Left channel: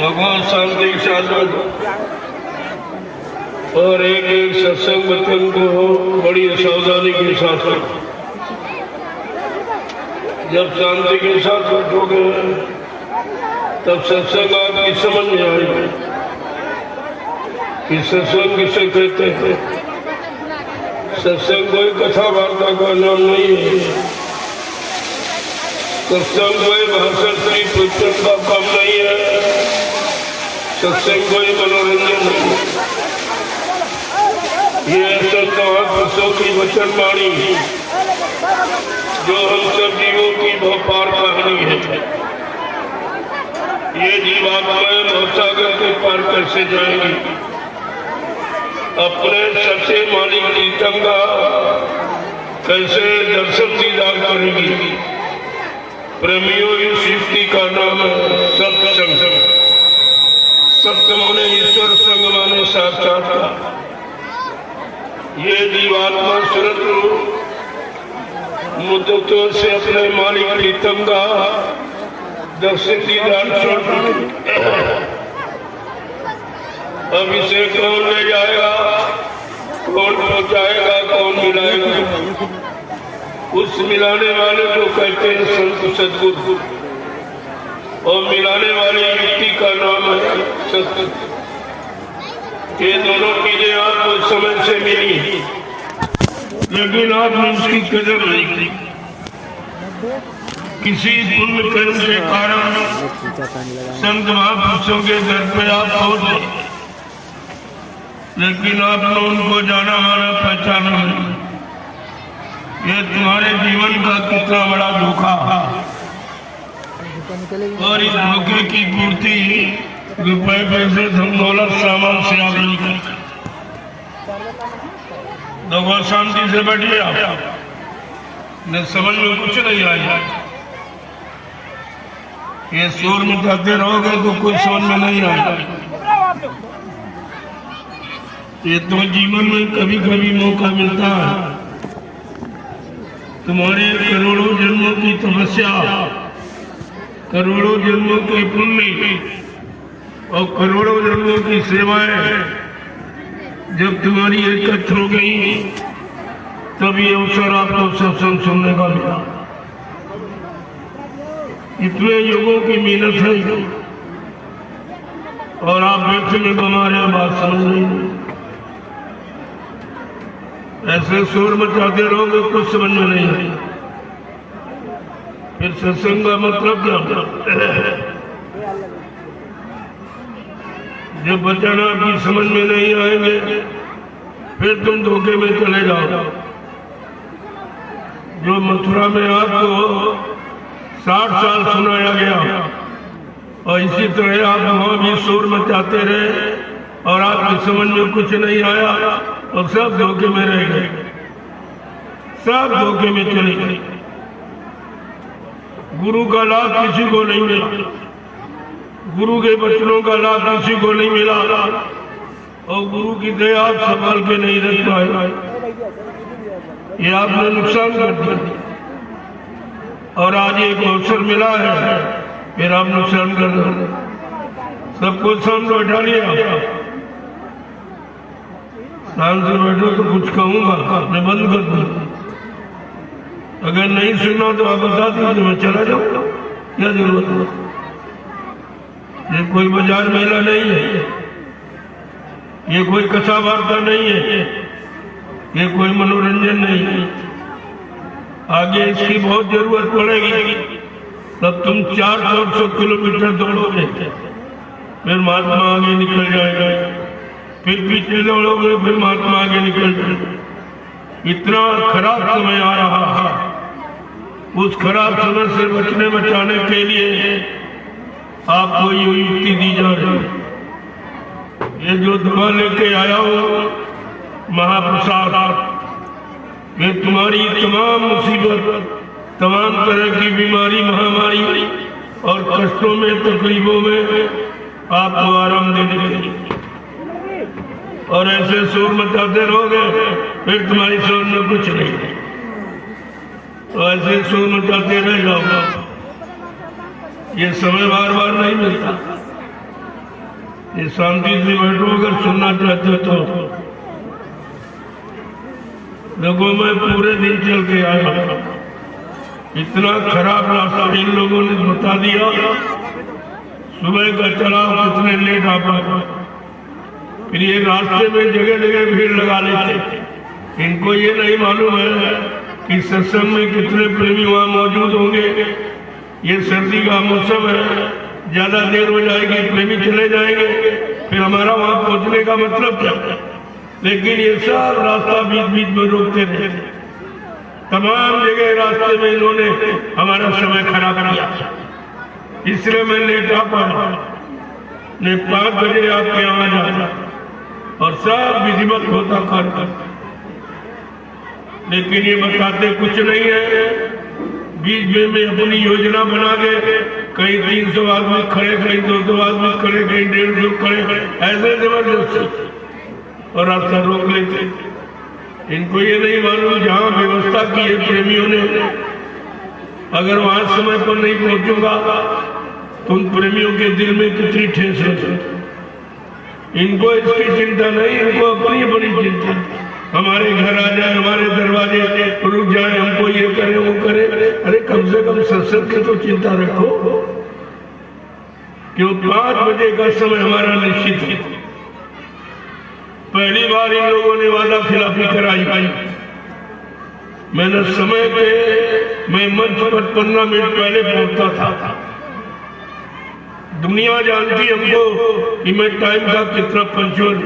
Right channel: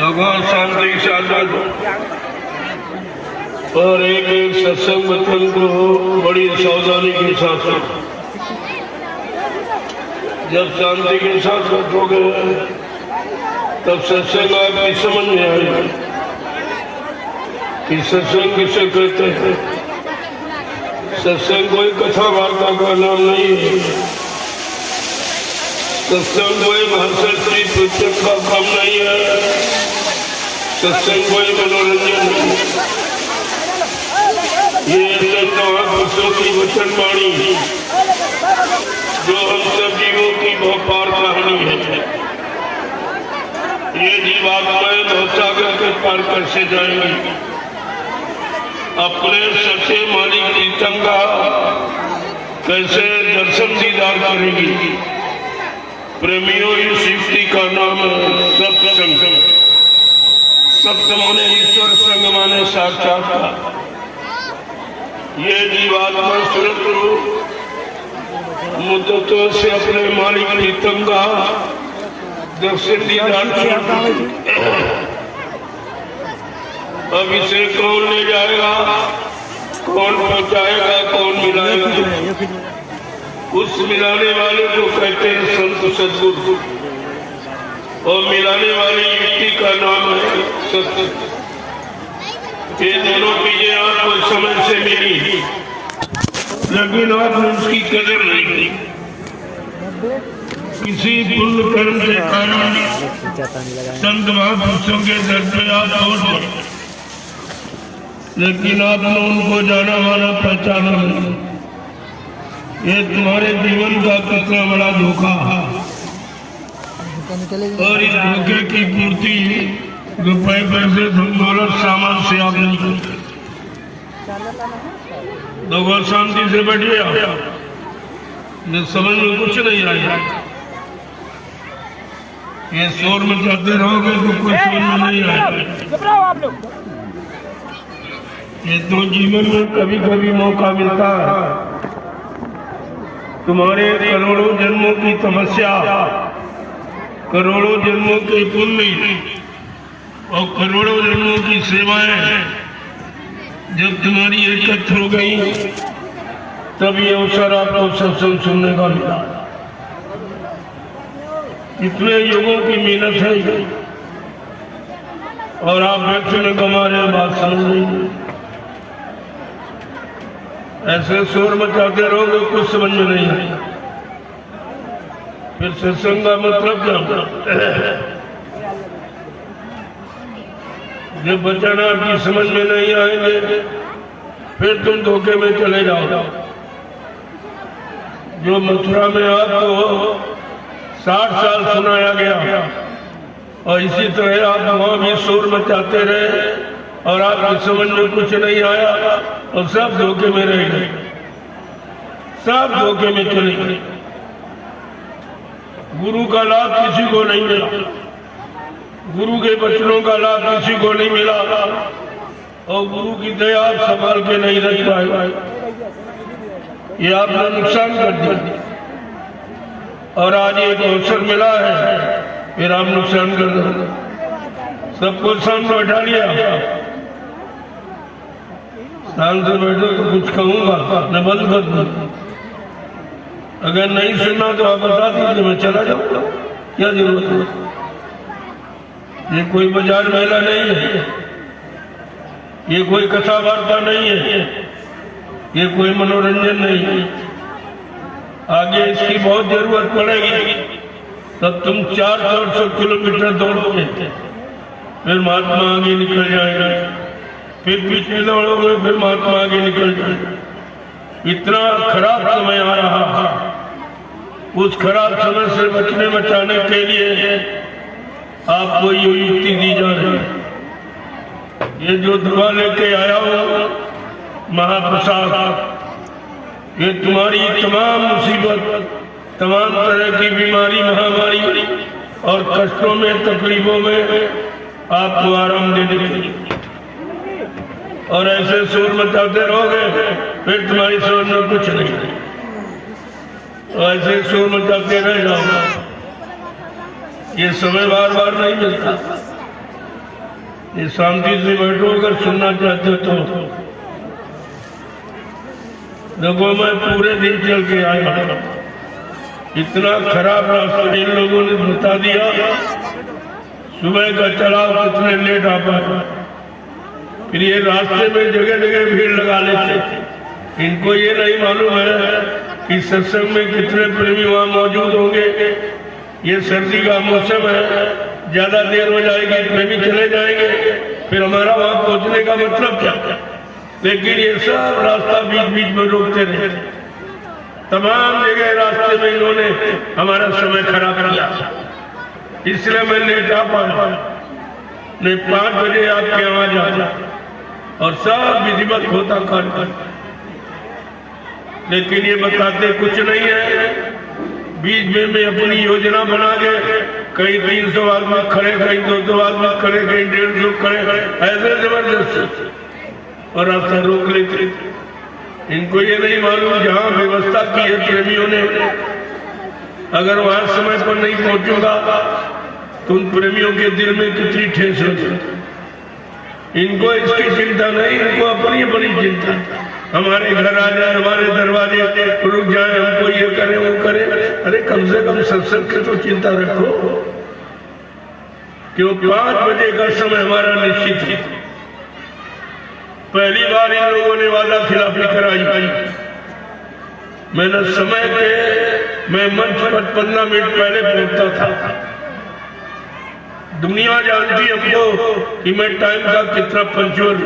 भगवान शांति के साथ बैठो और एक एक सत्संग वचन को बड़ी सावधानी के साथ सुनो। जब शांति के साथ बैठोगे तब सत्संग आपकी समझ में आएगी कि सत्संग किसे कहते हैं। सत्संग कोई कथा वार्ता का नाम नहीं है। सत्संग कोई भाषण से पुस्तक का काम नहीं है। सत्संग कोई मनोरंजन नहीं है। ये संत महापुरुषों की वचन वाणी जो हम सब जीवों की बहुपार कहानी है। ये जीवात्माएं भवसागर के पार कैसे जाएंगी। अपने सच्चे मालिक प्रीतम का कैसे दर्शन दीदार करेगी। प्रेमियों इस सृष्टि का नाम सत्संग। सत्य माने ईश्वर, संग माने साक्षात्कार। ये जीवात्मा सुरत मुद्दतों से अपने मालिक प्रीतम का दर्शन दीदार छोड़। अब इसे कौन ले जाएगा, कौन पहुंचाएगा, कौन मिलाएगा। उस मिलाने वाले को कहते हैं संत सद्गुरु और मिलाने वाली व्यक्ति का नाम है सत्य। ये दोनों चीजें आपको समय से मिली लेकिन आपने उसकी कदर नहीं की। किसी पुण्य कर्म के कारण संत महापुरुषों के दर पे आप पहुंचे लेकिन आपने उनको जाना माना पहचाना नहीं। ये तुम्हारे जीवन का कितना बड़ा धोखा है। और इस धोखे की पूर्ति रुपए पैसे धन दौलत सामान से आप नहीं करते। भगवान शांति से बैठिए। न समझ में कुछ नहीं आएगा। ये शोर मचाते रहोगे तो कुछ समझ में नहीं आएगा। ये तो जीवन में कभी कभी मौका मिलता है। तुम्हारे करोड़ों जन्मों की तपस्या, करोड़ों जन्मों के पुण्य और करोड़ों जन्मों की सेवाएं जब तुम्हारी एकत्र हो गई तब ये अवसर आपको सत्संग सुनने का मिला। इतने युगों की मेहनत है और आप बैठने को हमारे बात समझ नहीं। ऐसे शोर मचाते रहोगे कुछ समझ में नहीं आए। फिर सत्संग का मतलब क्या। जब वचन आपकी समझ में नहीं आएंगे फिर तुम धोखे में चले जाओ। जो मथुरा में आपको 60 साल सुनाया गया और इसी तरह आप वहां भी शोर मचाते रहे और आपकी समझ में कुछ नहीं आया और सब धोखे में रह गए, सब धोखे में चले गए। गुरु का लाभ किसी को नहीं मिला। गुरु के वचनों का लाभ किसी को नहीं मिला और गुरु की दया आप संभाल के नहीं रख पाए। ये आपने नुकसान कर दिया और आज एक अवसर मिला है फिर आप नुकसान कर दो। सबको सामने बैठा लिया। शांत से बैठो तो कुछ कहूंगा, मैं बंद कर दूं। अगर नहीं सुनना तो आप बता दीजिए, मैं चला जाऊंगा। क्या जरूरत है। ये कोई बाजार मेला नहीं है। ये कोई कथा वार्ता नहीं है। ये कोई मनोरंजन नहीं है। आगे इसकी बहुत जरूरत पड़ेगी तब तुम 400 किलोमीटर दौड़ोगे फिर महात्मा आगे निकल जाएगा। फिर पीछे दौड़ोगे फिर महात्मा आगे निकल जाएगा। इतना खराब समय आ रहा है। उस खराब समय से बचने बचाने के लिए आपको ये युक्ति दी जा रही है। ये जो दवा लेके आया हो महाप्रसाद, ये तुम्हारी तमाम मुसीबत, तमाम तरह की बीमारी, महामारी और कष्टों में, तकलीफों में आपको आराम देने के लिए। और ऐसे शोर मचाते रहोगे फिर तुम्हारी समझ में कुछ नहीं। तो ऐसे शोर मचाते रह जाओ। ये समय बार बार नहीं मिलता। ये शांति से बैठो, अगर सुनना चाहते हो तो। देखो मैं पूरे दिन चल के आया, इतना खराब रास्ता इन लोगों ने बता दिया। सुबह का चलाओ कितने लेट आ पाए, फिर ये रास्ते में जगह जगह भीड़ लगा लेते। इनको ये नहीं मालूम है कि सत्संग में कितने प्रेमी वहां मौजूद होंगे। ये सर्दी का मौसम है, ज्यादा देर हो जाएगी, प्रेमी चले जाएंगे, फिर हमारा वहां पहुंचने का मतलब क्या। लेकिन ये सब रास्ता बीच बीच में रोकते रहे, तमाम जगह रास्ते में इन्होंने हमारा समय खराब किया। इसलिए मैं लेट आ पाया, मैं 5 बजे आपके यहाँ जा और सब विधिवत होता कर, लेकिन ये बताते कुछ नहीं है। बीच में अपनी योजना बना के कहीं 300 आदमी खड़े, कहीं 200 आदमी खड़े, कहीं 150 खड़े, ऐसे जबरदस्त और रास्ता रोक लेते। इनको ये नहीं मालूम जहाँ व्यवस्था की है प्रेमियों ने, अगर वहां समय पर नहीं पहुंचूंगा तो उन प्रेमियों के दिल में कितनी ठेस होगी। इनको इसकी चिंता नहीं, इनको अपनी बड़ी चिंता। हमारे घर आ जाए, हमारे दरवाजे रुक जाए, हमको ये करे वो करे। अरे कम से कम सत्संग की तो चिंता रखो। क्यों 5 बजे का समय हमारा निश्चित है। पहली बार इन लोगों ने वादा खिलाफी कराई। मैंने समय पे मैं मंच पर 15 मिनट पहले पहुंचता था। दुनिया जानती हमको कि मैं टाइम का कितना पंचुअल,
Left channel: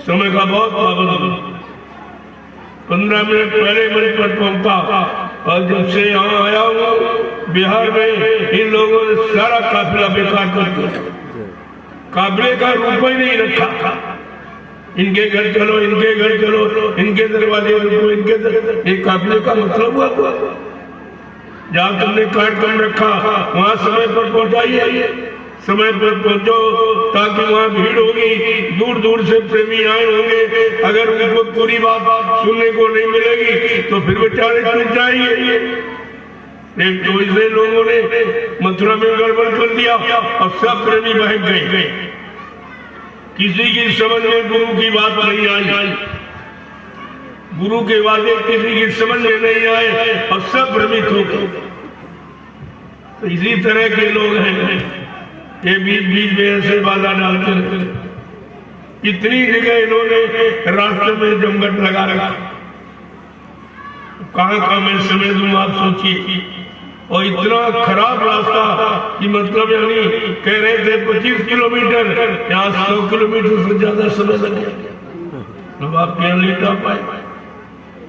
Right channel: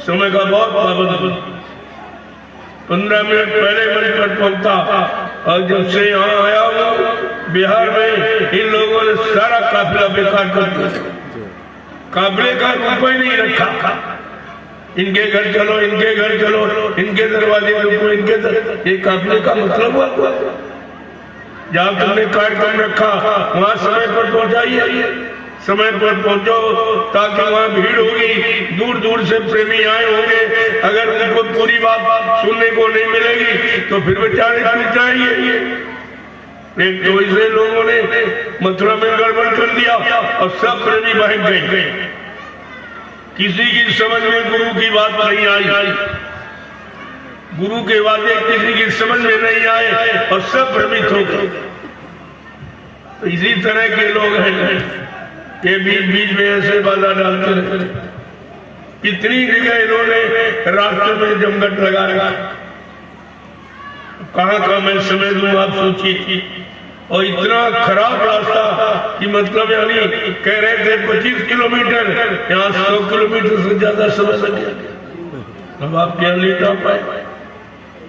समय का बहुत पाबंद। 15 मिनट पहले मंच पर पहुंचता और जब से यहाँ आया हूँ बिहार में, इन लोगों ने सारा काफिला बेकार कर दिया। काफिले का रूप ही नहीं रखा। इनके घर चलो, इनके घर चलो, इनके दरवाजे रुको, इनके ये काफिले का मतलब हुआ। जहाँ तुमने कार्यक्रम रखा वहाँ समय पर पहुँचाइए, समय पर पहुँचो, ताकि वहाँ भीड़ होगी, दूर दूर से प्रेमी आए होंगे। अगर उनको पूरी बात सुनने को नहीं मिलेगी तो फिर बेचारे चूक जाएंगे। एक तो इसे लोगों ने मथुरा में गड़बड़ कर दिया और सब प्रेमी बहक गए। किसी की समझ में गुरु की बात नहीं आई, गुरु के वादे किसी की समझ में नहीं आए और सब भ्रमित हो गए। तो इसी तरह के लोग हैं ये बीच बीच में ऐसे बाधा डालते रहे। कितनी जगह इन्होंने रास्ते में जमघट लगा रखा, कहाँ का मैं समय दूं आप सोचिए। और इतना खराब रास्ता कि मतलब यानी कह रहे थे 25 किलोमीटर, यहाँ 100 किलोमीटर से ज्यादा समय लग गया। अब आपके यहाँ लेट आ पाए,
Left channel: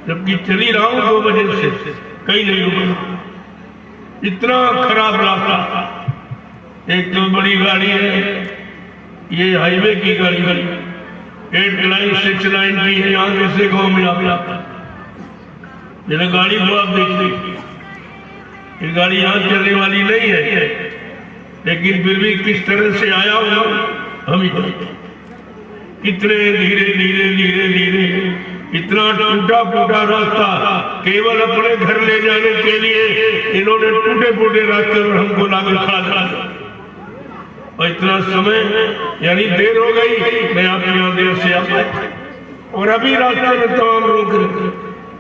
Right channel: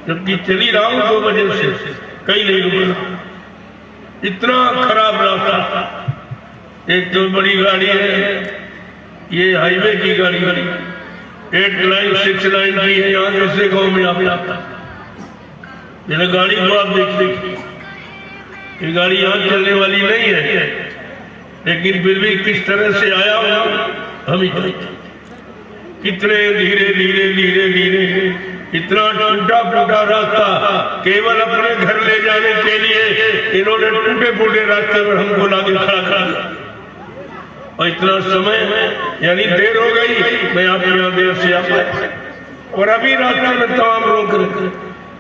जबकि चली रहा हूँ 2 बजे से, कहीं नहीं रुका। इतना खराब रास्ता। एक तो बड़ी गाड़ी है, ये हाईवे की गाड़ी, 8 लाइन 6 लाइन की है। यहाँ कैसे गाँव में आप आता? मेरे गाड़ी को आप देखते, ये गाड़ी यहाँ चलने वाली नहीं है, लेकिन फिर भी किस तरह से आया हुआ हम ही जानते। कितने धीरे धीरे धीरे धीरे, इतना टूटा फूटा रास्ता केवल अपने घर ले जाने के लिए इन्होंने टूटे फूटे रास्ते पर हमको लाके खड़ा कर दिया। और इतना समय यानी देर हो गई, मैं आपके यहाँ देर से आ पाया। और अभी रास्ते में तमाम रोक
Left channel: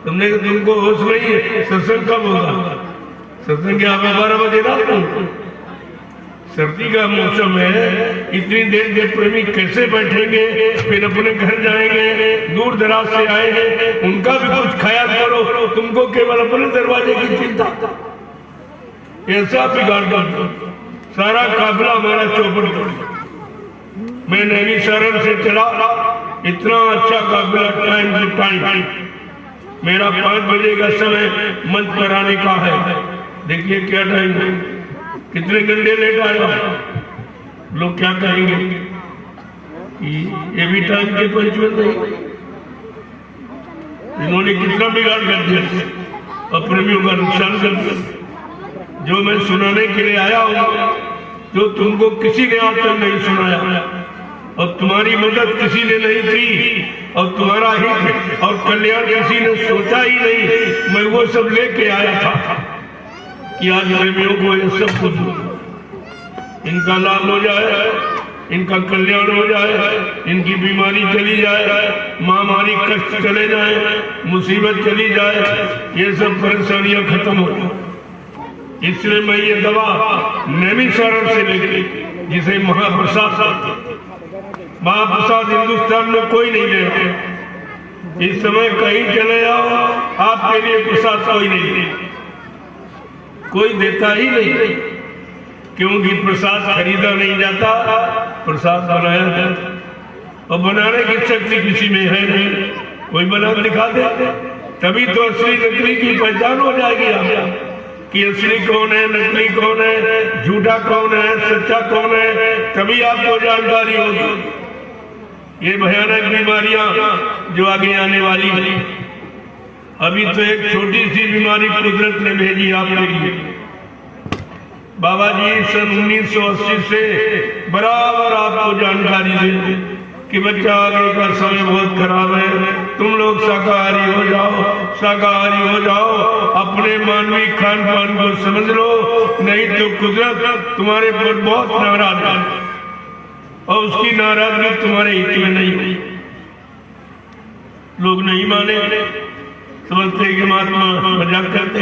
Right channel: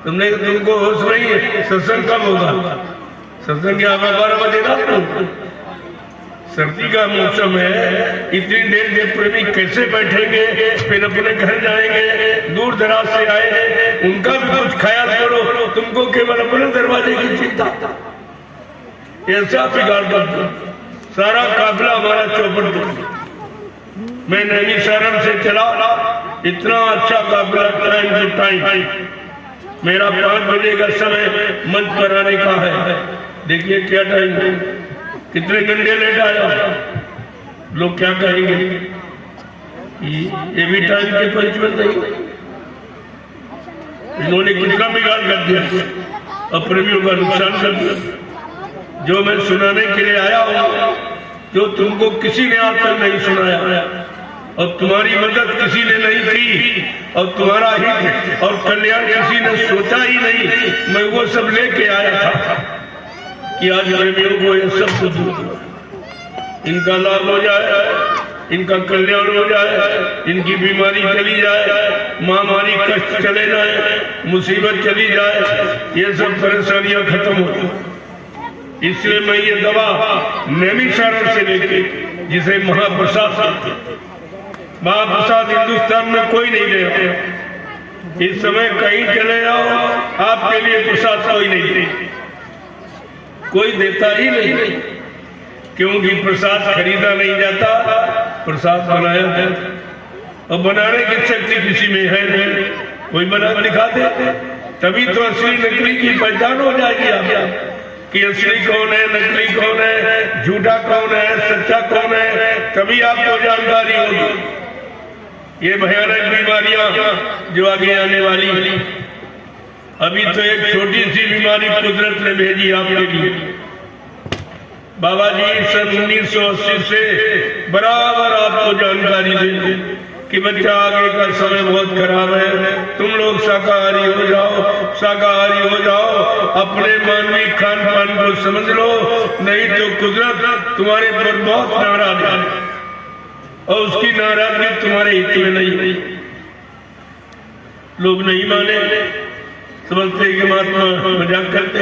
तुमने, तुमको होश नहीं है। सत्संग कब होगा? सत्संग यहाँ 12 बजे रात को। सर्दी का मौसम है, इतनी देर के प्रेमी कैसे बैठेंगे? फिर अपने घर जाएंगे, दूर दराज से आए हैं, उनका भी कुछ ख्याल करो। तुमको केवल अपने दरवाजे की चिंता। ऐसा बिगाड़ कर सारा काफिला हमारा चौपट कर। मैं नैमिषारण से चला, इतना अच्छा काफिला, टाइम टू टाइम। मेरा 5 बजे का समय मंच पर आने का है। देखिए क्या टाइम है, कितने घंटे लेट आया। लोग क्या कहेंगे? ये भी टाइम के पंचुअल नहीं। इन्होंने कितना बिगाड़ कर दिया और प्रेमियों का नुकसान कर दिया। जो मैं सुनाने के लिए आया हूँ, जो तुमको किसी ने आज तक नहीं सुनाया, और तुम्हारी मदद किसी ने नहीं की, और तुम्हारा हित और कल्याण किसी ने सोचा ही नहीं, मैं वो सब लेके आया था कि आज प्रेमियों को ये सब कुछ इनका लाभ हो जाए। इनका कल्याण हो जाए, इनकी बीमारी चली जाए, महामारी कष्ट चले जाए, मुसीबत चली जाए, ये सब परेशानियां खत्म हो। इसलिए मैं ये दवा नैमिषारण्य से लेके, जिसे महाप्रसाद कहते हैं, महाप्रसाद हिंदुस्तान में कोई नहीं दे रहा। इस समय कहीं चले जाओ, आपके लिए प्रसाद कोई नहीं दे, कोई देता ही नहीं, क्योंकि प्रसाद खरीदा नहीं जाता, प्रसाद बनाया जाता। और बनाने की शक्ति किसी में है नहीं, कोई बना दिखा दे, तभी तो असली नकली की पहचान हो जाएगी आप कि असली कौन है, नकली कौन है, झूठा कौन है, सच्चा कौन है, तभी आपको जानकारी होगी। ये भयानक बीमारियां जो आगे आने वाली है, अभी तो एक छोटी सी बीमारी कुदरत ने भेजी आपके लिए। बाबा जी सन 1980 से बराबर आपको जानकारी देते कि बच्चा आगे का समय बहुत खराब है, तुम लोग शाकाहारी हो जाओ, शाकाहारी हो जाओ, अपने मानवीय खान पान को समझ लो, नहीं तो कुदरत तुम्हारे पर बहुत नाराज है और उसकी नाराजगी तुम्हारे हित में नहीं। लोग नहीं माने, समझते कि महात्मा मजाक करते,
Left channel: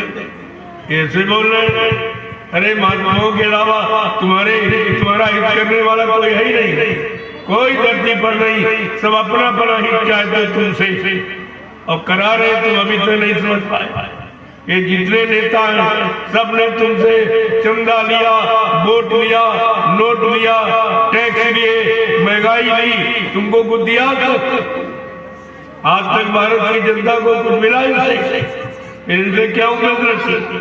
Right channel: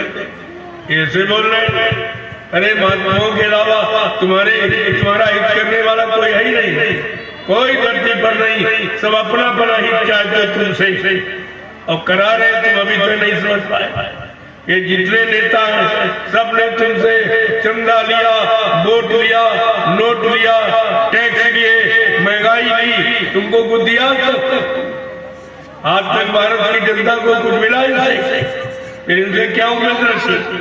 ऐसे बोल रहे हैं। अरे महात्माओं के अलावा तुम्हारा हित करने वाला कोई है ही नहीं, कोई धरती पर नहीं, सब अपना अपना हित चाहते तुमसे और करा रहे, तुम अभी तो नहीं समझ पाए। ये जितने नेता हैं सब ने तुमसे चंदा लिया, वोट लिया, नोट लिया, टैक्स लिए, महंगाई ली, तुमको कुछ दिया? आज तक भारत की जनता को कुछ मिला ही नहीं, फिर इनसे क्या उम्मीद रखी?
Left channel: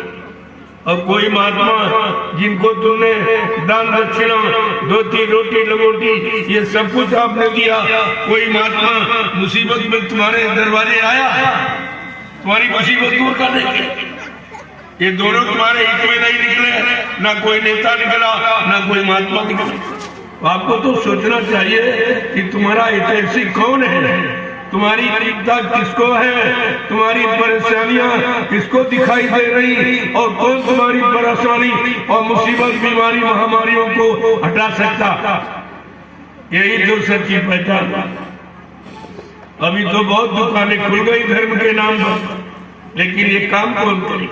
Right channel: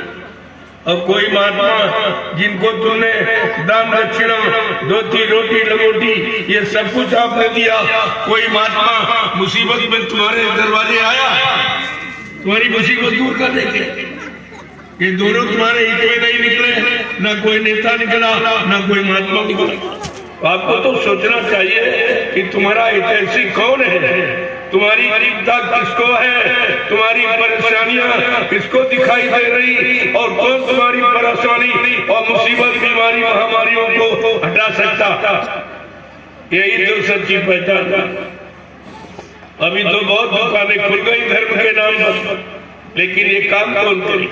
और कोई महात्मा जिनको तुमने दान दक्षिणा, धोती रोटी लंगोटी ये सब कुछ आपने दिया, कोई महात्मा मुसीबत में तुम्हारे दरवाजे आया तुम्हारी मुसीबत दूर करने के? ये दोनों तुम्हारे हित में नहीं निकले, ना कोई नेता निकला, ना कोई महात्मा निकला। आपको तो सोचना चाहिए कि तुम्हारा हितैषी कौन है, तुम्हारी चिंता किसको है, तुम्हारी परेशानियां किसको दिखाई दे रही, और कौन तुम्हारी परेशानी और मुसीबत, बीमारी, महामारियों को हटा सकता। यही तो सच्ची पहचान। अभी तो बहुत दुकानें खुल गई धर्म के नाम पर, लेकिन ये काम कौन करे?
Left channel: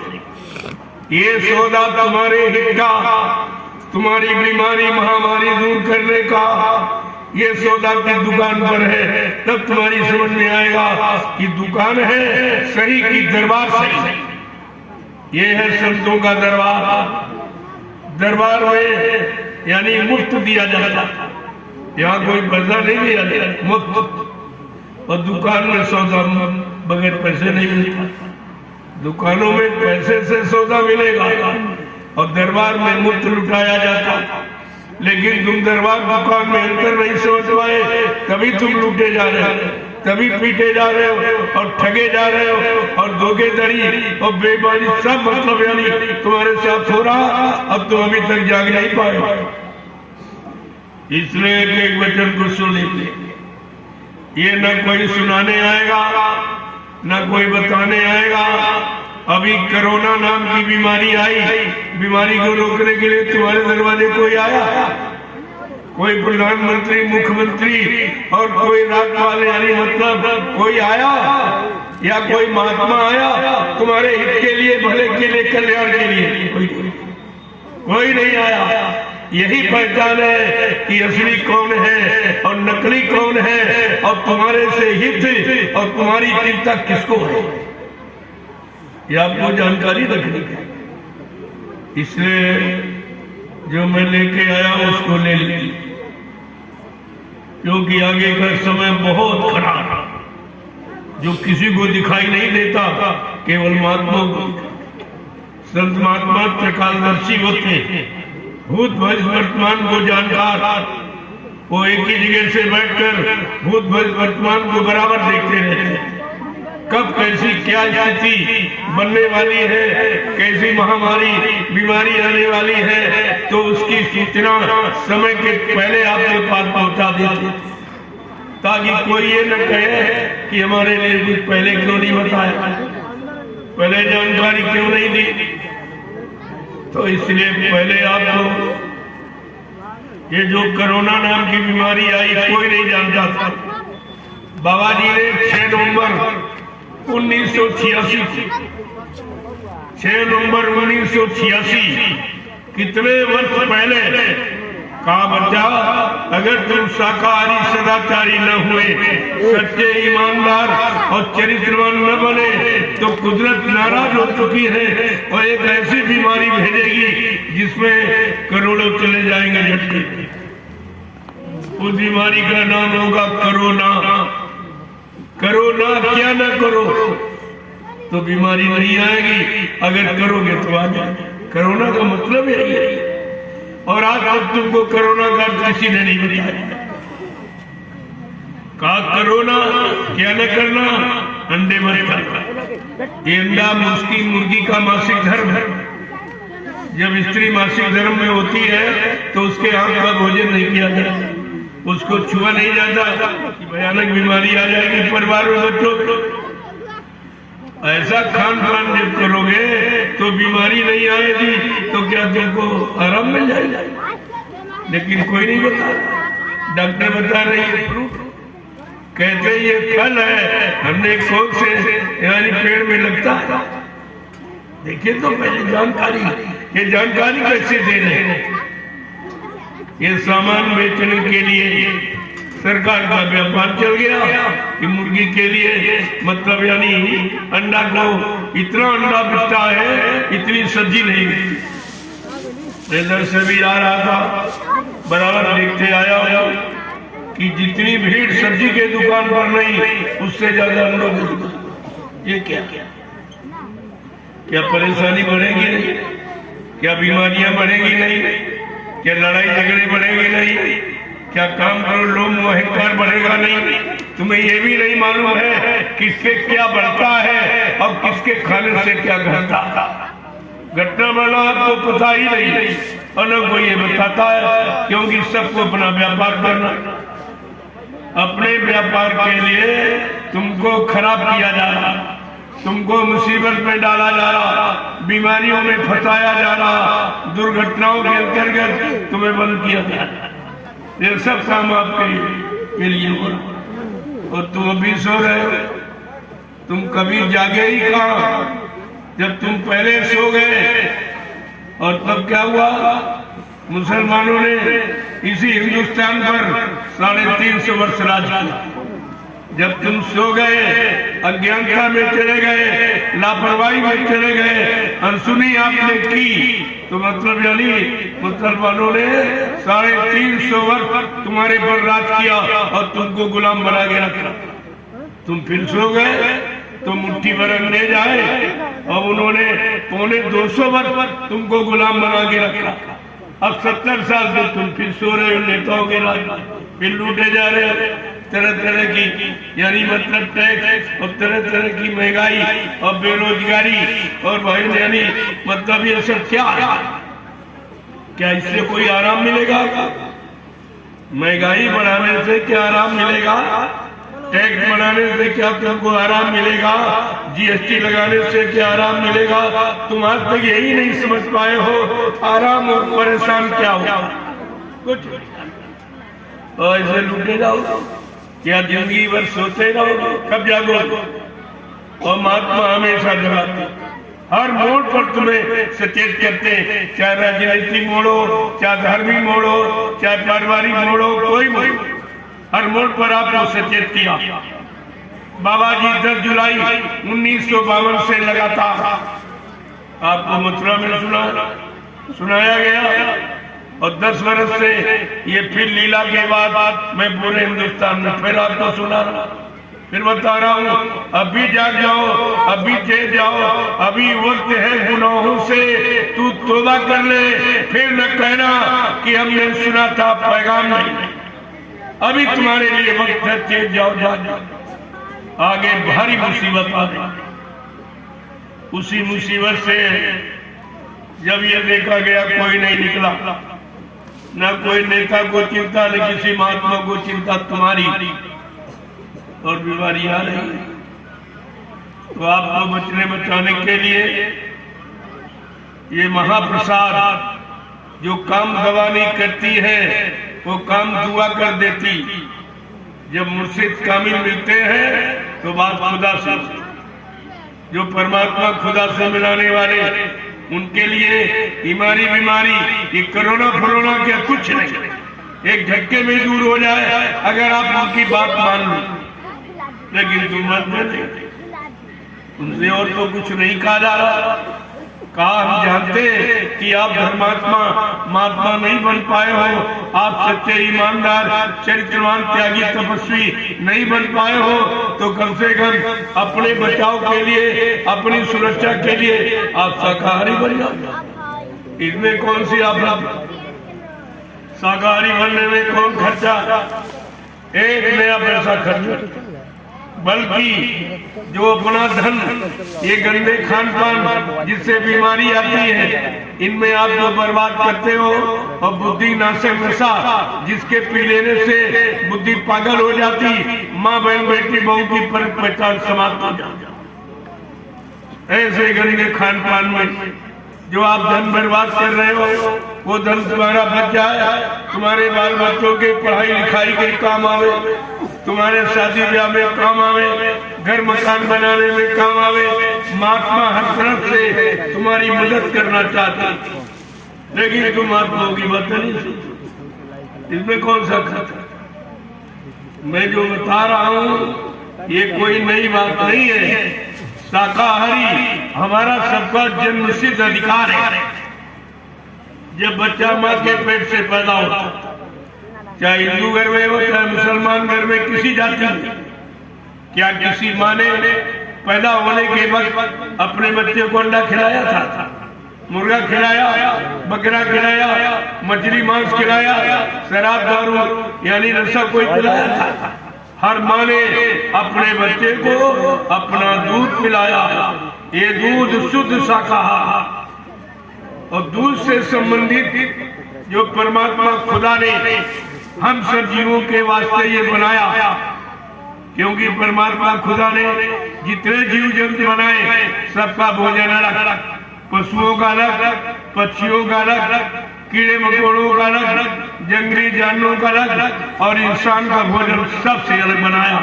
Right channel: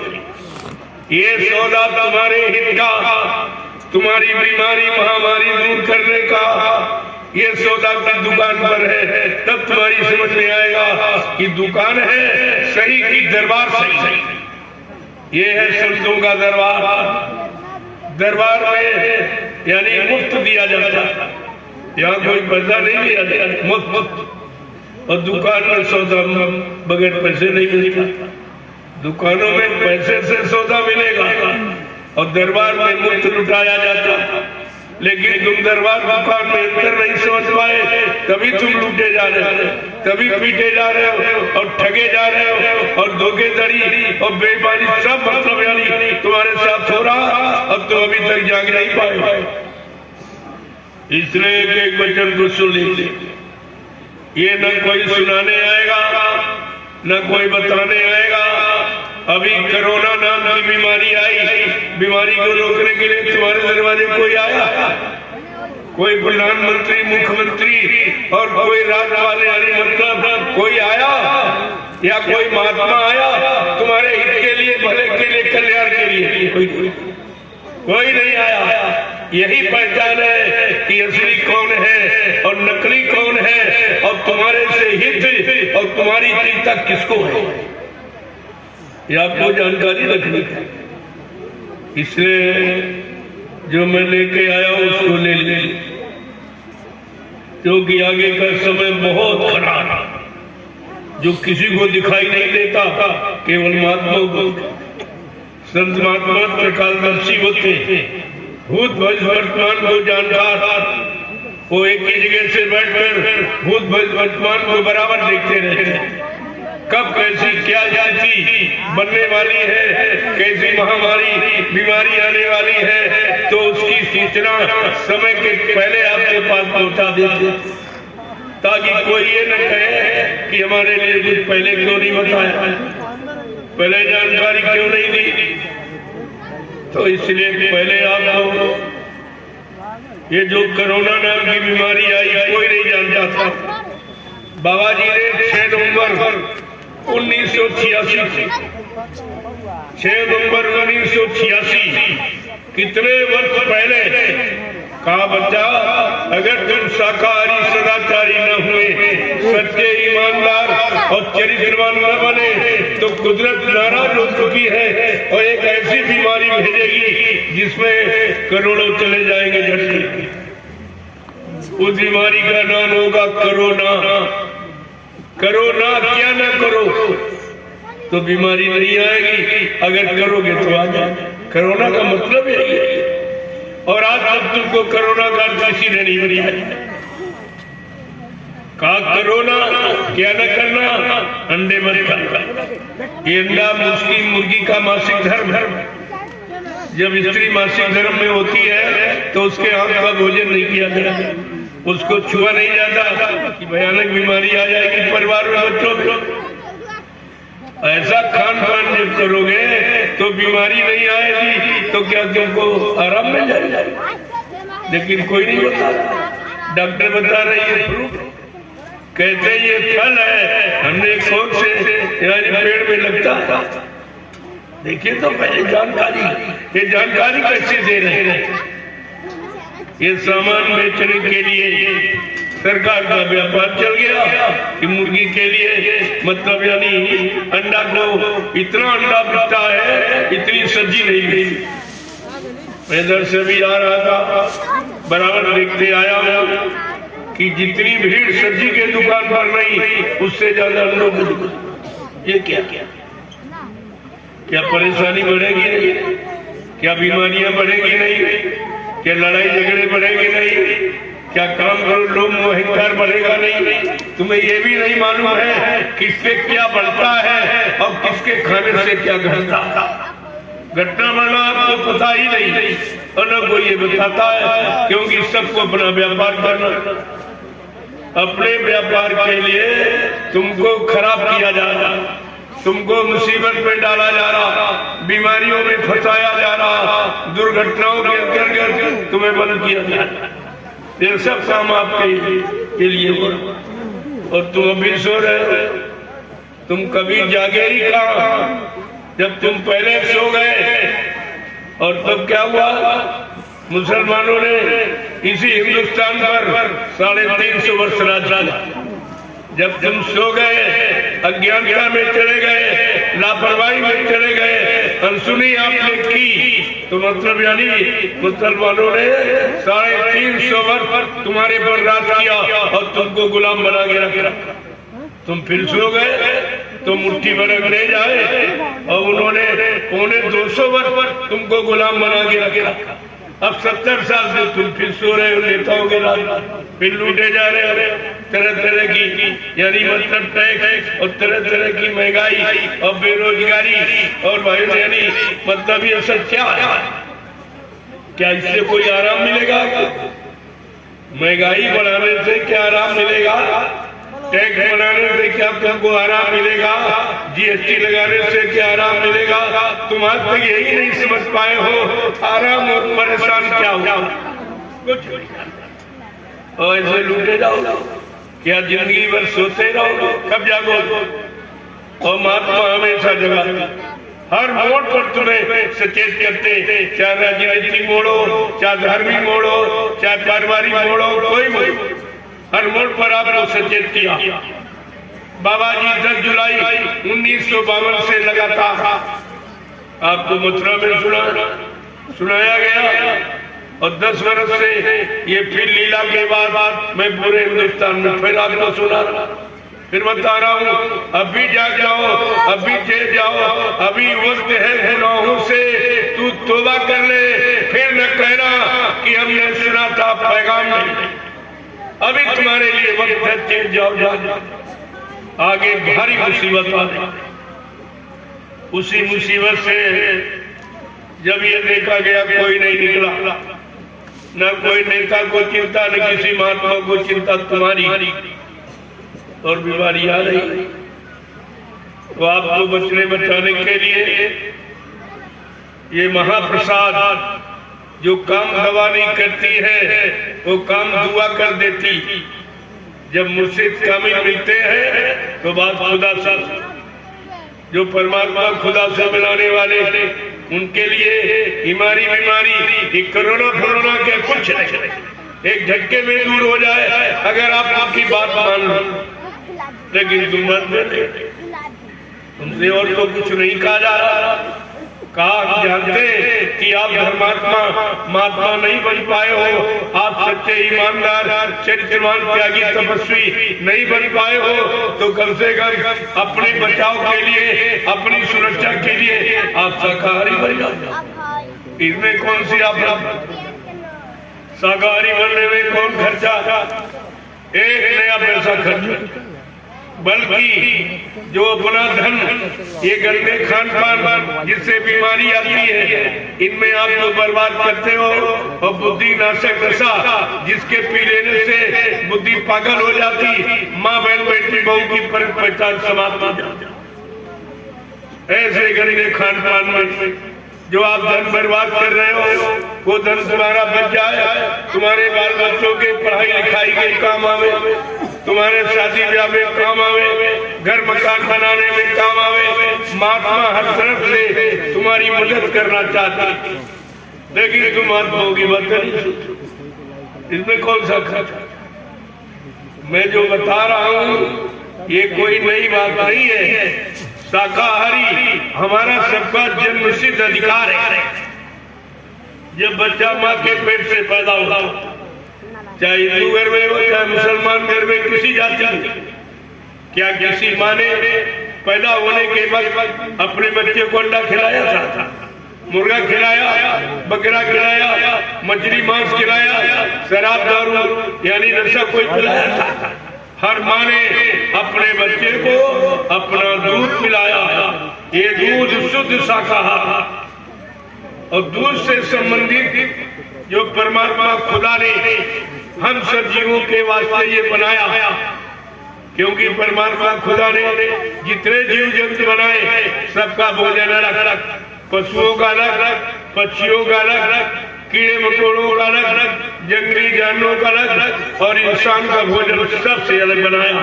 ये सौदा तुम्हारे हित का, तुम्हारी बीमारी महामारी दूर करने का, ये सौदा की दुकान पर है, तब तुम्हारी समझ में आएगा कि दुकान है सही की दरबार सही। ये है संतों का दरबार। दरबार में यानी मुफ्त दिया जाता, यहाँ कोई पैसा नहीं लिया जाता, मुफ्त। और दुकान में सौदा बगैर पैसे नहीं मिलेगा, दुकानों में पैसे से सौदा मिलेगा और दरबार में मुफ्त लुटाया जाता। लेकिन तुम दरबार दुकान में अंतर नहीं समझ पाए, तभी तुम लूटे जा रहे हो, तभी पीटे जा रहे हो और ठगे जा रहे हो, और धोखेधड़ी और बेईमानी सब मतलब यानी तुम्हारे साथ हो रहा। अब तुम अभी तक जाग नहीं पाए, इसलिए एक वचन को सुन लीजिए। ये न कोई सुनाने आएगा, न कोई बताने आएगा। अभी कोरोना नाम की बीमारी आई, बीमारी को रोकने के लिए तुम्हारे दरवाजे कोई आया? कोई प्रधानमंत्री, मुख्यमंत्री और कोई राज्य वाले यानी मतलब कोई आया या कोई महात्मा आया तुम्हारे हित के लिए, भले के लिए, कल्याण के लिए? कोई नहीं आया। यही पहचान है कि असली कौन है और नकली कौन है, और तुम्हारे से हित और तुम्हारी चिंता किसको है, ये आपको जानकारी रखनी है। इसलिए जो मैं लेके आया उसको ले ले, क्योंकि आगे का समय बहुत खराब है, जो किसी को दिखाई नहीं देता, केवल महात्माओं को। संत महात्मा त्रिकालदर्शी होते हैं, भूत भविष्य वर्तमान को जानकार, वो एक ही जगह से बैठकर भूत भविष्य वर्तमान को बराबर देखते रहते हैं। कब कैसी क्या स्थिति बनने वाली है, कैसी महामारी बीमारी आने वाली है, तो उसकी सूचना समय के पहले आपके पास पहुंचा देते, ताकि कोई ये न कहे कि हमारे लिए कुछ पहले क्यों नहीं बताया, पहले जानकारी क्यों नहीं दी। तो इसलिए पहले आपको ये जो कोरोना नाम की बीमारी आई कोई नहीं जानता था। बाबा जी ने 6 नवंबर 1986 कितने वर्ष पहले कहा, बच्चा अगर तुम शाकाहारी सदाचारी न हुए, सच्चे ईमानदार और चरित्रवान न बने तो कुदरत नाराज हो चुकी है और एक ऐसी बीमारी भेजेगी जिसमें करोड़ों चले जाएंगे झटके। उस बीमारी का नाम होगा कोरोना। कोरोना क्या न करो तो बीमारी नहीं आएगी, अगर करोगे तो आ जाएगी। कोरोना का मतलब यही है। और आज तक तुमको कोरोना का किसी ने नहीं बताया। कहा कोरोना क्या न करना, अंडे मत खाना। अंडा मुर्गी का मासिक धर्म है। जब स्त्री मासिक धर्म में होती है तो उसके हाथ का भोजन नहीं किया जाता, उसको छुआ नहीं जाता कि भयानक बीमारी आ जाएगी परिवार में, बच्चों में। ऐसा खान पान जब करोगे तो बीमारी नहीं आएगी, तो क्या तुमको आराम मिल जाएगा। लेकिन कोई नहीं बता, डॉक्टर बता रहे ये फ्रूट, कहते ये फल है, हमने कौन से यानी पेड़ में लगता है। देखिए तो पहले जानकारी, ये जानकारी कैसे दे रहे हैं। ये सामान बेचने के लिए सरकार का व्यापार चल गया कि मुर्गी के लिए, मतलब यानी अंडा को इतना अंडा बिकता है, इतनी सब्जी नहीं गई। मैं इधर से भी आ रहा था, बराबर देखते आया कि जितनी भीड़ सब्जी के दुकान पर नहीं, उससे ज्यादा हम लोग। ये क्या परेशानी बढ़ेगी नहीं, क्या बीमारियां बढ़ेगी नहीं, क्या लड़ाई झगड़े बढ़ेंगे नहीं, क्या काम करो लोग अहंकार बढ़ेगा नहीं। तुम्हें ये भी नहीं मालूम है किसके क्या बढ़ता है और किसके खाने से क्या घटता। घटना बढ़ना आपको पता ही नहीं और न कोई ये बताता है, क्योंकि सबको अपना व्यापार करना। अपने व्यापार के लिए तुमको खराब किया जा रहा, तुमको मुसीबत में डाला जा रहा, बीमारियों में फंसाया जा रहा, दुर्घटनाओं के अंतर्गत तुम्हें बंद किया जा रहा। ये सब काम आपके लिए हो, और तुम अभी सो रहे। तुम कभी जागे ही कहा, जब तुम पहले सो गए। और तब क्या हुआ, मुसलमानों ने इसी हिंदुस्तान पर 350 वर्ष राज किया। जब तुम सो गए, अज्ञानता में चले गए, लापरवाही में चले गए, अनसुनी आपने की, तो मतलब यानी मुसलमानों ने 350 वर्ष तुम्हारे पर राज किया और तुमको गुलाम बना के रखा। तुम फिर सो गए तो मुट्ठी भर अंग्रेज आए और उन्होंने 250 वर्ष तुमको गुलाम बना के रखा। अब 70 साल से तुम फिर सो रहे हो, नेताओं के राज फिर लूटे जा रहे, तरह तरह की यानी मतलब टैक्स और तरह तरह की महंगाई और बेरोजगारी और भाई यानी मतलब ये सब क्या इससे कोई आराम मिलेगा? महंगाई बढ़ाने से क्या आराम मिलेगा? टैक्स बढ़ाने से क्या तुमको आराम मिलेगा? जीएसटी लगाने से क्या आराम मिलेगा? तुम आज तक यही नहीं समझ पाए हो आराम और परेशान क्या होगा। कुछ और ऐसे लूटे जाओ, क्या जिंदगी भर सोते रहो, कब जागो? और महात्मा हमेशा जगाते, हर मोड़ पर तुम्हें सचेत करते, चाहे राजनीतिक मोड़ हो, चाहे धार्मिक मोड़ हो, चाहे पारिवारिक मोड़ हो, कोई मोड़, हर मोड़ पर आपको सचेत किया। बाबा जी 10 जुलाई 1952 से लगातार आपको मथुरा में सुनाया गया और 10 वर्ष से ये फिर लीला के बाद मैं पूरे हिंदुस्तान में फिर आपको सुना रहा, फिर बता रहा हूँ। अभी जाग जाओ, अभी चेत जाओ, अभी वक्त है गुनाहों से तू तौबा कर ले, फिर न कहना कि हमने सुना था पैगाम नहीं। अभी तुम्हारे लिए वक्त है, चेत जाओ, जाग। आगे भारी मुसीबत आ रही। उसी मुसीबत से जब ये देखा गया कोई नहीं निकला, न कोई नेता को चिंता, न किसी महात्मा को चिंता, तुम्हारी और बीमारी आ रही, तो आपको बचने बचाने के लिए ये महाप्रसाद जो काम दवा नहीं करती है वो काम दुआ कर देती। जब मुर्शिद कामिल मिलते हैं तो बात खुदा से, जो परमात्मा खुदा से मिलाने वाले उनके लिए बीमारी ये कोरोना फरोना क्या कुछ नहीं, एक झटके में दूर हो जाए अगर आप उनकी बात मान लो। लेकिन तुम मानते नहीं, तुमसे और तो कुछ नहीं कहा जा रहा। कहा हम जानते कि आप धर्मात्मा महात्मा नहीं बन पाए हो, आप सच्चे ईमानदार चरित्रवान त्यागी तपस्वी नहीं बन पाए हो, तो कम से कम अपने बचाव के लिए, अपनी सुरक्षा के लिए आप शाकाहारी बन जाओ। इसमें कौन सी आप शाकाहारी बनने में कौन खर्चा, एक नया पैसा खर्च, बल्कि जो अपना धन ये गंदे खान पान जिससे बीमारी आती है इनमें आप जो बर्बाद करते हो, और बुद्धि नाशक नशा जिसके पी लेने से बुद्धि पागल हो जाती, माँ बहन बेटी बहू की पहचान समाप्त हो जाती। ऐसे गंदे खान पान में जो आप धन बर्बाद कर रहे हो, वो धन तुम्हारा बच जाए, तुम्हारे बाल बच्चों के पढ़ाई लिखाई के काम आवे, तुम्हारे शादी ब्याह में काम आवे, घर मकान बनाने में काम आवे। महात्मा हर तरफ से तुम्हारी मदद करना चाहते, लेकिन तुम महात्माओं की बात नहीं सुनते। इसमें कौन सा खर्च? मैं जो बता रहा हूँ ये कोई नई बात नहीं है। शाकाहारी हमारा सबका जन्मसिद्ध अधिकार है। जब बच्चा माँ के पेट से पैदा होता, चाहे हिंदू घर में हो चाहे मुसलमान घर में, किसी जाति में, क्या किसी माँ ने पैदा होने के वक्त अपने बच्चे को अंडा खिलाया था, मुर्गा खिलाया, बकरा खिलाया, मछली मांस खिलाया, शराब दारू यानी नशा कोई खिलाया था? हर माँ ने अपने बच्चे को अपना दूध पिलाया। ये दूध शुद्ध शाकाहार, और दूध से संबंधित जो परमात्मा खुदा ने हम सब जीवों के वास्ते ये बनाया, क्योंकि परमात्मा खुदा ने जितने जीव जंतु बनाए सबका भोजन अलग, पशुओं का अलग, पक्षियों का अलग, कीड़े मकोड़ों का अलग, जंगली जानवरों का अलग, और इंसान का भोजन सबसे अलग बनाया।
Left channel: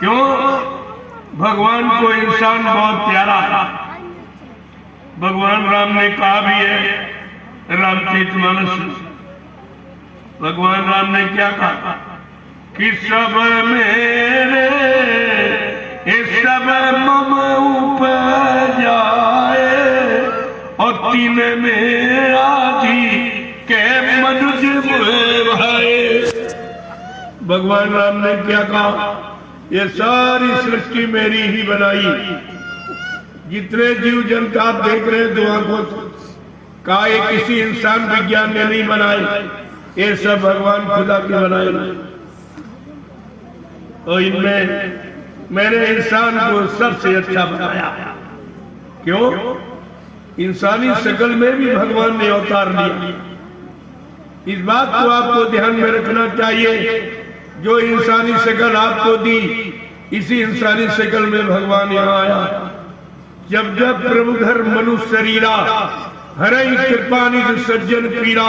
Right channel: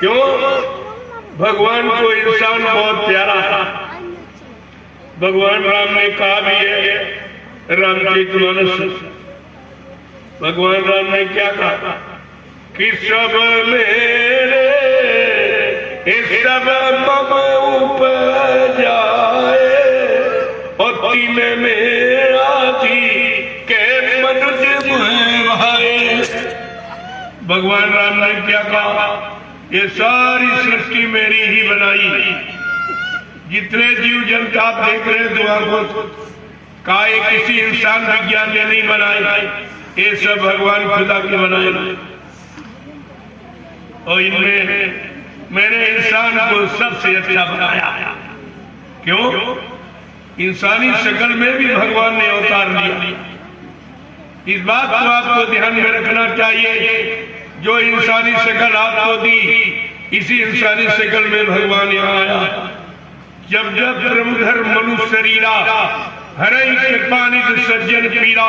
क्यों? भगवान को इंसान बहुत प्यारा था। भगवान राम ने कहा भी है, रामचरितमानस, भगवान राम ने क्या कहा कि सब मेरे सब मम उपजाए, और तीन मेरा जी के मनुज भाए। भगवान राम ने क्या कहा? ये सारी सृष्टि मेरी ही बनाई। जितने जीव जंतु आप देख रहे दुआ को कहा, ये किसी इंसान विज्ञान ने नहीं बनाए, ये सब भगवान खुदा के बनाए। और इनमें मैंने इंसान को सबसे अच्छा बनाया। क्यों? इंसानी शक्ल में भी भगवान ने अवतार लिया। इस बात को आपको ध्यान में रखना चाहिए। जो इंसानी शक्ल आपको दी, इसी इंसानी शक्ल में भगवान यहाँ आया। जब जब प्रभुधर मनुष्य शरीरा, हरई कृपानिधि सज्जन पीरा,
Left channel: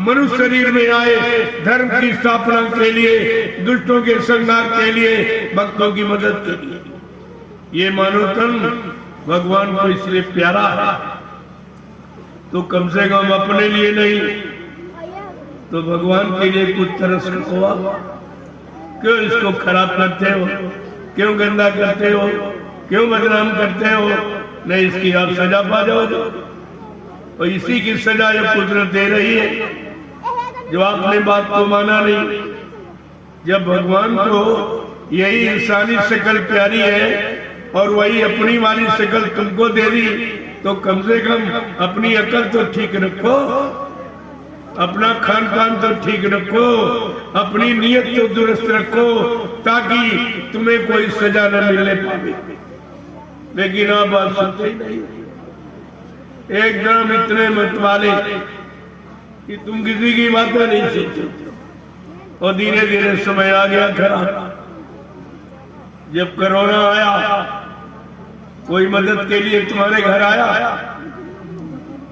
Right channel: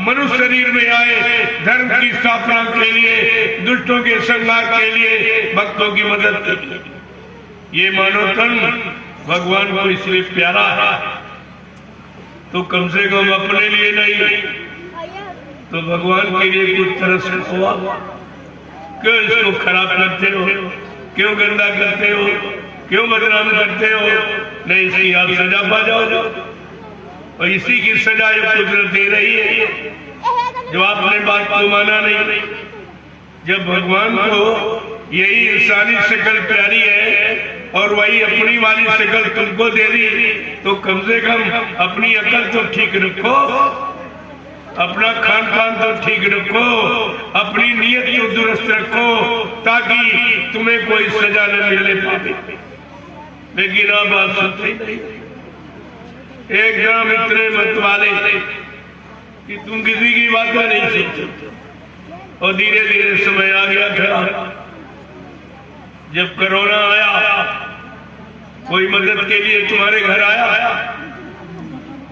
मनुष्य शरीर में आए धर्म की स्थापना के लिए, दुष्टों के संहार के लिए, भक्तों की मदद के लिए। ये मानव तन भगवान को इसलिए प्यारा है, तो कम से कम अपने लिए नहीं तो भगवान के लिए कुछ तरस रखो। क्यों इसको खराब करते हो? क्यों गंदा करते हो? क्यों बदनाम करते हो? नहीं, इसकी आप सजा पा जाओ, और इसी की सजा ये कुदरत दे रही है जो आपने बात को माना नहीं। जब भगवान को यही इंसानी शक्ल प्यारी है और वही अपनी वाली शक्ल तुमको दे दी, तो कम से कम अपनी अकल तो ठीक रखो, अपना खान पान तो ठीक रखो, अपनी नीयत तो दुरुस्त रखो, ताकि तुम्हें कोई सजा न मिलने पाए। लेकिन अब आप सुनते नहीं, एकदम इतने मत वाले कि तुम किसी की बातें नहीं सुनते। और धीरे धीरे समय आ गया खराब। जब कोरोना आया, कोई मदद के लिए तुम्हारे घर आया?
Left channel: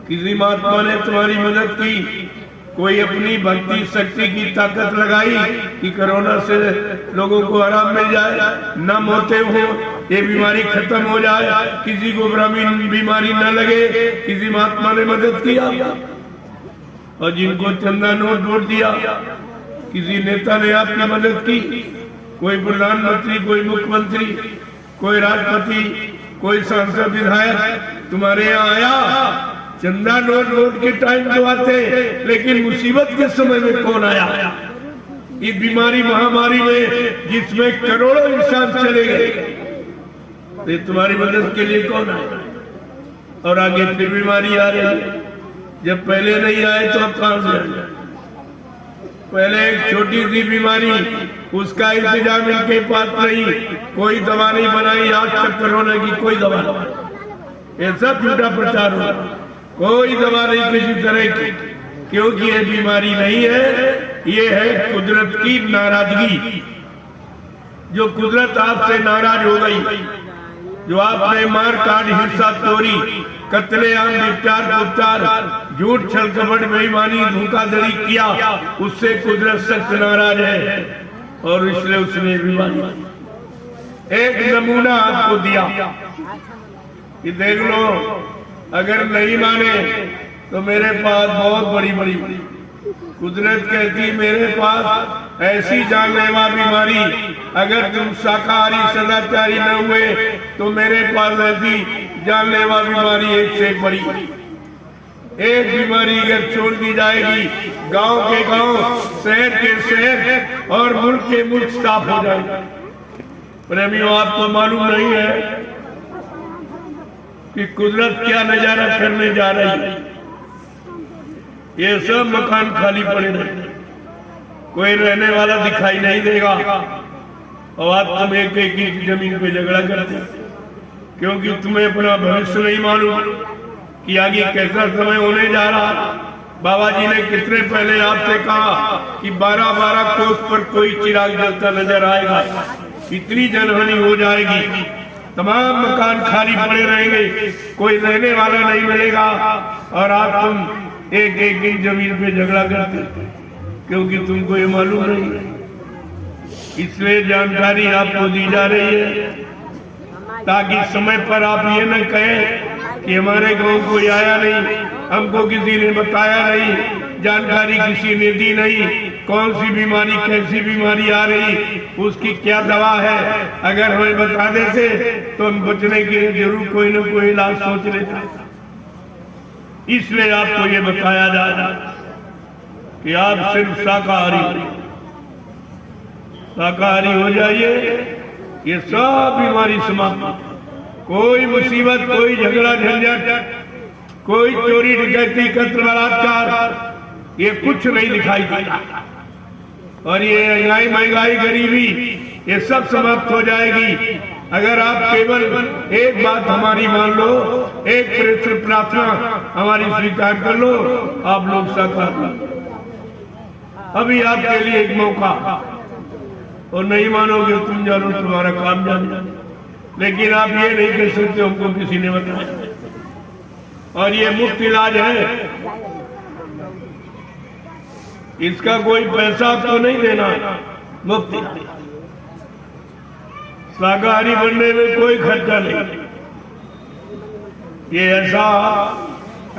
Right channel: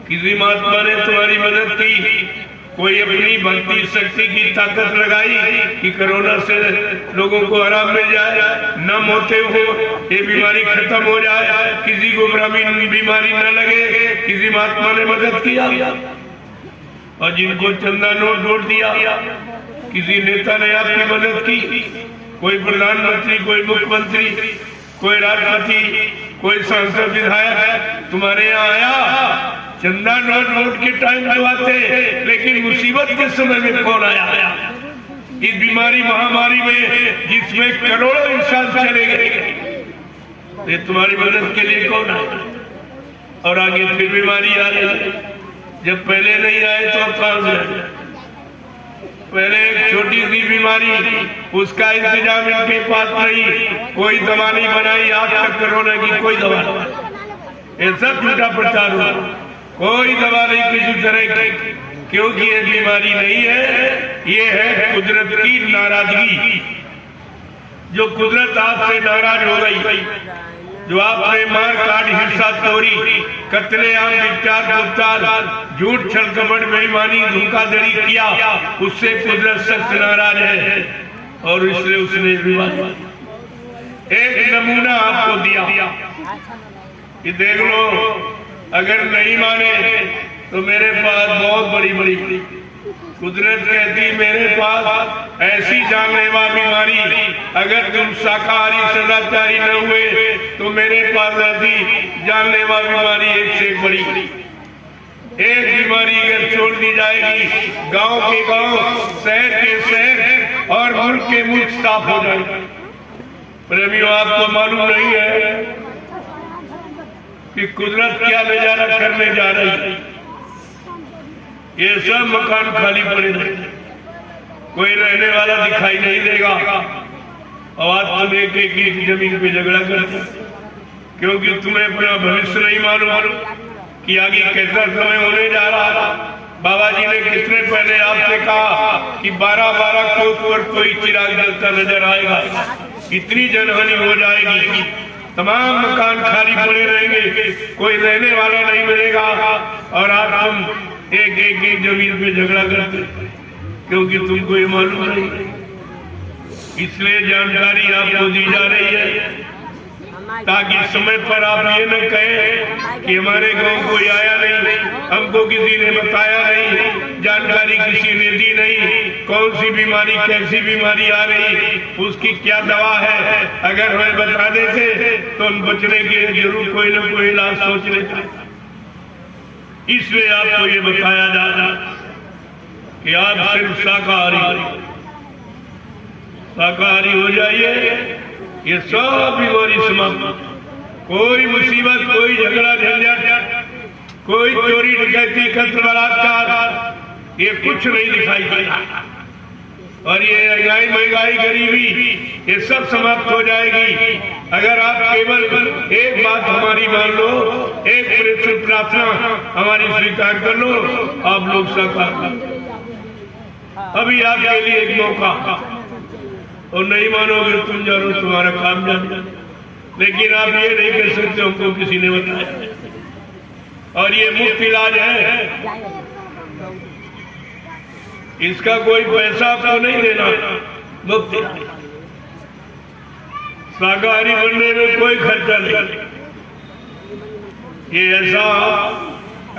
किसी महात्मा ने तुम्हारी मदद की, कोई अपनी भक्ति शक्ति की ताकत लगाई कि कोरोना से लोगों को आराम मिल जाए, न मौतें हो, ये बीमारी खत्म हो जाए, किसी को ग्रामीण बीमारी न लगे, किसी महात्मा ने मदद किया। और जिनको चंदा नोट दिया, किसी नेता ने आपकी मदद की, कोई प्रधानमंत्री, कोई मुख्यमंत्री, कोई राष्ट्रपति, कोई सांसद, विधायक तुम्हारे यहाँ आया। चंदा नोट के टाइम तो आते, लेकिन मुसीबत के समय में कौन आया? इस बीमारी महामारी में जिसमें करोड़ों इंसान चले गए, तो तुम्हारी मदद के लिए कौन आया? और आगे फिर बीमारी आ रही है। जब पहले नहीं आए तो अब कहां से आए? पहले एक छोटी सी बीमारी, उसका इंतजाम इनके पास नहीं, कोई दवा नहीं बनाई, आज तक कोरोना की कोई दवा नहीं। ये सब झूठा प्रचार हुआ, कोई दवा नहीं किसी तरह की, क्योंकि ये बीमारी नहीं है, ये है कुदरत की नाराजगी। जो कुदरत आपसे नाराज हो गई, जो आपने मार काट, हिंसा, चोरी, कत्लेआम, विचार, झूठ, छल, कपट, बेईमानी, धोखाधड़ी किया, उससे कुदरत सख्त नाराज है। और इसलिए उसने बीमारी एक नमूना आपको दिया कि देख लो, अगर नहीं माने तो मेरे पास बहुत बड़ी कुदरत कहती, मेरे पास ऐसी जानलेवा बीमारी, अगर तुम शाकाहारी सदाचारी न हुए तो मेरे पास ऐसी जानलेवा बीमारी एक से एक बड़ी। एक बीमारी अगर छोड़ दी जाएगी, गांव के गांव, शहर के शहर और मुल्क के मुल्क साफ हो जाएगा। प्रेमियों, आपको मालूम नहीं है कि कुदरत क्या नजारा करने जा रही है। ये सब मकान खाली पड़े रहेंगे, कोई रहने वाला दिखाई नहीं देगा। और आज तुम एक जमीन पे झगड़ा करते, क्योंकि तुम्हें अपना भविष्य नहीं मालूम कि आगे कैसा समय होने जा रहा है। बाबा जी ने कितने पहले आपसे कहा कि 12-12 कोस पर कोई चिराग जलता नजर आएगा, इतनी जनहानि हो जाएगी, तमाम मकान खाली पड़े रहेंगे, कोई रहने वाला नहीं मिलेगा। और आप तुम एक जमीन पे झगड़ा करते, क्योंकि तुमको ये मालूम नहीं। इसलिए जानकारी आपको दी जा रही है, ताकि समय पर आप ये न कहें कि हमारे गांव कोई आया नहीं, हमको किसी ने बताया नहीं, जानकारी किसी ने दी नहीं, कौन सी बीमारी, कैसी बीमारी आ रही, उसकी क्या दवा है। अगर हमें बता देते तो हम बचने के लिए जरूर कोई न कोई इलाज सोच लेते। इसलिए आपको ये बताया जा रहा कि आप सिर्फ शाकाहारी हो जाइए, ये सब बीमारी समाप्त। कोई मुसीबत, कोई झगड़ा झंझट, कोई चोरी डकैती, कत्ल, बलात्कार, ये कुछ नहीं दिखाई देता। और ये महंगाई, गरीबी, ये सब समाप्त हो जाएगी अगर आप केवल एक बात हमारी मान लो, एक प्रेषित प्रार्थना हमारी स्वीकार कर लो, आप लोग साकार कर। अभी आपके लिए एक मौका, और नहीं मानोगे तुम जानो, तुम्हारा काम जानो, लेकिन आप ये नहीं कह सकते हमको किसी ने बताया। और ये मुफ्त इलाज है, इसका कोई पैसा आपको नहीं देना, मुफ्त इलाज। शाकाहारी बनने में कोई खर्चा नहीं। ये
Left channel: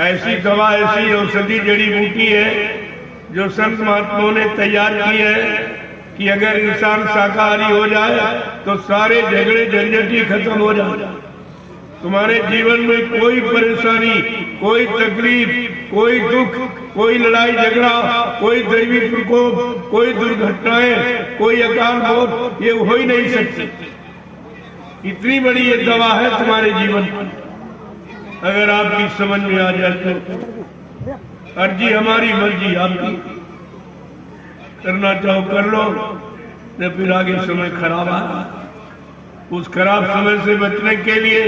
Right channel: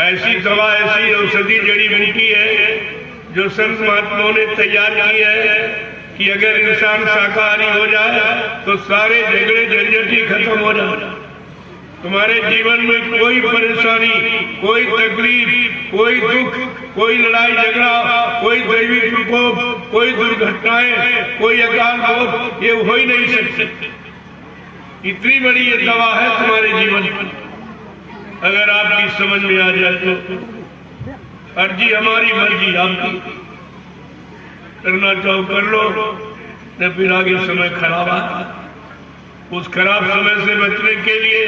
ऐसी दवा, ऐसी औषधि जड़ी बूटी है जो संत महात्माओं ने तैयार की है कि अगर इंसान शाकाहारी हो जाए तो सारे झगड़े झंझट ही खत्म हो जाए। तुम्हारे जीवन में कोई परेशानी, कोई तकलीफ, कोई दुख, कोई लड़ाई झगड़ा, कोई दैवी प्रकोप, कोई दुर्घटनाएं, कोई अकाल मौत, ये हो ही नहीं सकती। इतनी बड़ी ये दवा है तुम्हारे जीवन में, अगर आपकी समझ में आ जाए तो। अर्जी हमारी, मर्जी आपकी, करना चाहो कर लो, न फिर आगे समय खराब है। उस खराब समय से बचने के लिए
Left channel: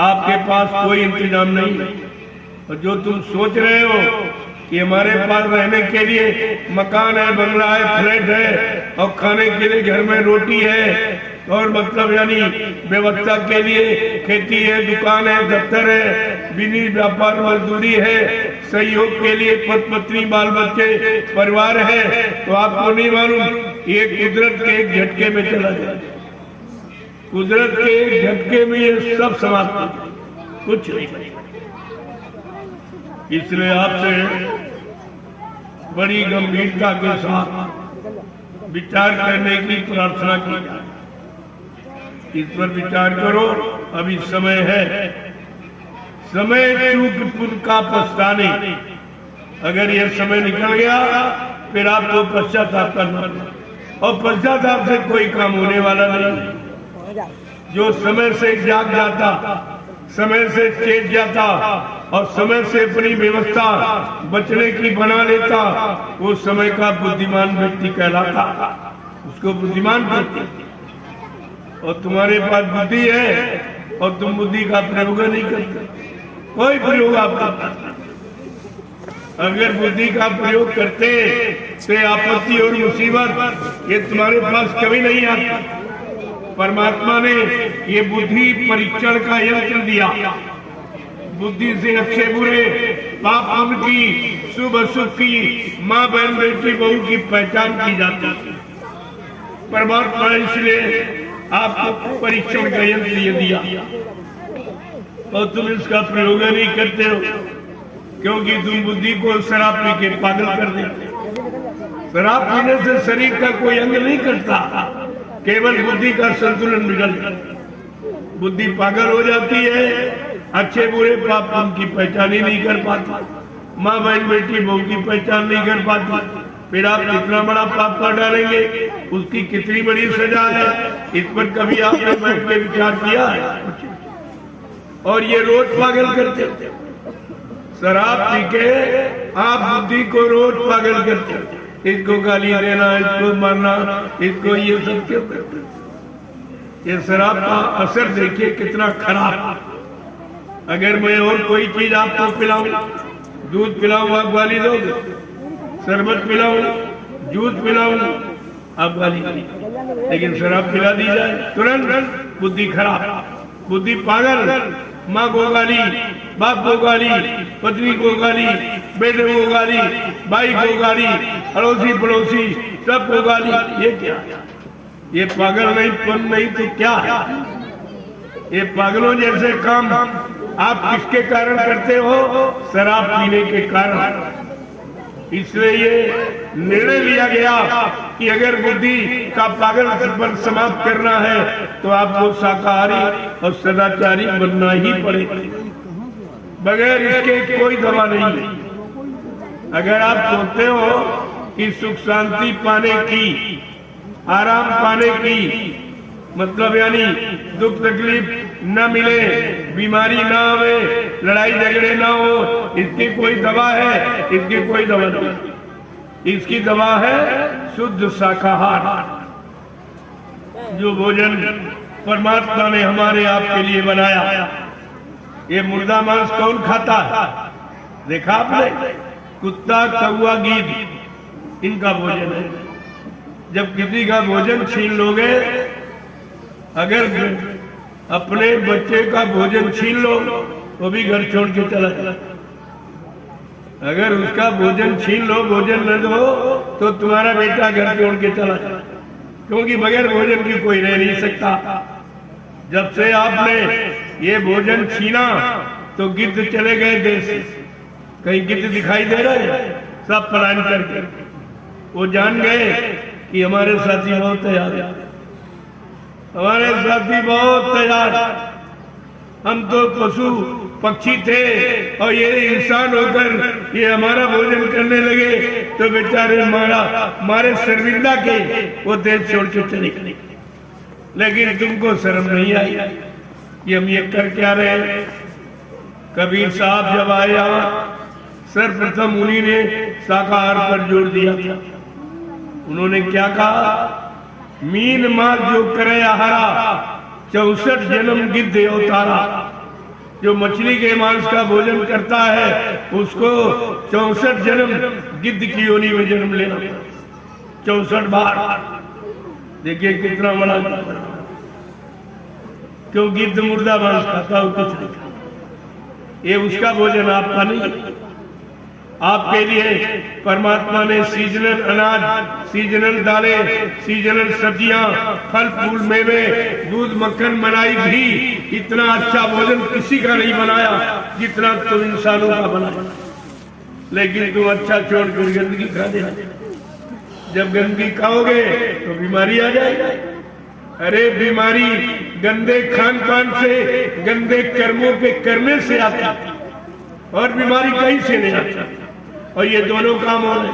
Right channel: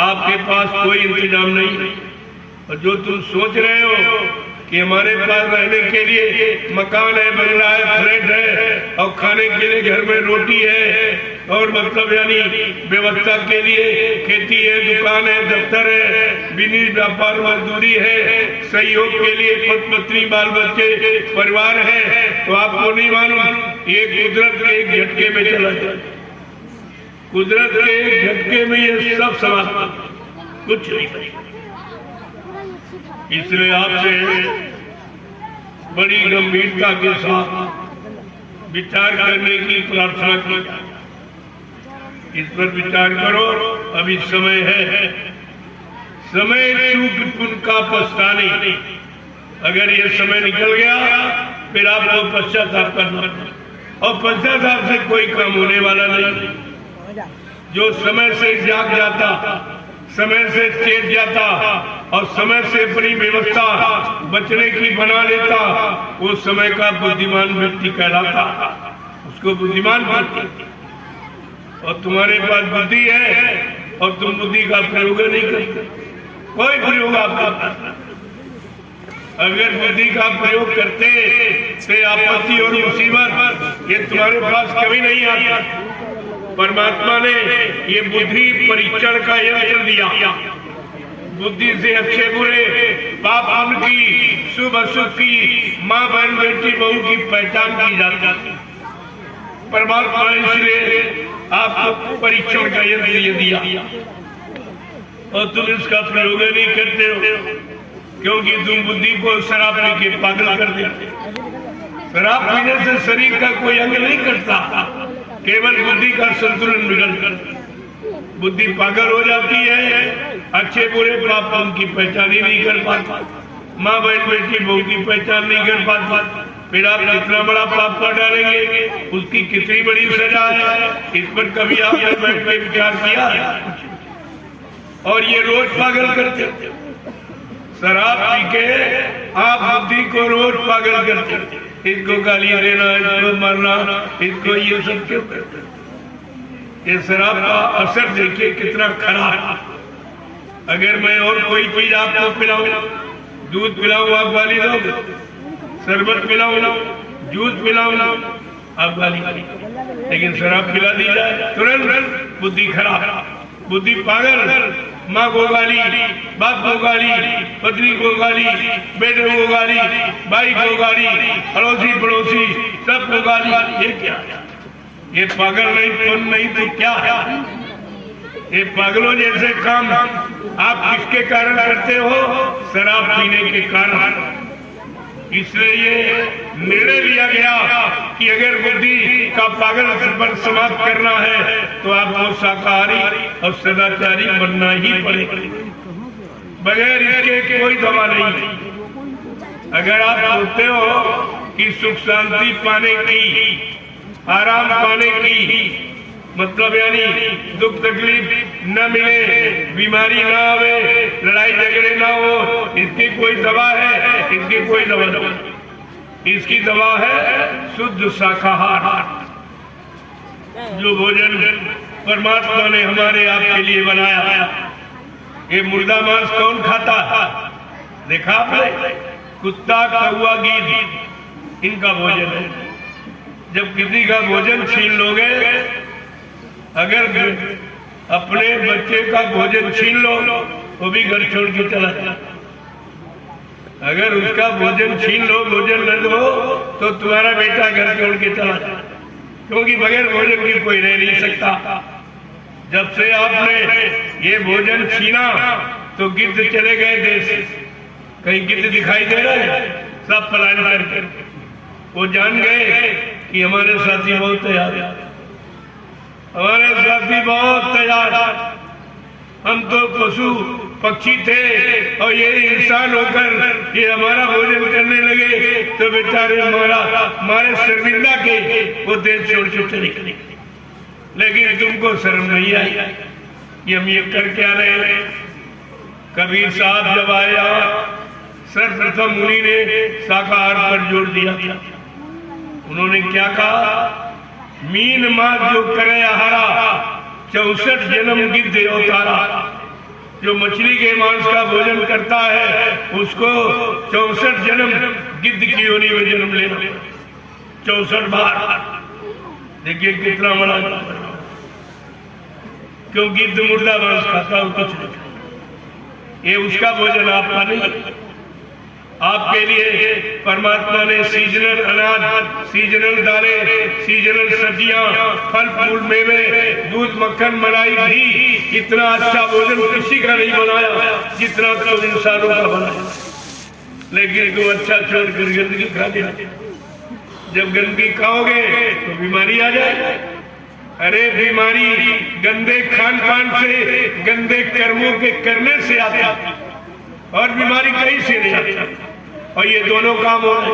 आपके पास कोई इंतजाम नहीं। और जो तुम सोच रहे हो कि हमारे पास रहने के लिए मकान है, बंगला है, फ्लैट है, और खाने के लिए घर में रोटी है, और मतलब यानी व्यवस्था के लिए खेती है, दुकान है, दफ्तर है, बिनी व्यापार मजदूरी है, सहयोग के लिए पति पत्नी बाल बच्चे परिवार है, तो आपको नहीं मालूम ये कुदरत के एक झटके में चला जाए। कुदरत के एक झटके में ये सब समाप्त, कुछ नहीं। इसलिए आपसे बड़ी गंभीरता के साथ विचार करने की प्रार्थना की। इस पर विचार करो। अभी समय है, समय चूक पुन का पछताने। अगर यह समय निकल गया फिर आपको पश्चाताप करना, और पश्चाताप से कोई काम होने वाला नहीं। जो समय से जाग जाता, समय से चेत जाता और समय से अपनी व्यवस्था बचने की बना लेता, वो समय का बुद्धिमान व्यक्ति कहलाता। उसको बुद्धिमान करते। और तुम्हारे पास बुद्धि है और तुम बुद्धि का प्रयोग नहीं करते, कोई प्रयोग आपका। अगर बुद्धि का प्रयोग करते तो आपत्ति और मुसीबत ये तुम्हारे पास कभी नहीं आती। परमात्मा ने ये बुद्धि परीक्षण का यंत्र दिया। बुद्धि से अच्छे बुरे, पाप पुण्य की, शुभ अशुभ की, माँ बहन बेटी बहू की पहचान की जाती है। परमात्मा ने इसलिए आपको परीक्षण का यंत्र ये दिया और तुम इसका प्रयोग नहीं करते हो, क्योंकि तुम बुद्धि को शराब पी के पागल कर देते। शराब पीने से शरीर का कोई अंग नहीं करता, केवल बुद्धि का संतुलन बिगड़ता। बुद्धि पागल हो जाती है, अच्छे बुरे पाप पुण्य की पहचान ही नहीं कर पाती, माँ बहन बेटी बहू की पहचान नहीं कर पाती। फिर आप कितना बड़ा पाप कर डालेंगे, उसकी कितनी बड़ी सजा है, इस पर कभी आपने बैठ के विचार किया है? और ये रोज पागल करते। शराब पी के आप बुद्धि को रोज पागल करते। इसको गाली देना, इसको मारना, इसको ये सब क्यों करते? ये शराब का असर देखिए कितना खराब। अगर मैं और कोई चीज आपको पिलाऊं, दूध पिलाऊं आप गाली दो, शरबत पिलाऊं, जूस पिलाऊं आप गाली, लेकिन शराब पिला दी जाए तुरंत बुद्धि खराब, बुद्धि पागल। माँ को गाली, बाप को गाली, पत्नी को गाली, बेटे को गाली, भाई को गाली, अड़ोसी पड़ोसी सबको गाली। ये क्या? ये पागल नहीं, तुम नहीं तो क्या है? ये पागलों जैसे काम आप किसके कारण करते हो? शराब पीने के कारण। इसलिए ये निर्णय लिया गया कि अगर बुद्धि का पागल पर समाप्त करना है तो आपको शाकाहारी और सदाचारी बनना ही पड़ेगा। बगैर इसके कोई दवा नहीं। अगर आप सोचते हो कि सुख शांति पाने की, आराम पाने की, मतलब यानी दुख तकलीफ न मिले, बीमारी ना आवे, लड़ाई झगड़े ना हो, इसकी कोई दवा है? इसकी कोई दवा नहीं। इसकी दवा है शुद्ध शाकाहार, जो भोजन परमात्मा ने हमारे आपके लिए बनाया। ये मुर्दा मांस कौन खाता है? देखा आपने? कुत्ता, कौवा, गीद, इनका भोजन है। जब किसी का भोजन छीन लोगे, अगर अपने बच्चे का भोजन छीन लो वो भी घर छोड़ के चला जाए। अगर उसका भोजन छीन लो, भोजन न दो, तो तुम्हारा बेटा घर छोड़ के चला जाए, क्योंकि बगैर भोजन की कोई रह नहीं सकता। जब से आपने ये भोजन छीना तो गिद्ध चले गए देश से। कहीं गिद्ध दिखाई दे रहे हैं? सब पलायन करके वो जान गए कि हमारे साथी बहुत तैयार, हमारे साथी बहुत तैयार। हम तो पशु पक्षी थे और ये इंसान होकर ये हमारा भोजन करने लगे, तो बेचारे हमारे शर्मिंदा के वो देश छोड़ के चले गए। लेकिन तुमको शर्म नहीं आई कि हम ये कर क्या रहे? कबीर साहब जब आया, सर्वप्रथम उन्हीं ने शाकाहार पर जोर दिया था। उन्होंने क्या कहा? मीन मार जो करे आहारा, 64 जन्म गिद्ध अवतारा। जो मछली के मांस का भोजन करता है उसको 64 जन्म गिद्ध की योनि में जन्म लेना, 64 बार। देखिए कितना बड़ा, क्यों गिद्ध मुर्दा मांस खाता हो, कुछ नहीं। ये उसका भोजन आपका नहीं। आपके लिए परमात्मा ने सीजनल अनाज, सीजनल दालें, सीजनल सब्जियां, फल फूल, मेवे, दूध, मक्खन, मलाई, घी, इतना अच्छा भोजन किसी का नहीं बनाया जितना तो इंसानों का बनाया। लेकिन तुम अच्छा छोड़कर गंदगी खा दे। जब गंदगी खाओगे तो बीमारी आ जाएगी। अरे बीमारी गंदे खान पान से, गंदे कर्मों के करने से आती है, और बीमारी कहीं से नहीं आती। और ये दोनों काम हो रहे,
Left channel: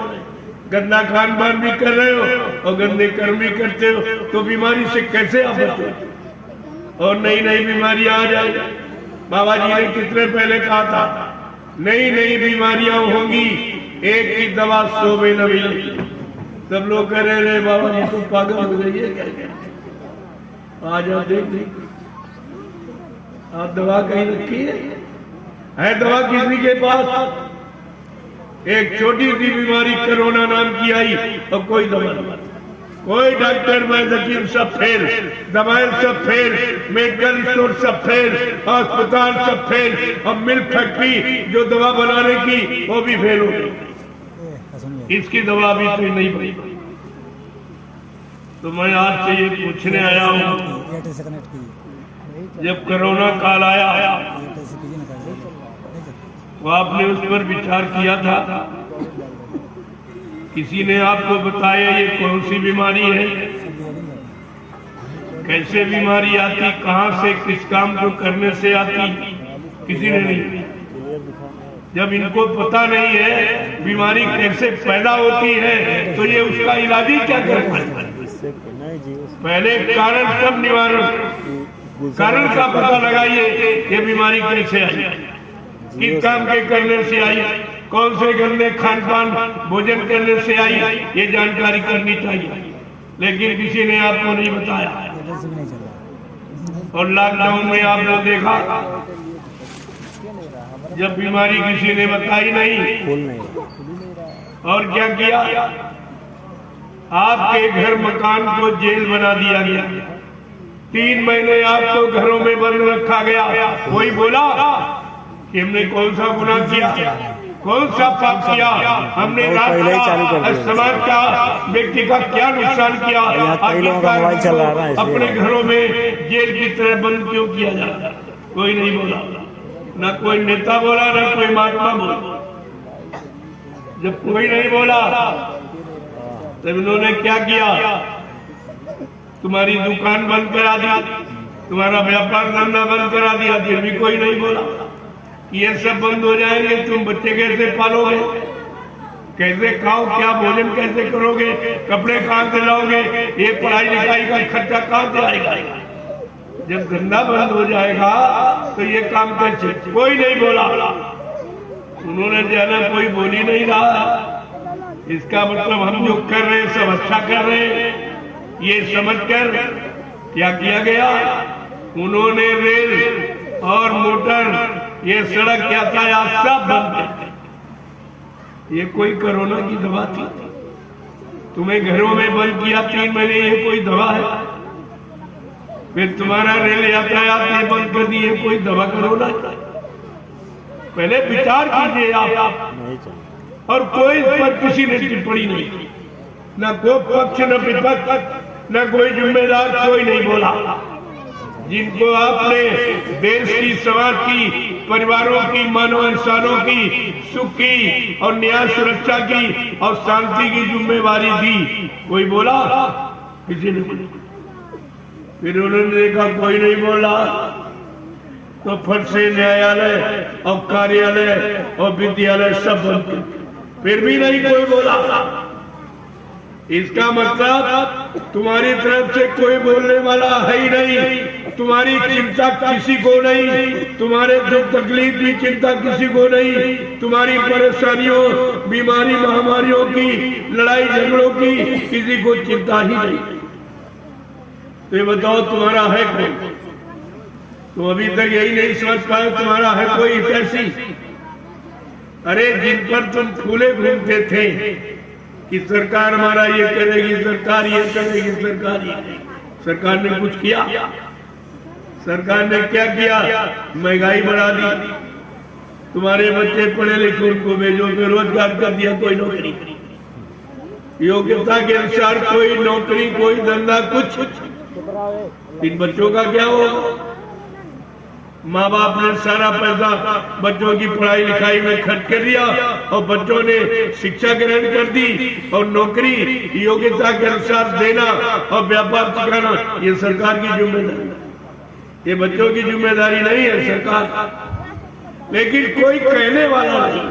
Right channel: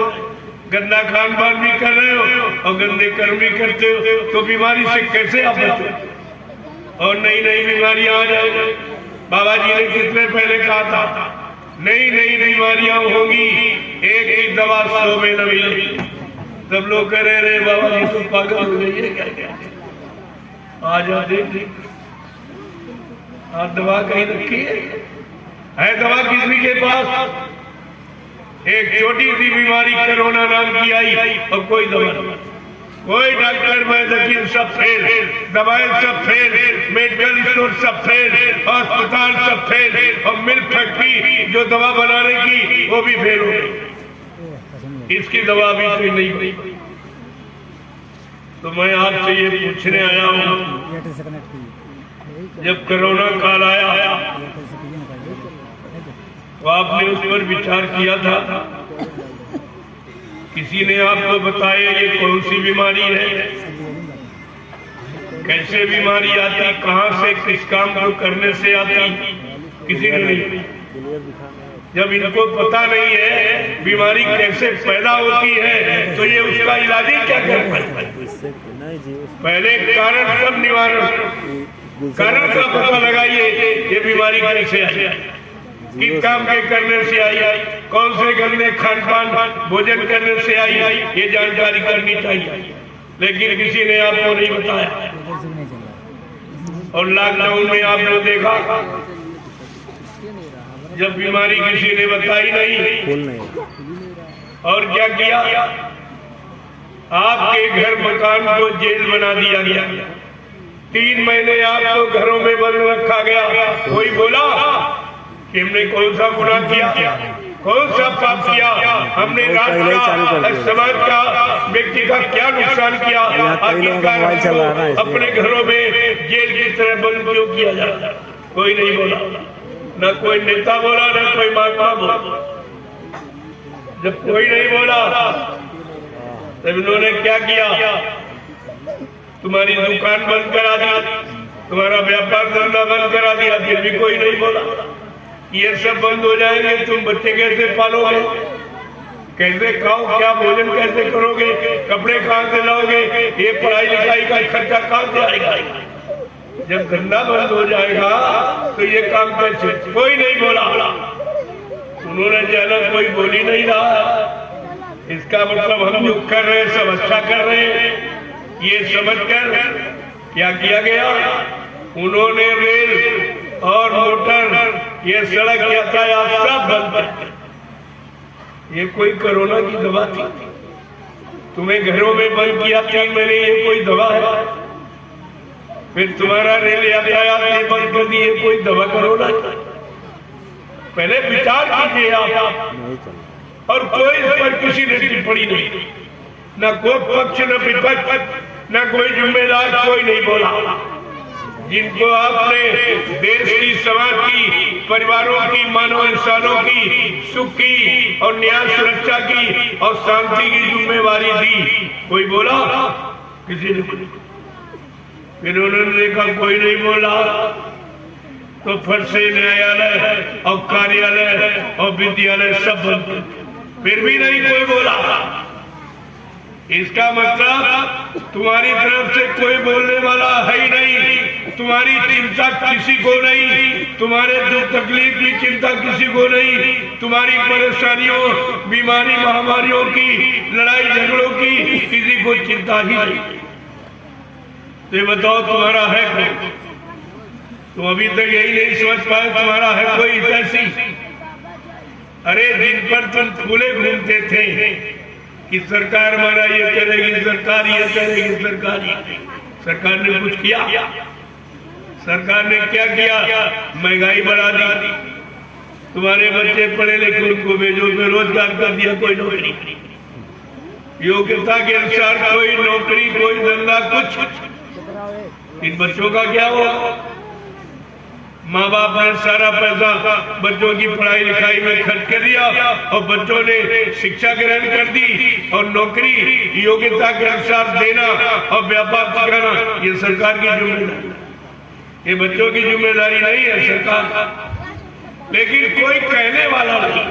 गंदा खान पान भी कर रहे हो और गंदे कर्म भी करते हो, तो बीमारी से कैसे आप बचो? और नई नई बीमारियां आ जाए। बाबा जी ने कितने पहले कहा था, नई नई बीमारियां होंगी, एक ही दवा 100 में न मिलेगी। सब लोग कह रहे हैं बाबा जी तुम पागल हो गई है क्या? क्या आ जा देख ली, आप दवा कहीं रखी है दवा किसी के पास? एक छोटी सी बीमारी कोरोना नाम की आई और कोई दवा नहीं, कोई डॉक्टर वैद्य सब फेल, दवाएं सब फेल, मेडिकल स्टोर सब फेल, अस्पताल सब फेल, और मिल्क फैक्ट्री जो दवा बनाने की वो भी फेल हो गई। इसकी दवा भी कोई नहीं बनी। तो मैं आज से ये पूछने आया हूँ, जब कोरोना काल आया तो आपने उस पर विचार किया था? किसी ने आपको बताया ये कौन सी बीमारी है, कैसे बीमारी आती, कहां से, किस काम को करने से आती? किसी ने नहीं। जब इनको पता नहीं है बीमारी कैसे पैदा होती है तो ये उसका इलाज ही क्या कर पाए? पहले कारण सब निवारण, कारण का पता लगाइए ये बीमारी कैसे आई, किस काम के करने से आई, कौन से गंदे खान पान भोजन करने से आई, ये जानकारी करनी चाहिए। लेकिन किसी ने आपको नहीं बताया। और लॉकडाउन में आपने देखा, जब बीमारी किसी ने बताई नहीं, और क्या किया, आपके घर मकान को जेल बना दिया गया। 3 महीने आपको घरों में बंद रखा गया। कोई बोला कि हमने कौन सा गुनाह किया, कौन सा पाप किया, हमने राष्ट्र का, समाज का, व्यक्ति का क्या नुकसान किया, अपने घरों में जेल की तरह बंद क्यों किया जाता? कोई नहीं बोला, न कोई नेता बोला, न कोई महात्मा बोला। जब कोई नहीं बोला तब इन्होंने क्या किया, तुम्हारी दुकान बंद करा दी, तुम्हारा व्यापार धंधा बंद करा दिया, फिर भी कोई नहीं बोला। ये सब बंद हो जाएंगे, तुम बच्चे कैसे पालोगे, कैसे खाओ, क्या भोजन कैसे करोगे, कपड़े कहाँ से लाओगे, ये पढ़ाई लिखाई का खर्चा कहाँ से आएगा? जब धंधा बंद हो जाएगा तो ये काम कैसे? कोई नहीं बोला। उन्होंने जाना, कोई बोल ही नहीं रहा। इसका मतलब हम जो कर रहे हैं सब अच्छा कर रहे हैं, ये समझकर क्या किया गया, उन्होंने रेल और मोटर, ये सड़क यातायात सब बंद कर दिया। ये कोई कोरोना की दवा थी? तुम्हें घरों में बंद किया 3 महीने, ये कोई दवा है? फिर तुम्हारा रेल यातायात ये बंद कर दिए, कोई दवा कोरोना? पहले विचार कीजिए आप। और कोई इस पर किसी ने टिप्पणी नहीं, न कोई पक्ष न विपक्ष, न कोई जिम्मेदार, कोई नहीं बोला। जिनको आपने देश की, समाज की, परिवारों की, मानव इंसानों की सुख की और न्याय सुरक्षा की और शांति की जिम्मेवारी दी, कोई बोला? किसी ने बोला। फिर उन्होंने देखा कोई नहीं बोला तो फट से न्यायालय और कार्यालय और विद्यालय सब बंद, फिर भी नहीं कोई बोला। इसका मतलब तुम्हारी तरफ से कोई बोलने वाला है ही नहीं, तुम्हारी चिंता किसी को नहीं, तुम्हारे दुख तकलीफ की चिंता किसी को नहीं, तुम्हारी परेशानियों, बीमारी, महामारियों की, लड़ाई झगड़ों की किसी को चिंता ही नहीं। तो ये बताओ तुम्हारा है कौन? तुम अभी तक यही नहीं समझ पाए तुम्हारा है कोई ऐसी? अरे जिन पर तुम फूले घूमते थे कि सरकार हमारा ये करेगी, सरकार ये करेगी, सरकार ने कुछ किया? सरकार ने क्या किया? महंगाई बढ़ा दी, तुम्हारे बच्चे पढ़े लिखे उनको भेजो, बेरोजगार कर दिया, कोई नौकरी, योग्यता के अनुसार कोई नौकरी, कोई धंधा, कुछ। इन बच्चों का क्या हुआ? माँ बाप ने सारा पैसा बच्चों की पढ़ाई लिखाई में खर्च कर दिया और बच्चों ने शिक्षा ग्रहण कर दी और नौकरी योग्यता के अनुसार देना और व्यापार कराना ये सरकार की जिम्मेदारी, ये बच्चों की जिम्मेदारी नहीं है सरकार। लेकिन कोई कहने वाला नहीं।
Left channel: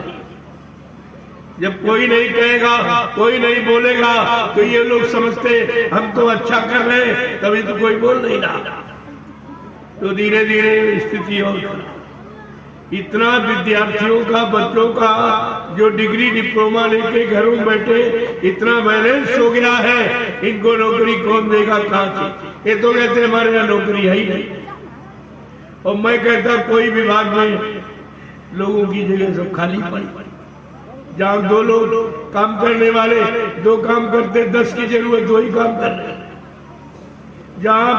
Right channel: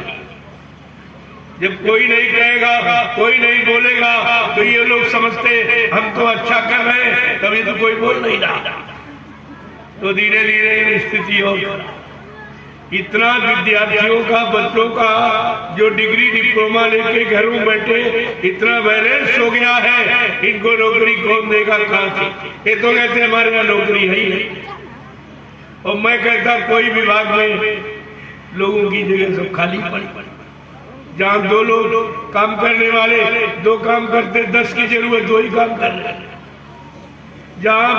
जब कोई नहीं कहेगा, कोई नहीं बोलेगा तो ये लोग समझते हम तो अच्छा कर रहे हैं, तभी तो कोई बोल नहीं रहा। तो धीरे धीरे स्थिति हो, इतना विद्यार्थियों का, बच्चों का जो डिग्री डिप्लोमा लेके घरों में बैठे, इतना बैलेंस हो गया है, इनको नौकरी कौन देगा, कहां से? ये तो कहते हमारे यहाँ नौकरी है ही नहीं। और मैं कहता कोई विभाग में लोगों की जगह सब खाली पड़ी, जहां 2 लोग काम करने वाले 2 काम करते, 10 की जरूरत 2 ही काम कर रहे, जहां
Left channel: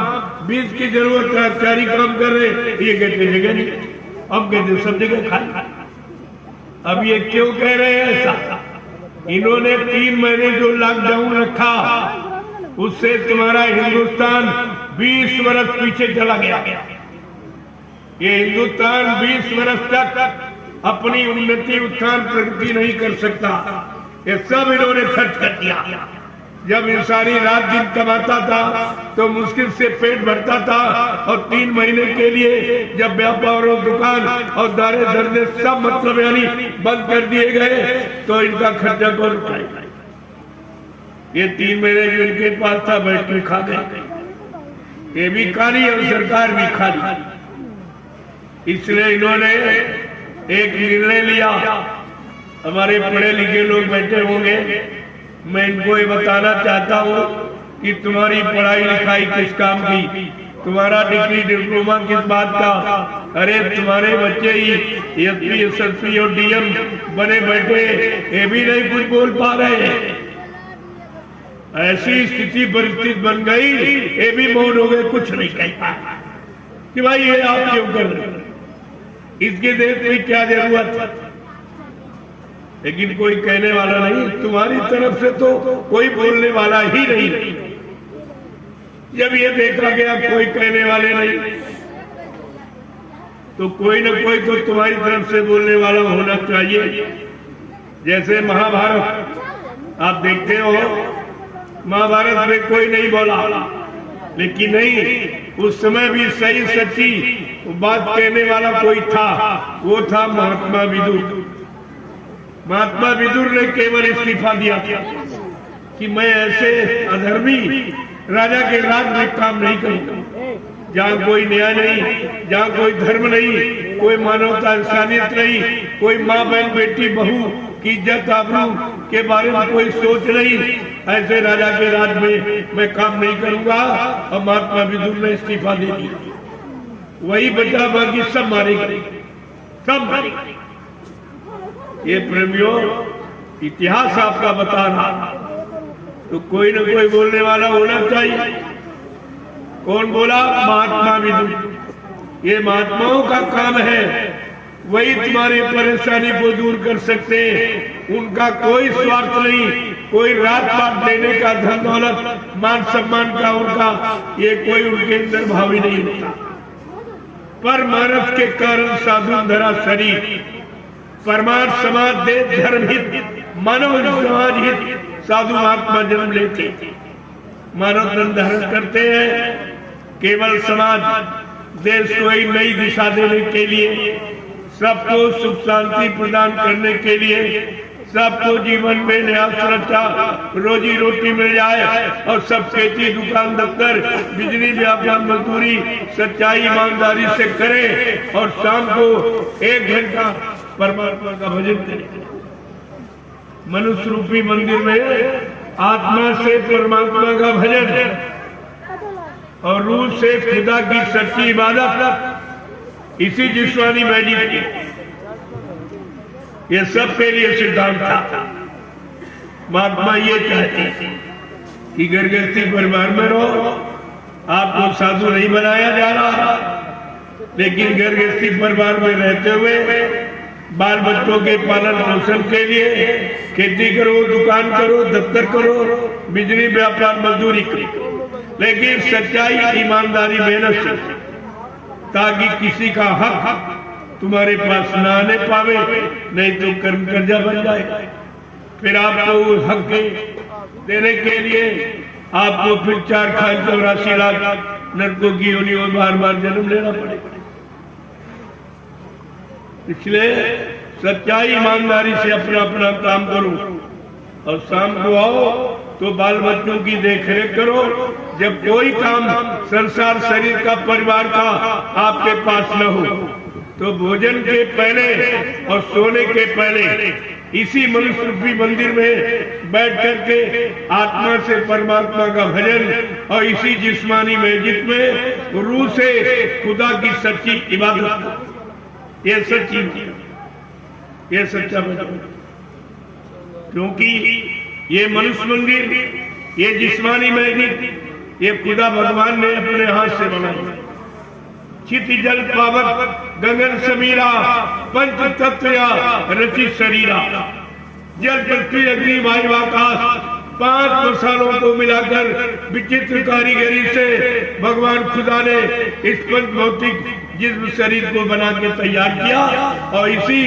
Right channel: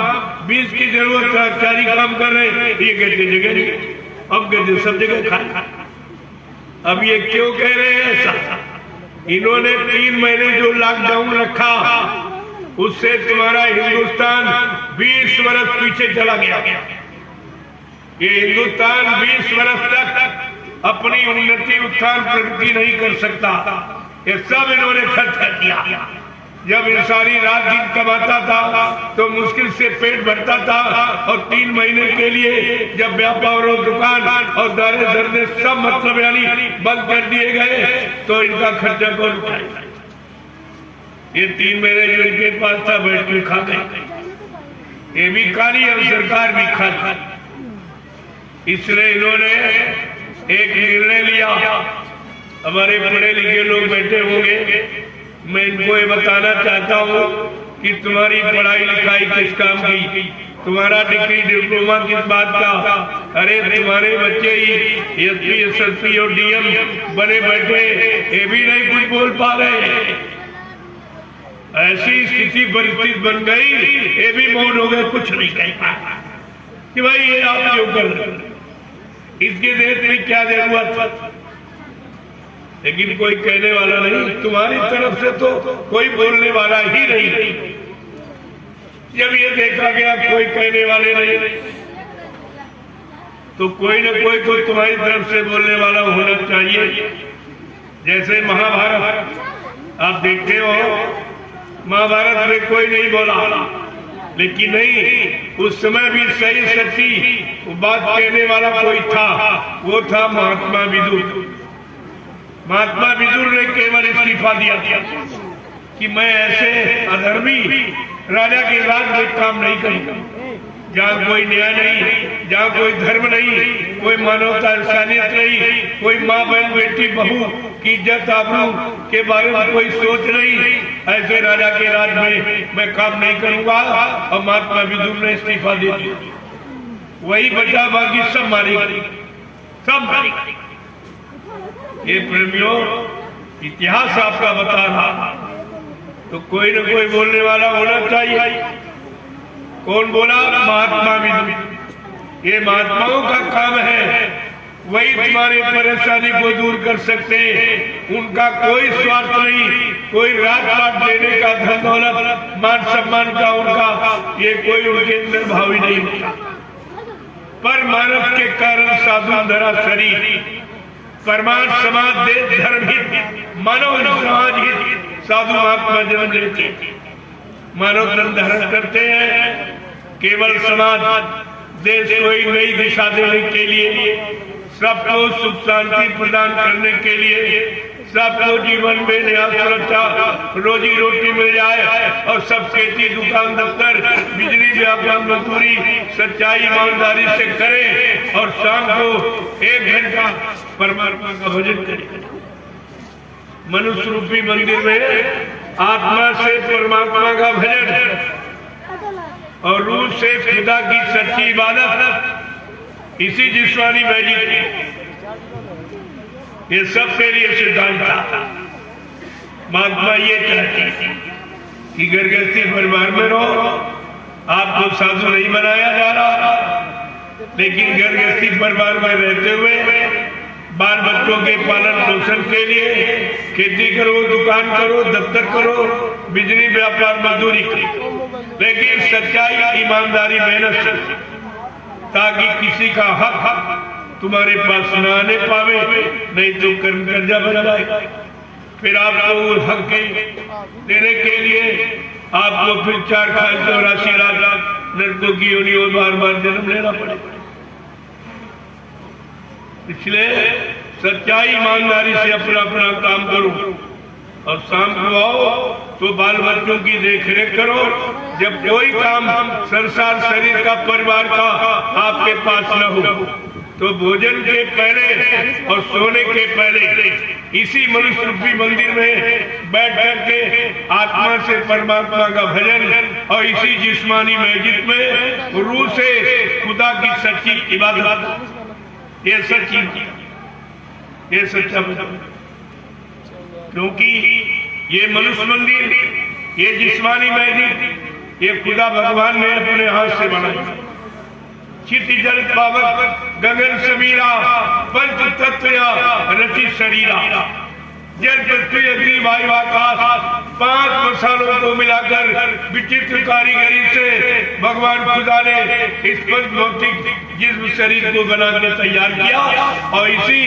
20 की जरूरत 4 ही काम कर रहे, ये कहते जगह नहीं, अब कहते सब जगह खाली। अब ये क्यों कह रहे हैं ऐसा? इन्होंने 3 महीने जो लॉकडाउन रखा उससे तुम्हारा हिंदुस्तान 20 वर्ष पीछे चला गया। ये हिंदुस्तान 20 वर्ष तक अपनी उन्नति, उत्थान, प्रगति नहीं कर सकता। ये सब इन्होंने खर्च कर दिया। जब इंसानी रात दिन कमाता था तो मुश्किल से पेट भरता था और 3 महीने के लिए जब व्यापार और दुकान और दारे धरने सब मतलब यानी बंद कर दिए गए तो इनका खर्चा कौन उठाएगा? ये 3 महीने जो इनके पास था बैठ के खा गए। ये भी खाली और सरकार भी खाली। इसलिए इन्होंने एक निर्णय लिया। हमारे पढ़े लिखे लोग बैठे होंगे, मैं इनको ये बताना चाहता हूँ कि तुम्हारी पढ़ाई लिखाई किस काम की, तुम्हारा डिग्री डिप्लोमा किस बात का? अरे तुम्हारे बच्चे ही एसपी, एसएसपी और डीएम बने बैठे, ये भी नहीं कुछ बोल पा रहे। ऐसी स्थिति परिस्थिति बन गई, ये भी मौन हो गए, कुछ नहीं कह पाए कि भाई ये आप क्यों कर रहे हैं, इसके देश में क्या जरूरत? लेकिन कोई कहने वाला नहीं, तुम्हारी तरफ से तो कोई बोलने वाला ही नहीं। जब ये देखा गया कोई कहने वाले नहीं, तो कोई न कोई तो तुम्हारी तरफ से बोलने वाला होना चाहिए। जैसे महाभारत आप देखते हो, महाभारत में कोई नहीं बोला, लेकिन नहीं, उस समय भी सही सच्ची बात कहने वाला कोई था, वो था महात्मा विदुर। महात्मा विदुर ने केवल इस्तीफा दिया कि मैं ऐसे अधर्मी राजा के राज में काम नहीं करूंगा, जहाँ कोई न्याय नहीं, जहाँ कोई धर्म नहीं, कोई मानवता इंसानियत नहीं, कोई माँ बहन बेटी बहू की इज्जत आबरू के बारे में कोई सोच नहीं, ऐसे राजा के राज में मैं काम नहीं करूंगा। और महात्मा विदुर ने इस्तीफा दे दिया। वही बचा, बाकी सब मारे गए, सब मारे गए। ये प्रेमियों, इतिहास आपका बता रहा, तो कोई न कोई बोलने वाला होना चाहिए। कौन बोला? महात्मा विदुर। ये महात्माओं का काम है, वही तुम्हारी परेशानी को दूर कर सकते हैं। उनका कोई स्वार्थ नहीं, कोई रात पात लेने का, धन दौलत मान सम्मान का उनका ये कोई उनके अंदर भाव ही नहीं होता। पर मानव के कारण साधु धरा शरीर, परमार्थ समाज देश धर्म हित, मानव समाज हित, साधु महात्मा जन्म लेते, मानव धर्म धारण करते हैं, केवल समाज देश को एक नई दिशा देने के लिए, सबको सुख शांति प्रदान करने के लिए, सबको जीवन में नया सुरक्षा, रोजी रोटी मिल जाए और सब खेती, दुकान, दफ्तर, बिजली, व्यापार, मजदूरी सच्चाई ईमानदारी से करें और शाम को 1 घंटा परमात्मा का भजन करें। मनुष्य रूपी मंदिर में आत्मा से परमात्मा का भजन और रूह से खुदा की सच्ची इबादत, इसी जिस्मानी मैजिक, ये सबके लिए सिद्धांत था। महात्मा ये चाहते कि घर गृहस्थी परिवार में रहो, आपको साधु नहीं बनाया जा रहा, लेकिन घर गृहस्थी परिवार में रहते हुए बाल बच्चों के पालन पोषण के लिए खेती करो, दुकान करो, दफ्तर करो, बिजली व्यापार मजदूरी करो, लेकिन सच्चाई, ईमानदारी, मेहनत से, ताकि किसी का हक तुम्हारे पास न आने पावे, नहीं तो कर्म कर्जा बन जाए। फिर आपको उस हक के देने के लिए आपको फिर 4,84 लाख नरकों की योनियों बार बार जन्म लेना पड़ेगा। इसलिए सच्चाई, ईमानदारी से अपना अपना काम करो और शाम को आओ तो बाल बच्चों की देखरेख करो। जब कोई काम संसार, शरीर का, परिवार का आपके पास न हो तो भोजन के पहले और सोने के पहले इसी मनुष्य रूपी मंदिर में बैठ करके आत्मा से परमात्मा का भजन और इसी जिस्मानी मस्जिद में रूह से खुदा की सच्ची इबादत, ये सच्ची, ये सच्चा भजन। क्योंकि ये मनुष्य मंदिर, ये जिस्मानी मस्जिद, ये खुदा भगवान ने अपने हाथ से बनाई। चित जल पावक गगन समीरा, पंच तत्व रचित शरीरा, जल पृथ्वी अग्नि वायु आकाश, 5 मसालों को मिलाकर विचित्र कारीगरी से भगवान खुदा ने इस पंच भौतिक जिस्म शरीर को बना के तैयार किया और इसी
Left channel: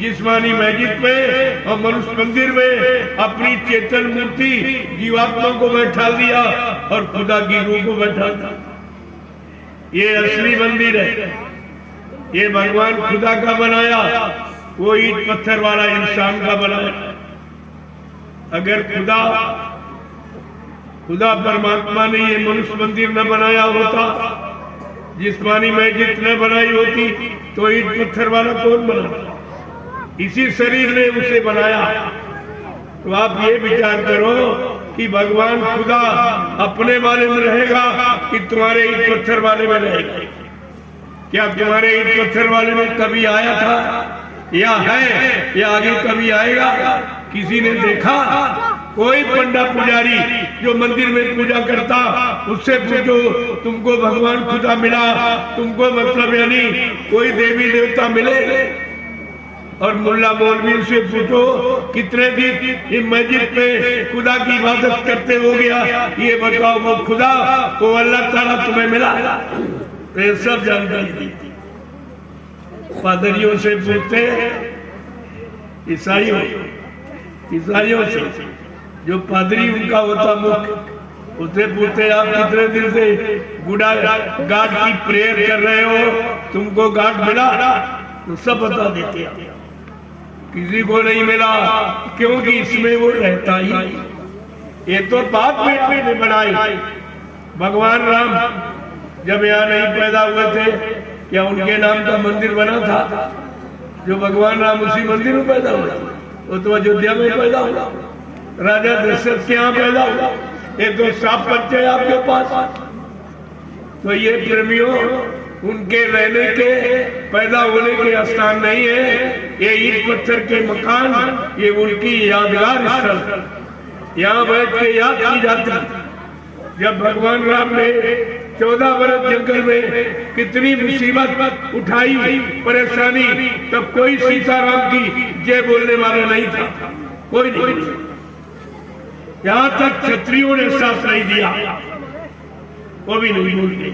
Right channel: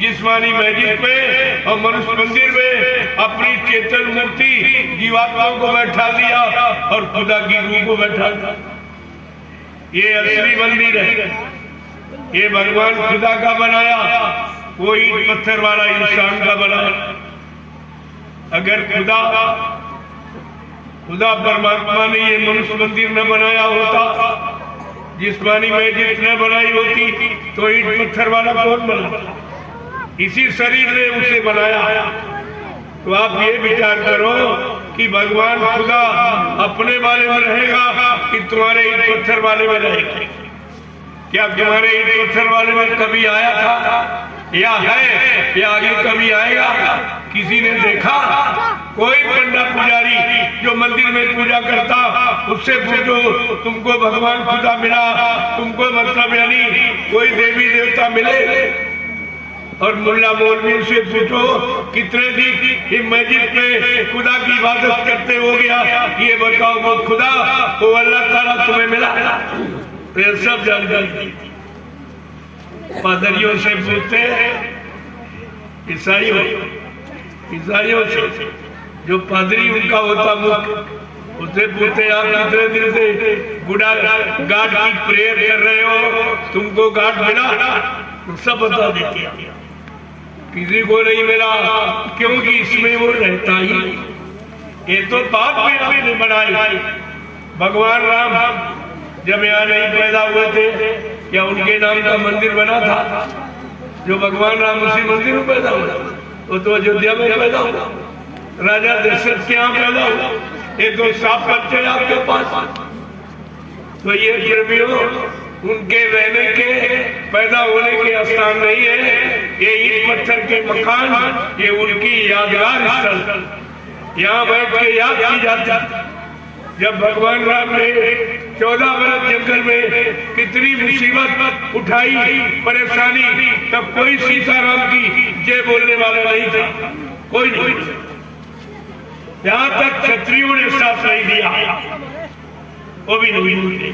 जिस्मानी मस्जिद में और मनुष्य मंदिर में अपनी चेतन मूर्ति जीवात्मा को बैठा दिया और खुदा की रूह को बैठा दिया। ये असली मंदिर है, ये भगवान खुदा का बनाया, वो ईंट पत्थर वाला इंसान का बनाया। अगर खुदा परमात्मा ने ये मनुष्य मंदिर न बनाया होता, जिस्मानी मस्जिद न बनाई होती, तो ईंट पत्थर वाला कौन बनाता? इसी शरीर ने उसे बनाया। तो आप ये विचार करो कि भगवान खुदा अपने वाले में रहेगा कि तुम्हारे ईंट पत्थर वाले में रहेगा? क्या तुम्हारे ईंट पत्थर वाले में कभी आया था या है या आगे कभी आएगा? किसी ने देखा? कोई पंडा पुजारी जो मंदिर में पूजा करता, उससे पूछो तुमको भगवान खुदा मिला? तुमको मतलब यानी कोई देवी देवता मिले? और मुल्ला मौलवी से पूछो कितने दिन मस्जिद में खुदा की इबादत करते हो गया, ये बताओ वो खुदा तो अल्लाह ताला तुम्हें मिला? ये सब जानकारी दी। पादरियों से पूछते, ईसाइयों से जो पादरी उनका होता मुख्य, उससे पूछते आप कितने दिन से बुढ़ा गाड की प्रेयर कर रहे हो, तुमको गाड मिला? सब बता देते हैं। किसी को नहीं मिला क्योंकि इसमें वो रहता ही। ये तो बाप बेटे ने बनाई। भगवान राम जब यहाँ नहीं पैदा हुए थे, क्या उनके नाम का मंदिर बना था? जो भगवान राम उसी मंदिर में पैदा हुआ, वो तो अयोध्या में पैदा हुआ, राजा दशरथ के यहाँ पैदा हुआ। ये तो साफ बच्चे आपके पास। तो ये प्रेमियों, उनके रहने के, पैदा होने के स्थान नहीं है, ये ईंट पत्थर के मकान, ये उनकी यादगार स्थल। यहाँ बैठ के याद की जाती जब भगवान राम ने 14 वर्ष जंगल में कितनी मुसीबत उठाई, परेशानी, तब कोई सीताराम की जय बोलने वाला नहीं था, कोई नहीं। यहाँ तक क्षत्रियों ने साथ नहीं दिया, वो भी नहीं बोलते।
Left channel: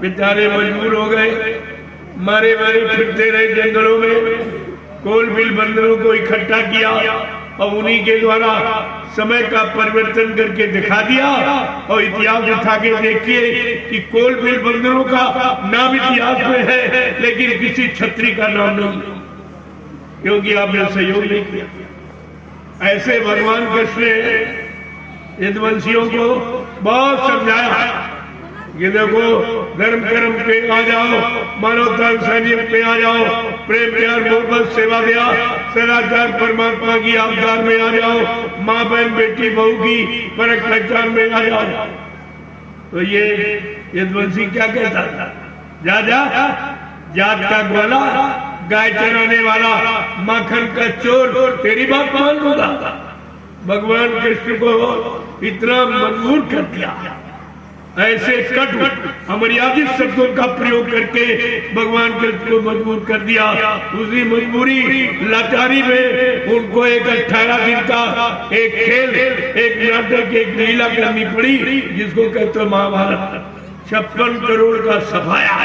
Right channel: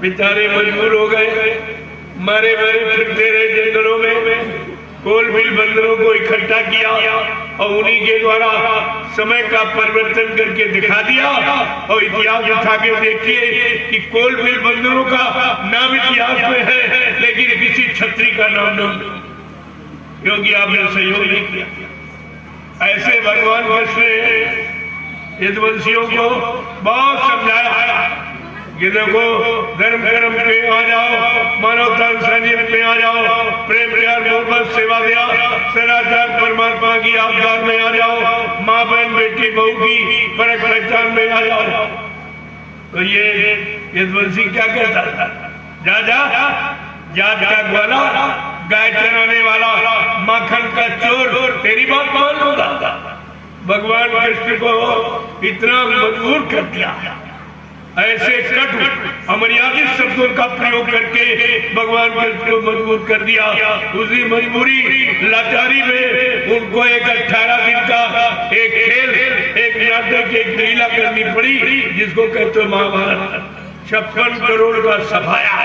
बेचारे मजबूर हो गए, मारे मारे फिरते रहे जंगलों में, कोल बिल बंदरों को इकट्ठा किया और उन्हीं के द्वारा समय का परिवर्तन करके दिखा दिया। और इतिहास उठा के देखिए कि कोल बिल बंदरों का नाम इतिहास में है, लेकिन किसी छत्री का नाम नहीं, क्योंकि आपने सहयोग नहीं किया। ऐसे भगवान कृष्ण ने यदुवंशियों को बहुत समझाया, ये देखो धर्म कर्म पे आ जाओ, मानवता इंसानियत पे आ जाओ, प्रेम प्यार मोहब्बत सेवा दया सदाचार परमात्मा की आज्ञा में आ जाओ, माँ बहन बेटी बहू की परख पहचान में आ जाओ। तो ये यदुवंशी क्या कहता था? जा जा जात का ग्वाला, गाय चराने वाला, माखन का चोर, तेरी बात मान लूंगा। भगवान कृष्ण को इतना मजबूर कर दिया ऐसे कट अमर्यादित शब्दों का प्रयोग करके भगवान कृष्ण को मजबूर कर दिया। उसी मजबूरी लाचारी में उनको एक 18 दिन का एक खेल, एक नाटक, एक लीला करनी पड़ी, जिसको कहते महाभारत। 56 करोड़ का सफाया,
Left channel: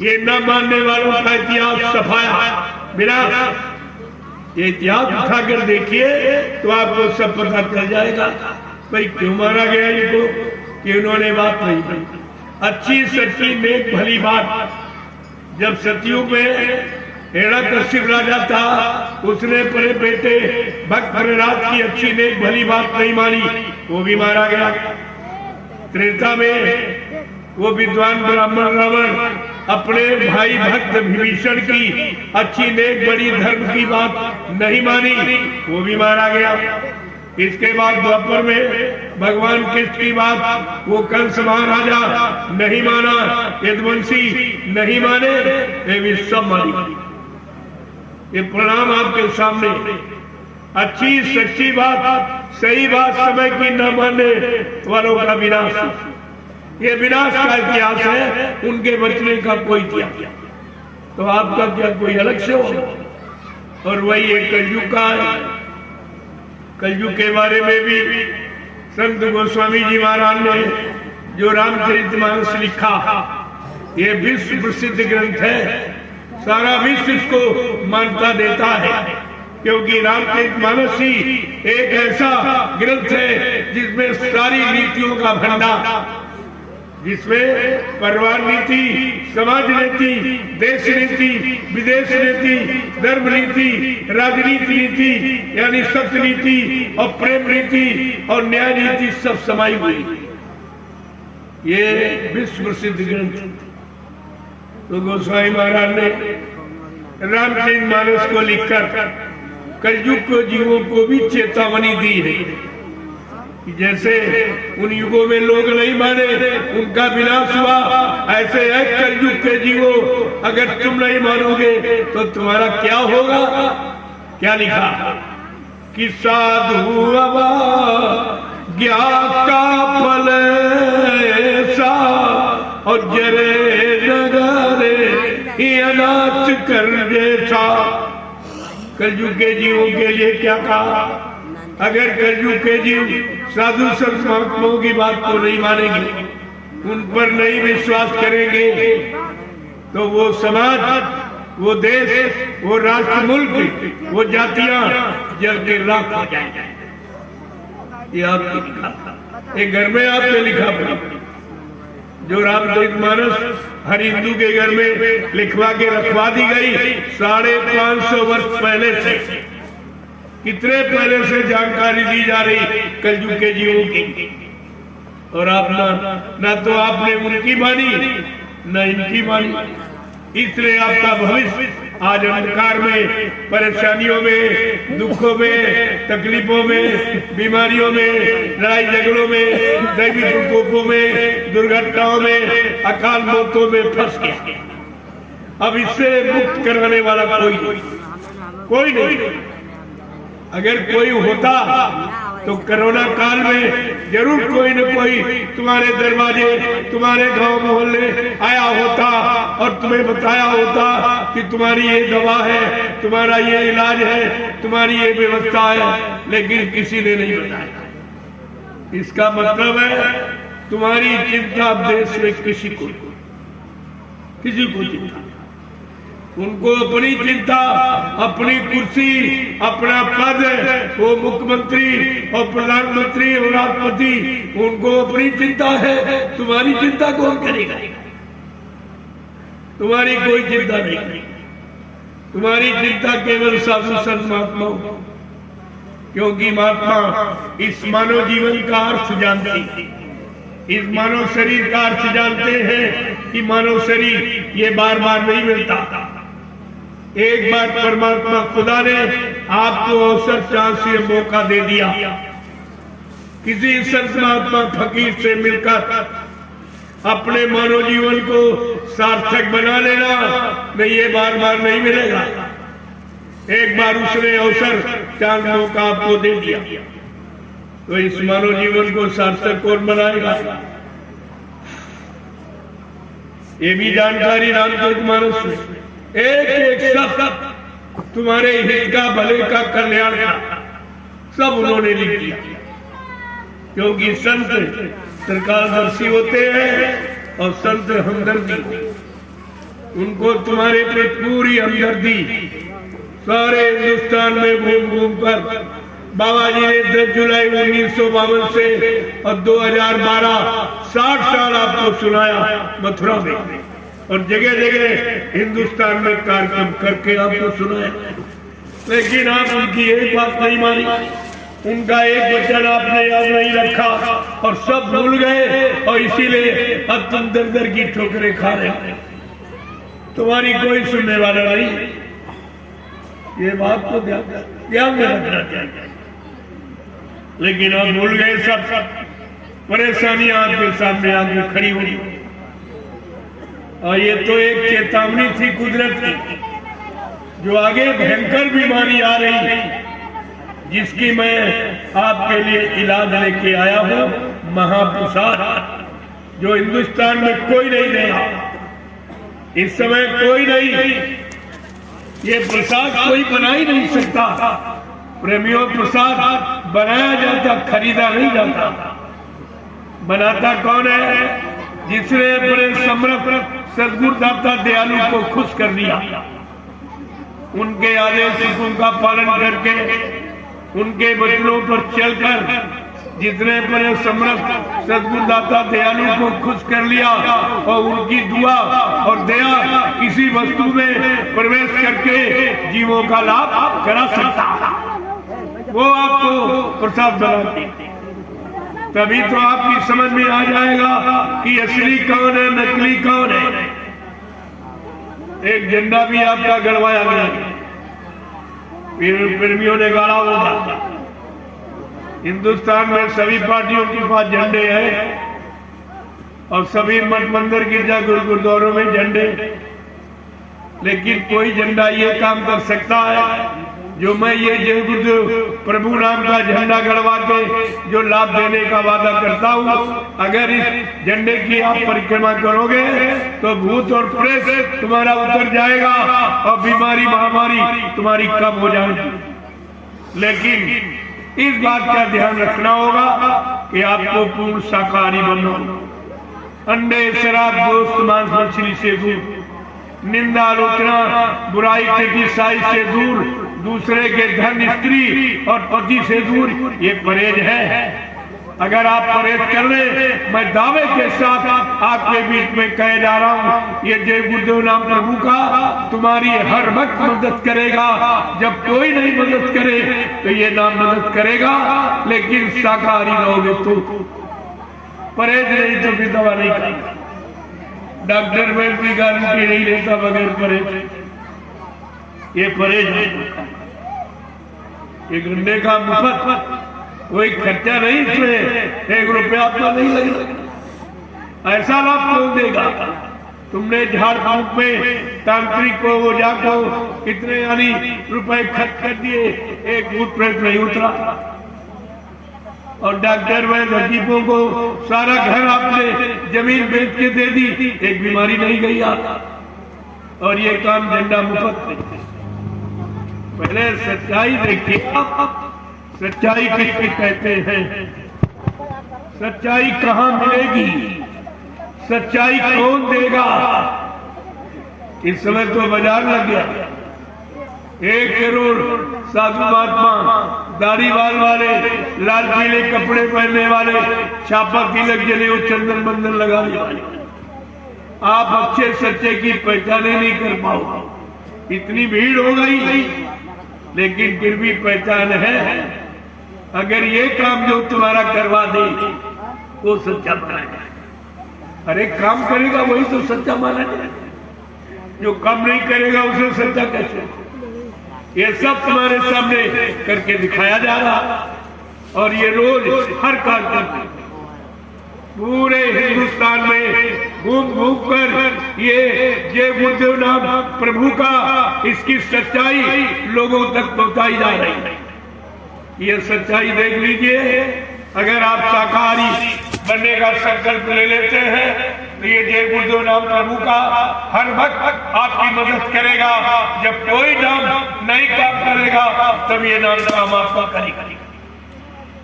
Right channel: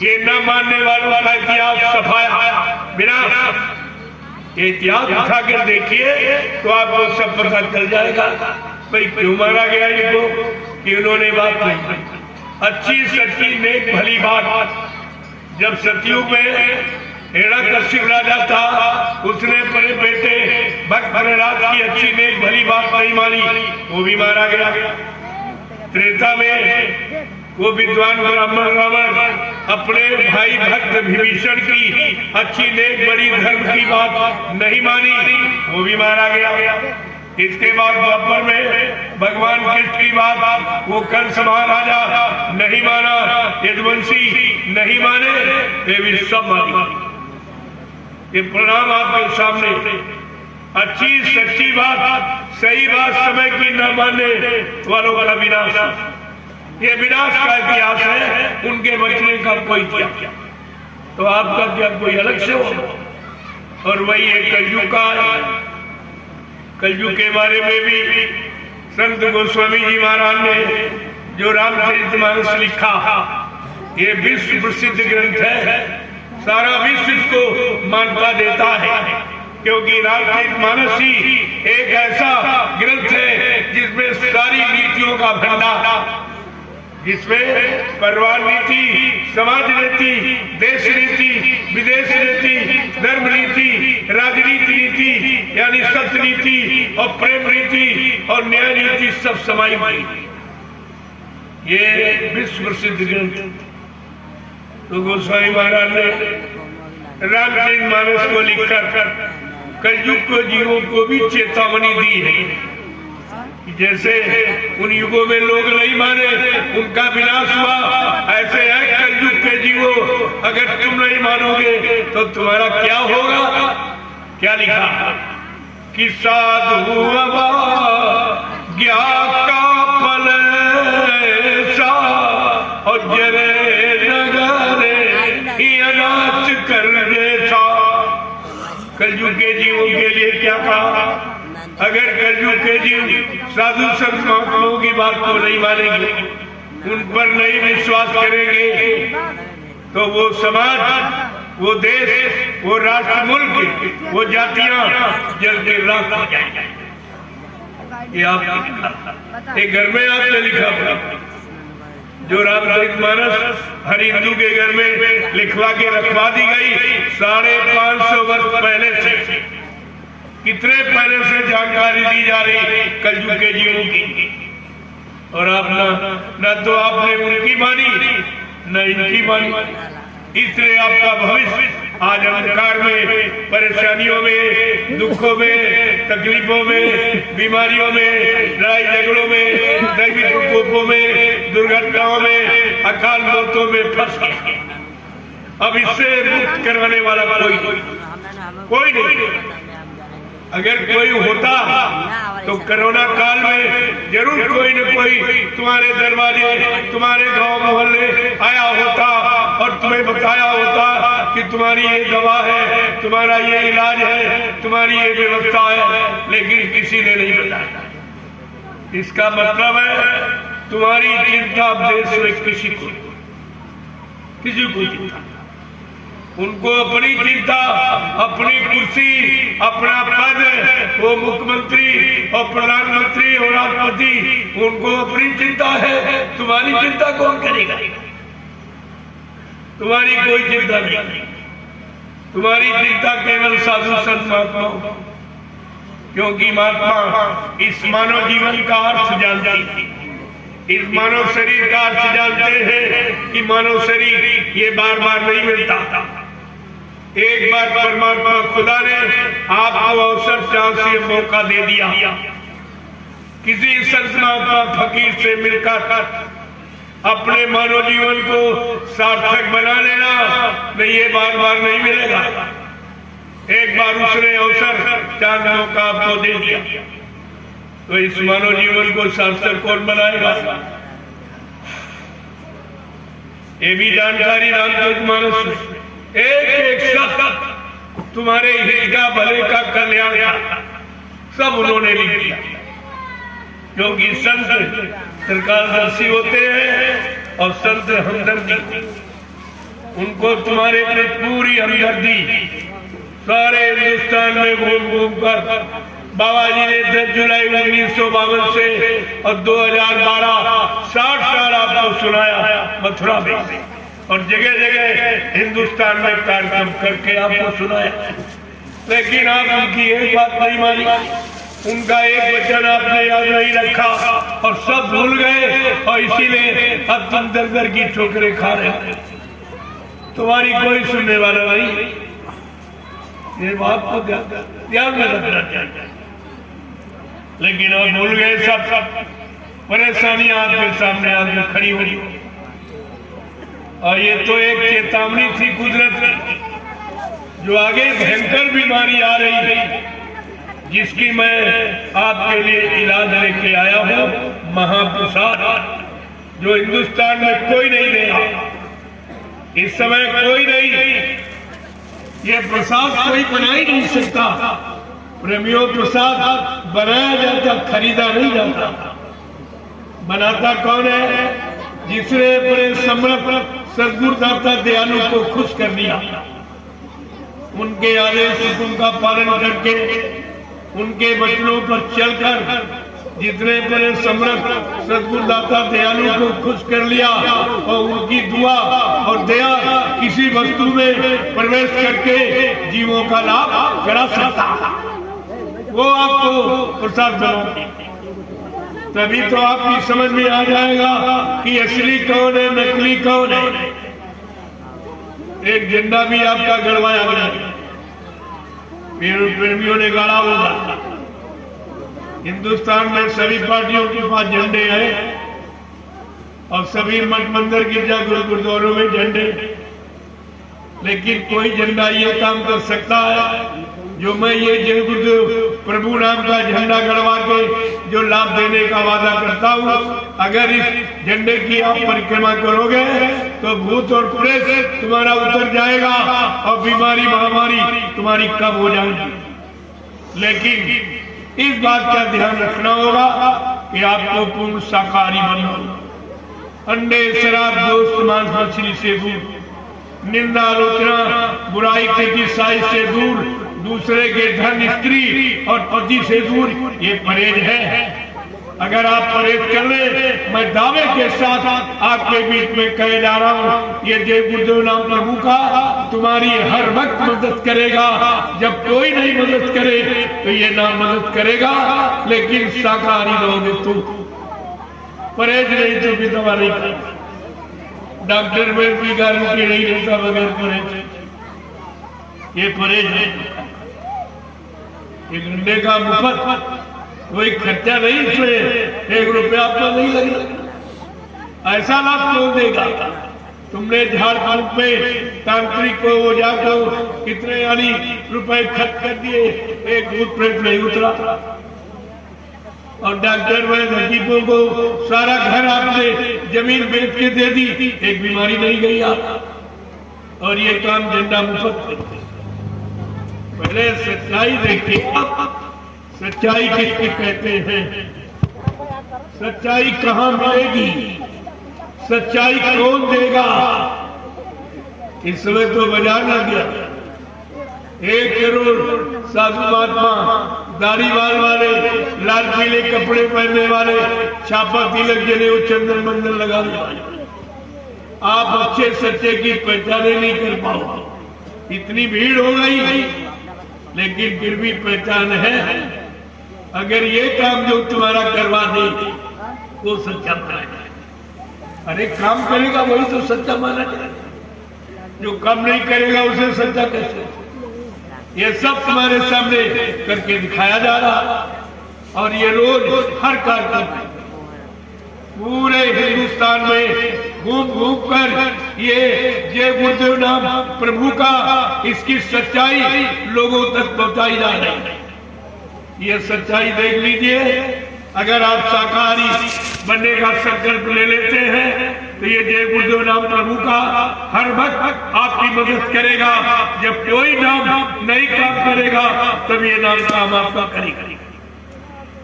ये न मानने वालों का इतिहास सफाया विनाश। ये इतिहास उठाकर देखिए तो आपको सब पता चल जाएगा भाई क्यों मारा गया इनको, कि उन्होंने बात नहीं की। अच्छी सच्ची नेक भली बात। जब सतयुग में हिरण्यकश्यप राजा था, उसने अपने बेटे भक्त प्रहलाद की अच्छी नेक भली बात नहीं मानी, वो भी मारा गया। त्रेता में वो विद्वान ब्राह्मण रावण अपने भाई भक्त विभीषण की अच्छी नेक बड़ी धर्म की बात नहीं मानी, वो भी मारा गया। इसके बाद द्वापर में भगवान कृष्ण की बात वो कंस महाराजा नहीं माना, यदुवंशी नहीं माने, ये भी सब मारी। ये प्रणाम आपके सामने। अच्छी सच्ची बात, सही बात समय की न मानने वालों का विनाश, ये विनाश का इतिहास है, उनके बचने का कोई इतिहास। तो आपका क्या कोई अलग से हो? और वही एक कलयुग का है। कलयुग के बारे में भी संत गोस्वामी जी महाराज ने जो रामचरितमानस लिखा, ये विश्व प्रसिद्ध ग्रंथ है। सारा विश्व इसको मान्यता देता है, क्योंकि रामचरितमानस ही एक ऐसा ग्रंथ है जिसमें सारी नीतियों का भंडार, जिसमें परिवार नीति, समाज नीति, देश नीति, विदेश नीति, धर्म नीति, राजनीति नीति यानी सत्य नीति और प्रेम नीति और न्याय नीति सब समाई हुई। ये विश्व प्रसिद्ध ग्रंथ। तो गोस्वामी महाराज ने रामचरितमानस को लिखकर कलयुग को जीवों को भी चेतावनी दी है। जैसे उन युगों में लोग नहीं माने, उनका विनाश हुआ, ऐसे है कलयुग के जीवो, अगर तुम नहीं मानोगे तो तुम्हारा क्या होगा? क्या लिखा कि साधु ज्ञा का फल सा और जरे नगरे अनाच कर जैसा। कलयुग के जीवों के लिए क्या कहा? अगर कलयुग के जीव साधु संत महात्माओं की बात को नहीं मानेंगे, उन पर नहीं विश्वास करेंगे, तो वो समाज, वो देश, वो राष्ट्र, मुल्क, वो जातियां जल के राख हो जाएंगे। ये आपने लिखा, एक घर में आपने लिखा पड़ा, जो रामचरितमानस हर हिंदू के घर में लिखवा के रखवा दी गई 550 वर्ष पहले से। कितने पहले से जानकारी दी जा रही कलयुग के जीवों की, और आप ना तो आपने उनकी मानी न इनकी मानी। इसलिए आपका भविष्य आज अंधकार में, परेशानियों में, दुखों में, तकलीफों में, बीमारियों में, लड़ाई झगड़ों में, दैवी प्रकोपों में, दुर्घटनाओं में, अकाल मौतों में फंस गए। अब इससे मुक्त करवाने वाला कोई नहीं। अगर कोई होता तो कोरोना काल में जरूर कोई न कोई तुम्हारे दरवाजे, तुम्हारे गांव मोहल्ले आया होता और तुम्हें बताया होता कि तुम्हारी ये दवा है, तुम्हारा ये इलाज है, तुम्हारी ये व्यवस्था है, लेकिन किसी ने नहीं बताया। इसका मतलब है तुम्हारी चिंता देश में किसी को चिंता, उनको अपनी चिंता, अपनी कुर्सी, अपना पद, वो मुख्यमंत्री और प्रधानमंत्री और राष्ट्रपति, उनको अपनी चिंता है। तुम्हारी चिंता कौन करेगा? तुम्हारी कोई चिंता नहीं। तुम्हारी चिंता केवल साधु संत महात्मा, क्योंकि महात्मा इस मानव जीवन का अर्थ जानते हैं, इस मानव शरीर का अर्थ जानते हैं कि मानव शरीर ये बार बार नहीं मिलता। एक बार परमात्मा खुदा ने आपको अवसर चांस से मौका दे दिया, किसी संत महात्मा फकीर से मिलकर अपने मानव जीवन को सार्थक बना लेना, नहीं ये बार बार नहीं मिलेगा। एक बार उसने अवसर चांस मौका आपको दे दिया, तो इस मानव जीवन को सार्थक कौन बनाएगा? ये भी जानकारी रामचरित मानस में एक शब्द तुम्हारे हित का, भले का, कल्याण का सब उन्होंने लिख दिया, क्योंकि संत त्रिकालदर्शी होते हैं और संत हमदर्दी, उनको तुम्हारे पे पूरी हमदर्दी। सारे हिंदुस्तान में घूम घूम कर बाबा जी ने 10 जुलाई 1952 से और 2012 60 साल आपको सुनाया मथुरा में, और जगह जगह हिंदुस्तान में कार्यक्रम करके आपको सुनाया, लेकिन आप उनकी एक बात नहीं मानी, उनका एक वचन आपने याद नहीं रखा और सब भूल गए, और इसीलिए अब तुम दर दर की ठोकरें खा रहे हो। तुम्हारी कोई सुनने वाला नहीं, ये बात को ध्यान में रखना चाहिए। लेकिन अब भूल गए, सब परेशानी आपके सामने आके खड़ी हुई, और ये तो एक चेतावनी थी कुदरत की, जो आगे भयंकर बीमारी आ रही है, जिसकी मैं आपके लिए इलाज लेके आया हूं, महाप्रसाद, जो हिंदुस्तान में कोई नहीं देगा इस समय, कोई नहीं, ये प्रसाद कोई बना ही नहीं सकता। प्रेमियों, प्रसाद बनाया जाता, खरीदा नहीं जाता। बनाता कौन है? जिसने अपने समर्थ सद्गुरुदाता दयालु को खुश कर दिया, उनके आदेश उनका पालन करके, उनके वचनों पर चलकर, जितने अपने समर्थ सद्गुरुदाता दयालु को खुश कर लिया और उनकी दुआ और दया किसी वस्तु में प्रवेश करके जीवों का लाभ करा सकता, वो आपको प्रसाद बनाती। तभी तो आपकी समझ में आ जाएगा कि असली कौन है, नकली कौन है। एक झंडा भी आपका गड़वाया गया, प्रेमियों ने गाड़ा होगा। हिंदुस्तान में सभी पार्टियों के पास झंडे हैं और सभी मठ मंदिर, गिरजा गुरुद्वारों में झंडे, लेकिन कोई झंडा ये काम कर सकता है जो मैं ये जय गुरुदेव प्रभु नाम का झंडा गड़वा के जो लाभ देने का वादा करता हूँ। अगर इस झंडे की आप परिक्रमा करोगे तो भूत और प्रेत तुम्हारा उतर जाएगा और बीमारी महामारी तुम्हारी कम हो जाएगी। लेकिन इस बात का ध्यान रखना होगा कि आपको पूर्ण शाकाहारी बनो, अंडे, शराब, दोस्त, मांस, मछली से दूर, निंदा, आलोचना, बुराई, क्रिटिसाइज से दूर, दूसरे के धन, स्त्री और पति से दूर, ये परहेज है। अगर आप परहेज कर ले, मैं दावे के साथ आपके बीच में कह जा रहा हूँ, ये जय गुरुदेव नाम प्रभु का तुम्हारी हर वक्त मदद करेगा। जब कोई नहीं मदद करे तो ये नाम मदद करेगा, लेकिन शाकाहारी रहोगे तो। परहेज नहीं तो भी दवा नहीं करता, डॉक्टर में भी गारंटी नहीं देता बगैर परहेज। ये परहेज नहीं, एक घंटे का मुफ्त, कोई खर्चा नहीं, इसमें 1 रुपया आपका नहीं लगेगा। ऐसा लाभ कौन देगा? तुमने झाड़ फूक में तांत्रिक को, ओझा को कितने यानी रुपए खर्च कर दिए, एक भूत प्रेत नहीं उतरा। और डॉक्टर में हकीमों को सारा घर आपने जमीन बेच के दे दी, एक बीमारी नहीं गई आप। और ये काम झंडा मुफ्त। पहले सच्चाई देखिए, सच्चाई किसकी कहते हैं, सच्चाई कहाँ मिलेगी, सच्चाई कौन देगा। इस समय तो बाजार लग गया, 1 करोड़ साधु महात्मा, दाढ़ी बाल वाले, लाल पीले कपड़े पहनने वाले, छापा तिलक जले वो चंदन बंदन लगाने वाले, आप अच्छे सच्चे की पहचान नहीं कर पाओ। इतनी भीड़ हो गई, लेकिन फिर भी पहचान है। अगर ये काम जो तुम्हारा करवा दे वो सच्चा माना जाए। अरे काम करेगा वही तो सच्चा माना जाए, जो काम नहीं करेगा उसे सच्चा कैसे? ये सब तुम्हारे सामने करके दिखाया जा रहा, और ये रोज हर कार्यक्रम पूरे हिंदुस्तान में घूम घूम कर ये जय गुरुदेव नाम प्रभु का, इसकी सच्चाई लोगों तक पहुंचाई जा रही है। ये सच्चाई देख लीजिए, अगर आप शाकाहारी बनने का संकल्प ले लेते हैं तो ये जय गुरुदेव नाम प्रभु का हर वक्त आपकी मदद करेगा। जब कोई नाम नहीं काम करेगा तब ये नाम काम आपका करेगा।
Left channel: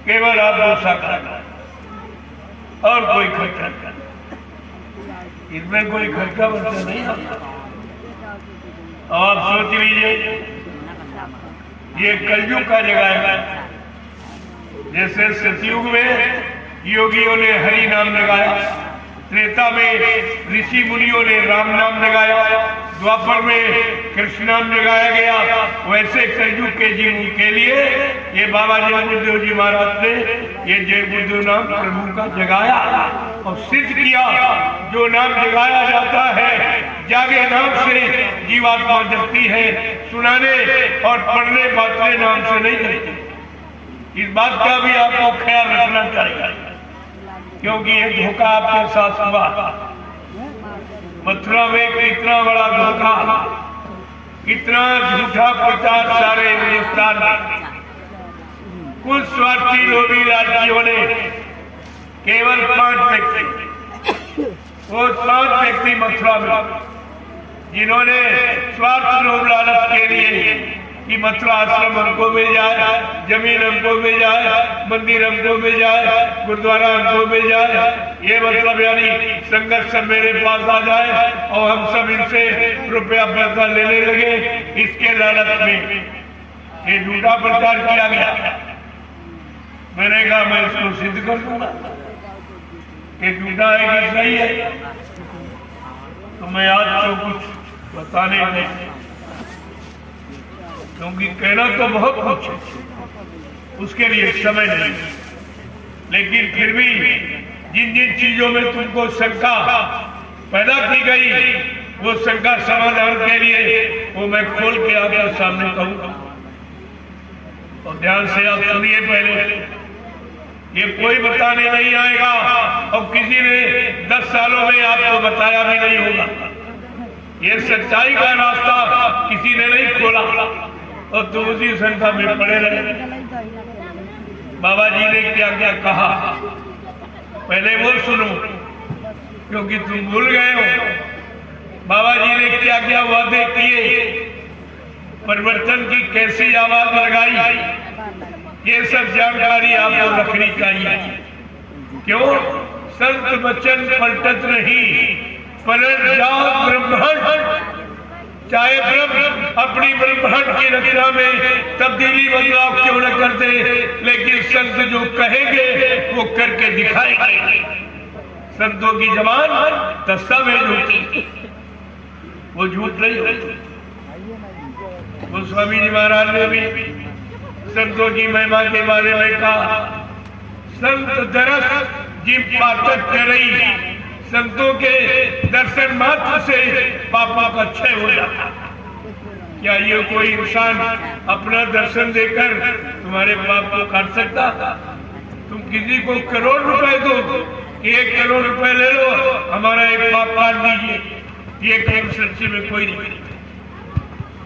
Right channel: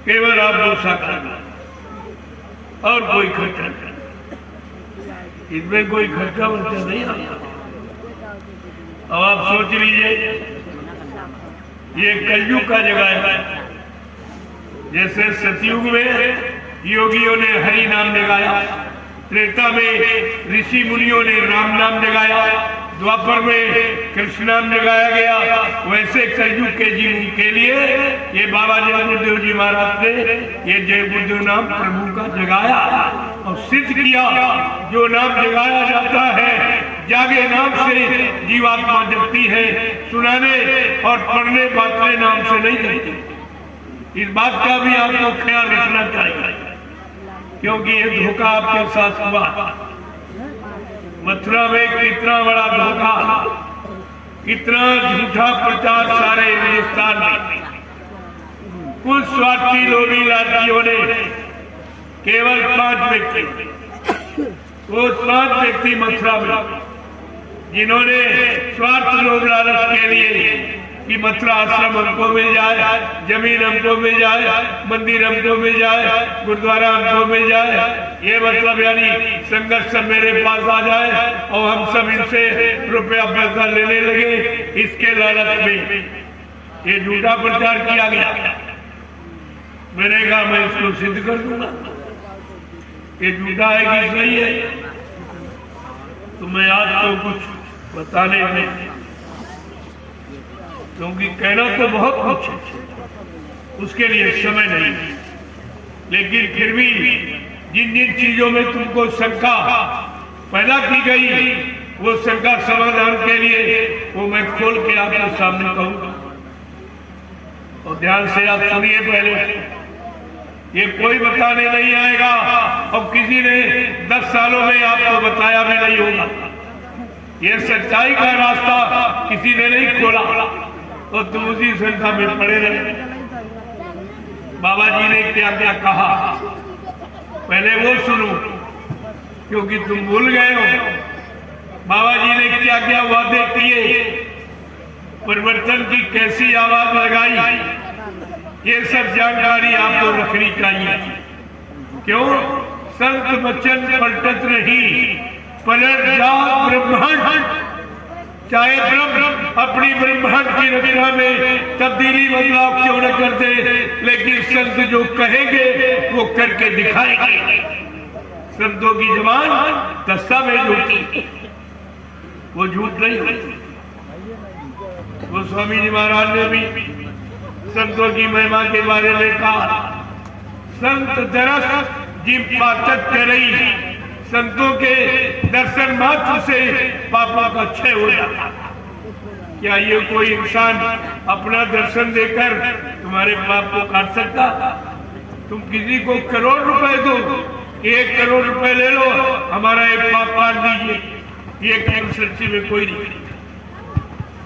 केवल आप वो शाकाहारी और कोई खर्चा नहीं, इसमें कोई खर्चा वर्चा नहीं आता। अब आप सोच लीजिए, ये कलयुग का जगह है। जैसे सतयुग में योगियों ने हरि नाम जगाया, त्रेता में ऋषि मुनियों ने राम नाम जगाया, द्वापर में कृष्ण नाम जगाया गया, वैसे कलयुग के जीव के लिए ये बाबा जय गुरुदेव जी महाराज ने ये जय गुरुदेव नाम प्रभु का जगाया और सिद्ध किया। जो नाम जगाया जाता है जागे नाम से जीवात्मा जगती है, सुनाने और पढ़ने बातने नाम से नहीं जगती। इस बात का भी आपको ख्याल रखना चाहिए, क्योंकि ये धोखा आपके साथ हुआ। मथुरा में कितना बड़ा धोखा, कितना झूठा प्रचार सारे हिंदुस्तान में। कुछ स्वार्थी लोभी लालचियों ने केवल 5 व्यक्ति, वो 5 व्यक्ति मथुरा में जिन्होंने स्वार्थ लोभ लालच के लिए कि मथुरा आश्रम हमको मिल जाए, जमीन हमको मिल जाए, मंदिर हमको मिल जाए, गुरुद्वारा हमको मिल जाए, ये मतलब यानी संगत सब मेरे पास आ जाए और हम सब इनसे रुपया पैसा लेने लगे, इसके लालच में ये झूठा प्रचार किया गया। मैंने कहा मैं इसको सिद्ध कर दूंगा ये झूठा है कि सही है। तो मैं आज तो कुछ बताने में, क्योंकि कहना तो बहुत कुछ है, उसके लिए समय नहीं, लेकिन फिर भी जिन जिन चीजों में तुमको शंका पैदा की गई वो शंका समाधान के लिए वो मैं खोल के आपके सामने कहूंगा। और ध्यान से आप सुनिए। पहले ये कोई बताने नहीं आएगा और किसी ने 10 सालों में आपको बताया भी नहीं होगा। ये सच्चाई का रास्ता किसी ने नहीं खोला और तुम उसी संख्या में पड़े रहे। बाबा जी ने क्या क्या कहा पहले वो सुनो, क्योंकि तुम भूल गए हो। बाबा जी ने क्या क्या वादे किए, परिवर्तन की कैसी आवाज लगाई, ये सब जानकारी आपको रखनी चाहिए। क्यों? संत वचन पलटत नहीं, पलट जाओ ब्रह्मांड। चाहे ब्रह्म अपनी ब्रह्मांड की रचना में तब्दीली बदलाव क्यों न करते, लेकिन संत जो कहेंगे वो करके दिखाएंगे। संतों की जबान दस्तावेज होती, वो झूठ नहीं होती। वो स्वामी जी महाराज ने भी संतों की महिमा के बारे में कहा, संत दरस जिम पाचक करई, संतों के दर्शन मात्र से पापों का क्षय हो जाता। क्या ये कोई इंसान अपना दर्शन देकर तुम्हारे पाप को काट सकता? तुम किसी को करोड़ रुपए दो, 1 करोड़ रुपए ले लो, हमारा एक पाप काट दीजिए, ये काम सच्चे में कोई नहीं।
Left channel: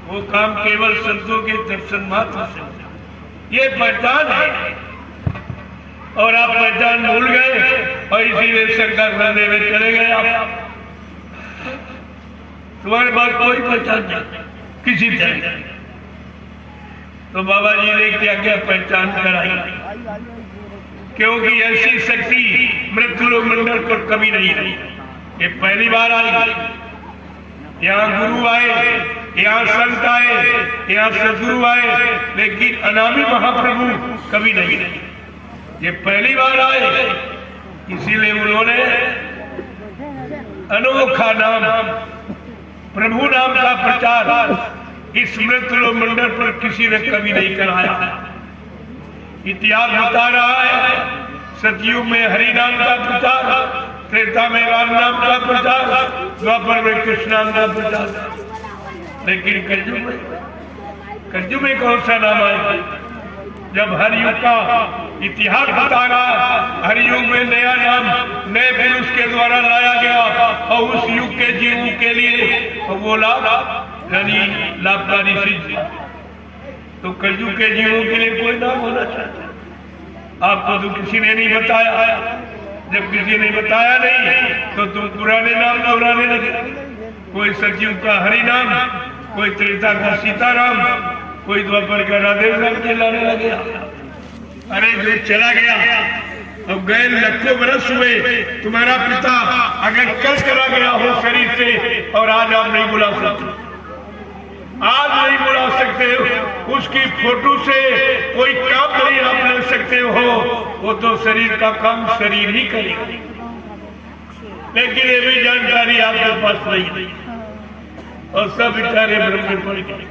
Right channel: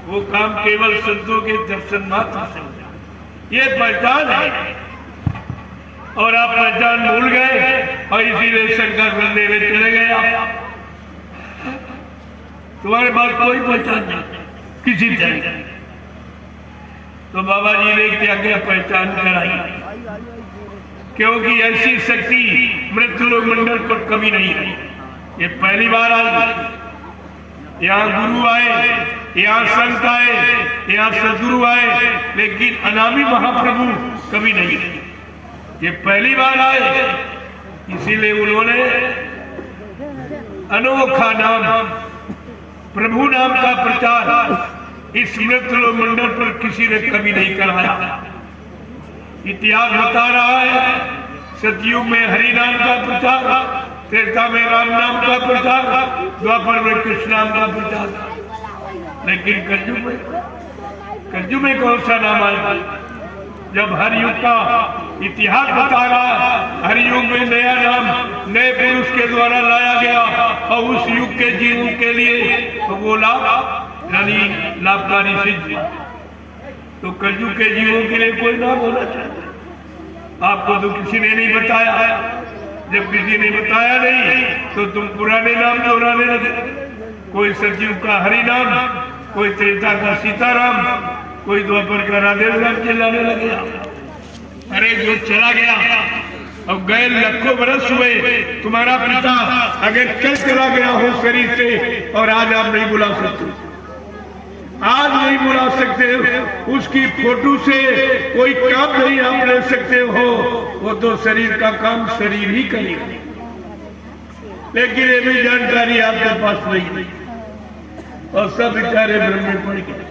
वो काम केवल संतों के दर्शन मात्र से होता। ये पहचान है और आप पहचान भूल गए और इसीलिए शंका करने में चले गए। आप तुम्हारे पास कोई पहचान नहीं किसी तरह। तो बाबा जी ने क्या क्या पहचान कराई, क्योंकि ऐसी शक्ति मृत्यु मंडल पर कभी नहीं आई। ये पहली बार आई। यहाँ गुरु आए, यहाँ संत आए, यहाँ सदगुरु आए, लेकिन अनामी महाप्रभु कभी नहीं। ये पहली बार आए, इसीलिए उन्होंने अनोखा नाम प्रभु नाम का प्रचार इस मृत्यु मंडल पर किसी ने कभी नहीं कराया। इतिहास बता रहा है, सतयुग में हरि नाम का प्रचार, त्रेता में राम नाम का प्रचार, द्वापर में कृष्ण नाम का प्रचार, लेकिन कलयुग में कौन सा नाम आया? जब हर युग का इतिहास बता रहा, हर युग में नया नाम नए पुरुष के द्वारा लाया गया और उस युग के जीवों के लिए वो लाभ यानी लाभकारी सिद्ध। तो कलयुग के जीवों के लिए कोई नाम होना चाहिए। आपको तो किसी ने नहीं बताया। जब किसी ने बताया नहीं तो तुम पुराने नाम दोहराने लगे। कोई सचिव का हरि नाम, कोई त्रेता का सीताराम, कोई द्वापर का राधे राम चिल्लाने लगे। अरे जो चला गया, अब गए लाखों बरस हुए, तुम्हारा पिता अगर कल चला गया हो शरीर से और आज आप नहीं बुला सकते, आज नहीं बुला सकते, उसकी फोटो से कोई काम नहीं आप ले सकते हो, वो तो शरीर का काम शरीर ही करेगा। लेकिन ये भी जानकारी आपके पास नहीं, और सब बेचारे ब्रह्म पड़ गए।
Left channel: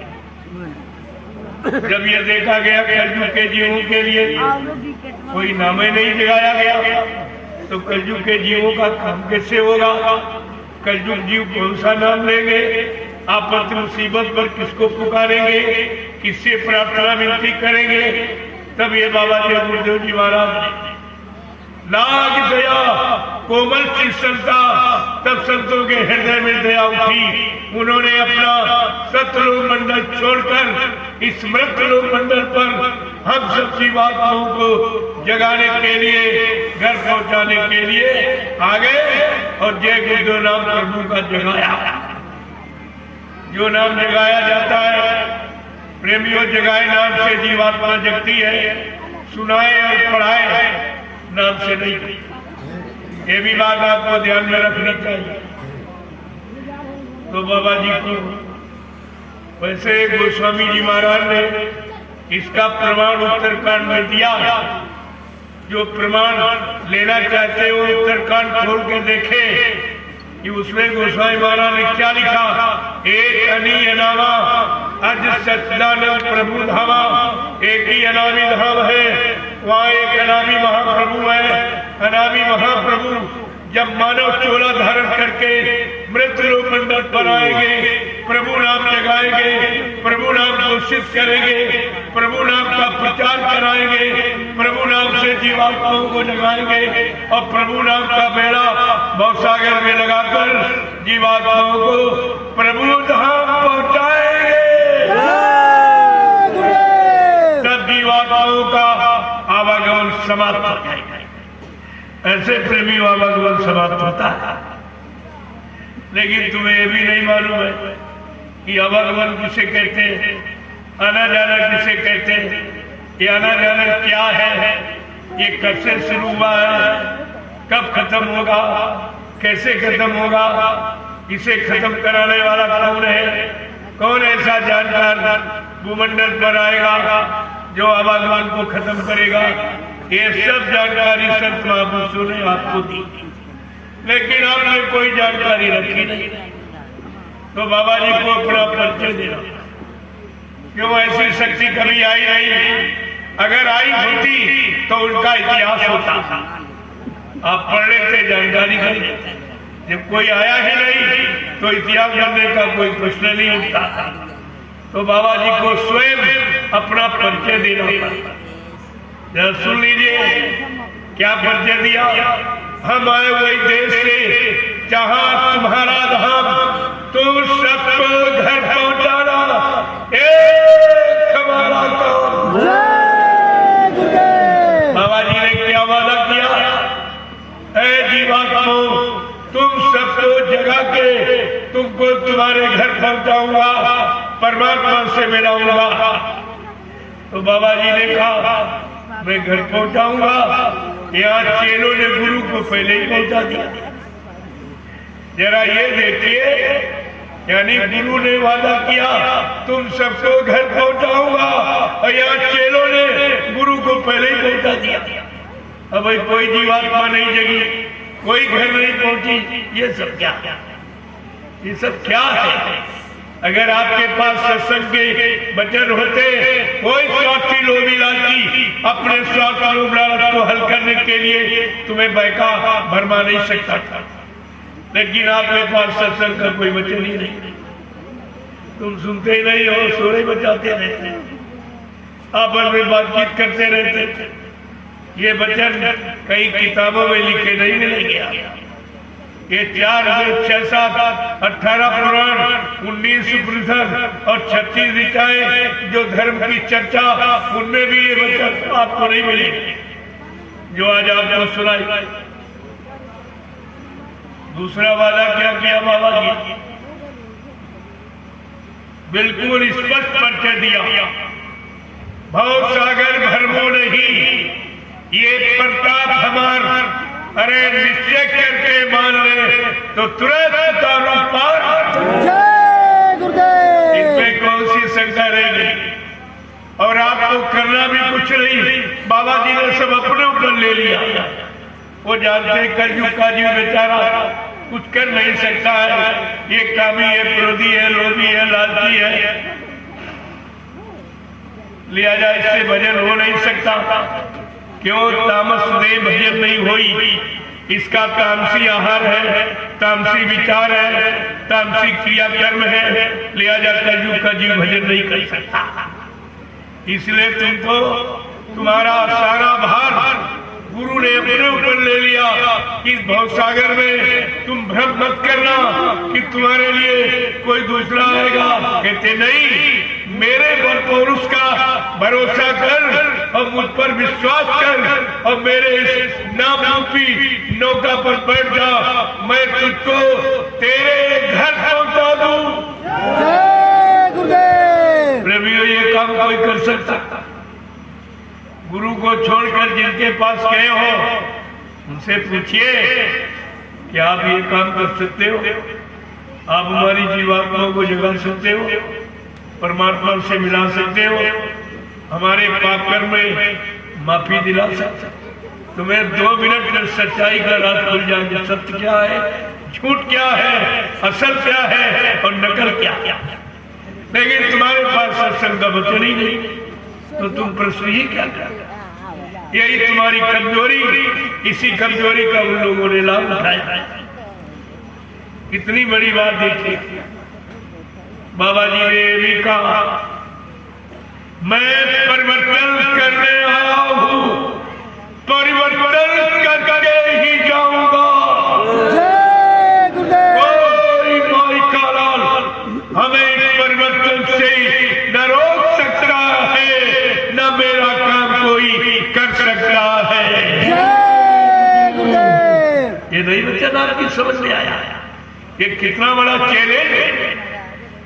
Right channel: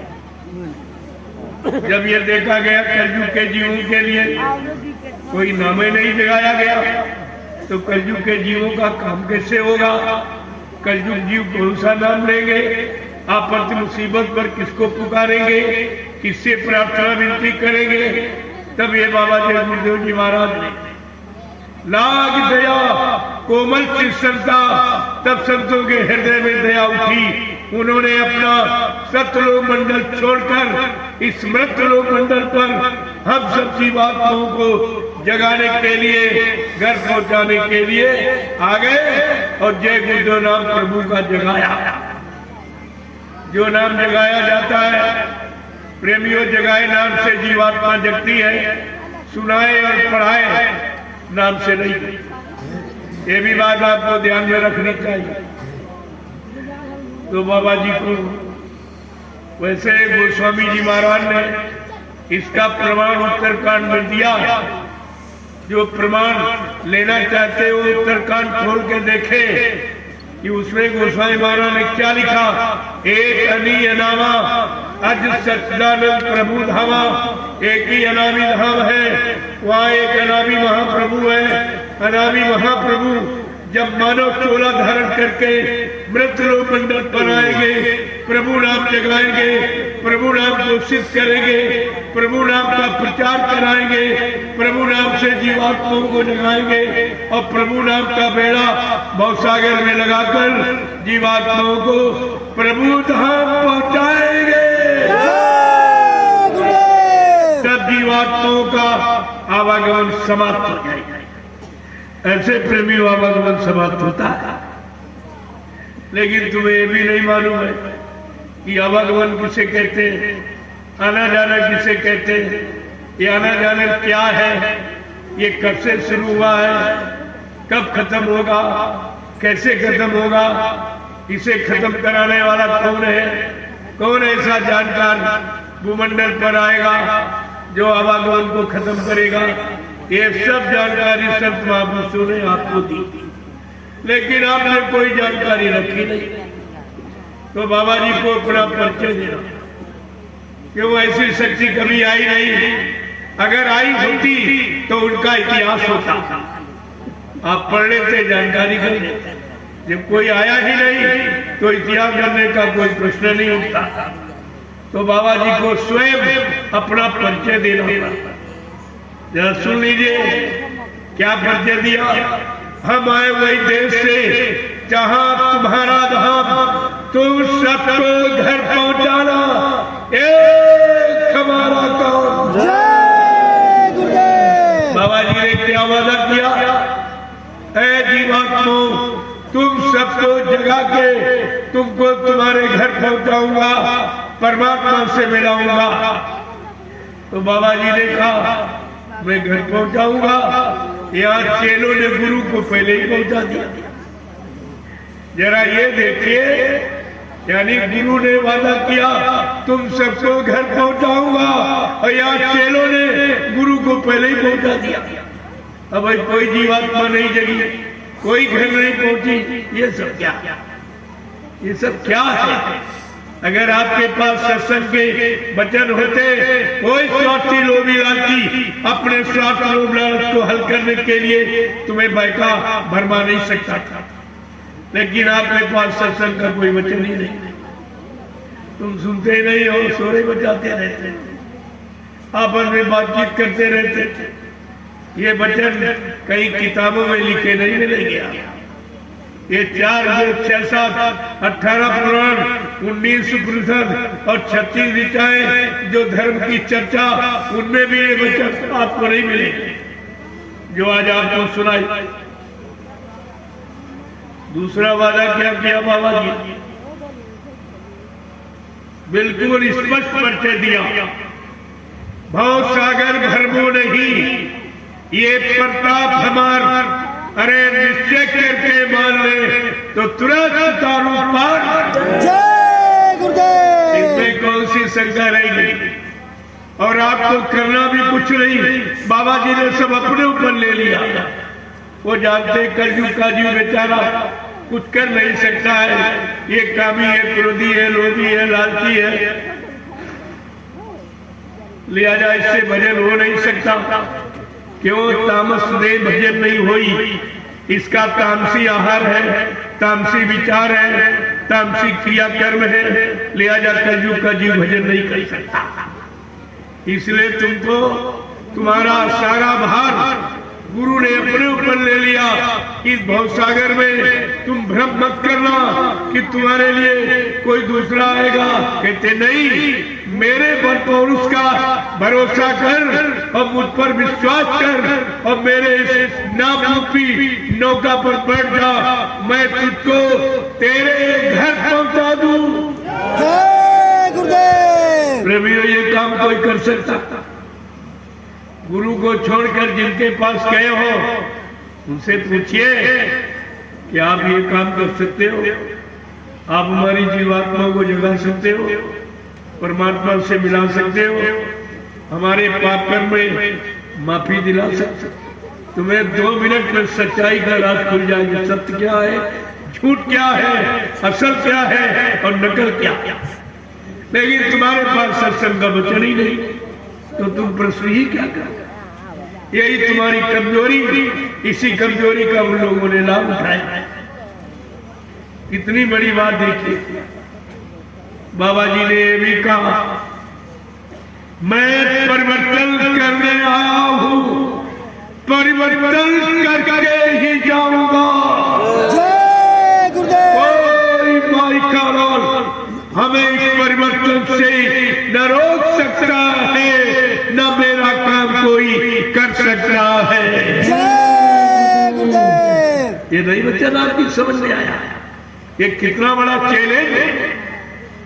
जब ये देखा गया कलयुग के जीवों के लिए कोई नाम ही नहीं जगाया गया, तो कलयुग के जीवों का काम कैसे होगा? कलयुग जीव कौन सा नाम लेंगे? आपत्ति मुसीबत पर किसको पुकारेंगे? किससे प्रार्थना विनती करेंगे? तब ये बाबा देव गुरुदेव जी महाराज ने नाग दया कोमल चिंता, तब संतों के हृदय में दया उठी। उन्होंने अपना सतलोक मंडल छोड़कर इस मृतलोक मंडल पर हम सब जीवात्माओं को जगाने के लिए, घर पहुंचाने के लिए आ गए और जय गुरुदेव नाम प्रभु का जगाया। जो नाम जगाया जाता है, प्रेमियों, जगाए नाम से जीवात्मा जगती है, सुनाए और पढ़ाए नाम से नहीं। ये भी बात आपको ध्यान में रखनी चाहिए। तो बाबा जी को वैसे गोस्वामी जी महाराज ने इसका प्रमाण उत्तरकांड में दिया। जो प्रमाण लेना चाहते हो उत्तरकांड खोल के देखे कि उसमें गोस्वामी महाराज ने क्या लिखा। एक अनी अनामा अज सच्चिदानंद प्रभु धामा, एक ही अनामी धाम है, वहाँ एक अनामी महाप्रभु है। अनामी महाप्रभु जब मानव चोला धारण करके मृतलोक मंडल पर आएंगे, प्रभु नाम जगाएंगे, प्रभु नाम घोषित करेंगे, प्रभु नाम का प्रचार कराएंगे, प्रभु नाम से जीवात्माओं को जगाएंगे और प्रभु नाम का बेड़ा भवसागर में लगाकर जीवात्माओं को प्रभु धाम पहुंचाएंगे। तब जीवात्माओं का आवागमन समाप्त हो जाएगा। ऐसे प्रेमी आवागमन समाप्त होता है। लेकिन तुम्हें ये भी नहीं मालूम है कि आवागमन किसे कहते हैं, आना जाना किसे कहते हैं, ये आना जाना क्या है, ये कब से शुरू हुआ है, कब खत्म होगा, कैसे खत्म होगा, इसे खत्म कराने वाला कौन है, कौन ऐसा जानकार भूमंडल पर आएगा जो आवागमन को खत्म करेगा। ये सब जानकारी संत महापुरुषों ने आपको दी, लेकिन आपने कोई जानकारी रखी नहीं। तो बाबा जी को अपना परिचय देना, क्यों ऐसी शक्ति कभी आई नहीं। अगर आई होती तो उनका इतिहास होता, आप पढ़ लेते, जानकारी कर लेते। जब कोई आया ही नहीं तो इतिहास करने का कोई प्रश्न नहीं उठता। तो बाबा जी को स्वयं अपना परिचय देना। जरा सुन लीजिए क्या परिचय दिया। हम आए वही देश से जहां तुम्हारा धाम, तुम सबको घर पहुंचाना एक हमारा काम। बाबा जी ने क्या वादा किया है? जीवात्माओं, तुम सबको जगा के तुमको तुम्हारे घर पहुंचाऊंगा, परमात्मा से मिलाऊंगा। तो बाबा जी ने कहा मैं घर पहुंचाऊंगा। यहाँ चेलों ने गुरु को पहले ही पहुंचा दिया। जरा ये देखिए, यानी गुरु ने वादा किया तुम सबको घर पहुंचाऊंगा और यहाँ चेलों ने गुरु को पहले ही पहुंचा दिया। अब भाई कोई जीवात्मा नहीं जगी, कोई घर नहीं पहुंची, ये सब क्या है? ये सब क्या है? अगर आपके पास सत्संग के वचन होते, कोई स्वार्थी लोभी अपने स्वार्थ लोभ को हल करने के लिए तुम्हें बैठा भरमा नहीं सकता था। लेकिन आपके पास सत्संग का कोई वचन ही नहीं, तुम सुनते ही नहीं हो, सोरे बजाते रहते, आपस में बातचीत करते रहते। ये वचन कई किताबों में लिखे नहीं मिलेंगे। ये 4 जो 6 7 18 पुराण, 19 उपनिषद और 36 ऋचाएं जो धर्म की चर्चा, उनमें भी ये वचन आपको नहीं मिलेंगे। जो आज आपको सुनाई। दूसरा वादा क्या किया बाबा जी? बिल्कुल स्पष्ट परिचय दिया, भव सागर भरमो नहीं, ये प्रताप हमार, अरे निश्चय करके मान ले तो तुरंत उतारू पार। जय गुरुदेव। इसमें कौन सी शंका रहेगी? और आपको करना भी कुछ नहीं, बाबा जी ने सब अपने ऊपर ले लिया। वो जानते कलयुग का जीव बेचारा कुछ कर नहीं सकता है, ये कामी है, क्रोधी है, लोभी है, लालची है, लिहाजा इससे भजन हो नहीं सकता। क्यों? तामस दे भजन नहीं हुई, इसका तामसी आहार है, तामसी विचार है, तामसी क्रिया कर्म है, लिहाजा कलयुग का जीव भजन नहीं कर सकता। इसलिए तुमको तुम्हारा सारा भार गुरु ने अपने ऊपर ले लिया। इस भवसागर में तुम भ्रम मत करना कि तुम्हारे लिए कोई दूसरा आएगा। कहते नहीं, मेरे बल पर उसका भरोसा कर और मुझ पर विश्वास कर और मेरे इस नाम रूपी नौका पर बैठ जा, मैं तुझको तेरे घर पहुंचा दूं। जय गुरुदेव। प्रेमियों, ये काम कोई कर सकता? गुरु को छोड़कर जिनके पास गए हो उनसे पूछिए कि आप ये काम कर सकते हो? आप हमारी जीवात्मा को जगा सकते हो, परमात्मा से मिला सकते हो, हमारे पाप कर्म में माफी दिला सकते हो? तुम्हें 2 मिनट में सच्चाई का राज खुल जाएगा। सत्य क्या है, झूठ क्या है, असल क्या है और नकल क्या है। लेकिन तुम्हारे पास सत्संग का वचन ही नहीं, तो तुम प्रश्न ही क्या कर? यही तुम्हारी कमजोरी, इसी कमजोरी का उन लोगों ने लाभ उठाया। कितनी बड़ी बात देखी, बाबा जी ने भी कहा, मैं परिवर्तन करने आया हूं, परिवर्तन करके ही जाऊंगा। जय गुरुदेव। कोई माई का लाल हमें इस परिवर्तन से न रोक सकता है, न मेरा काम कोई कर सकता है। जय गुरुदेव। ये नहीं वचन आपकी समझ में आया? ये कितना बड़ा चैलेंज है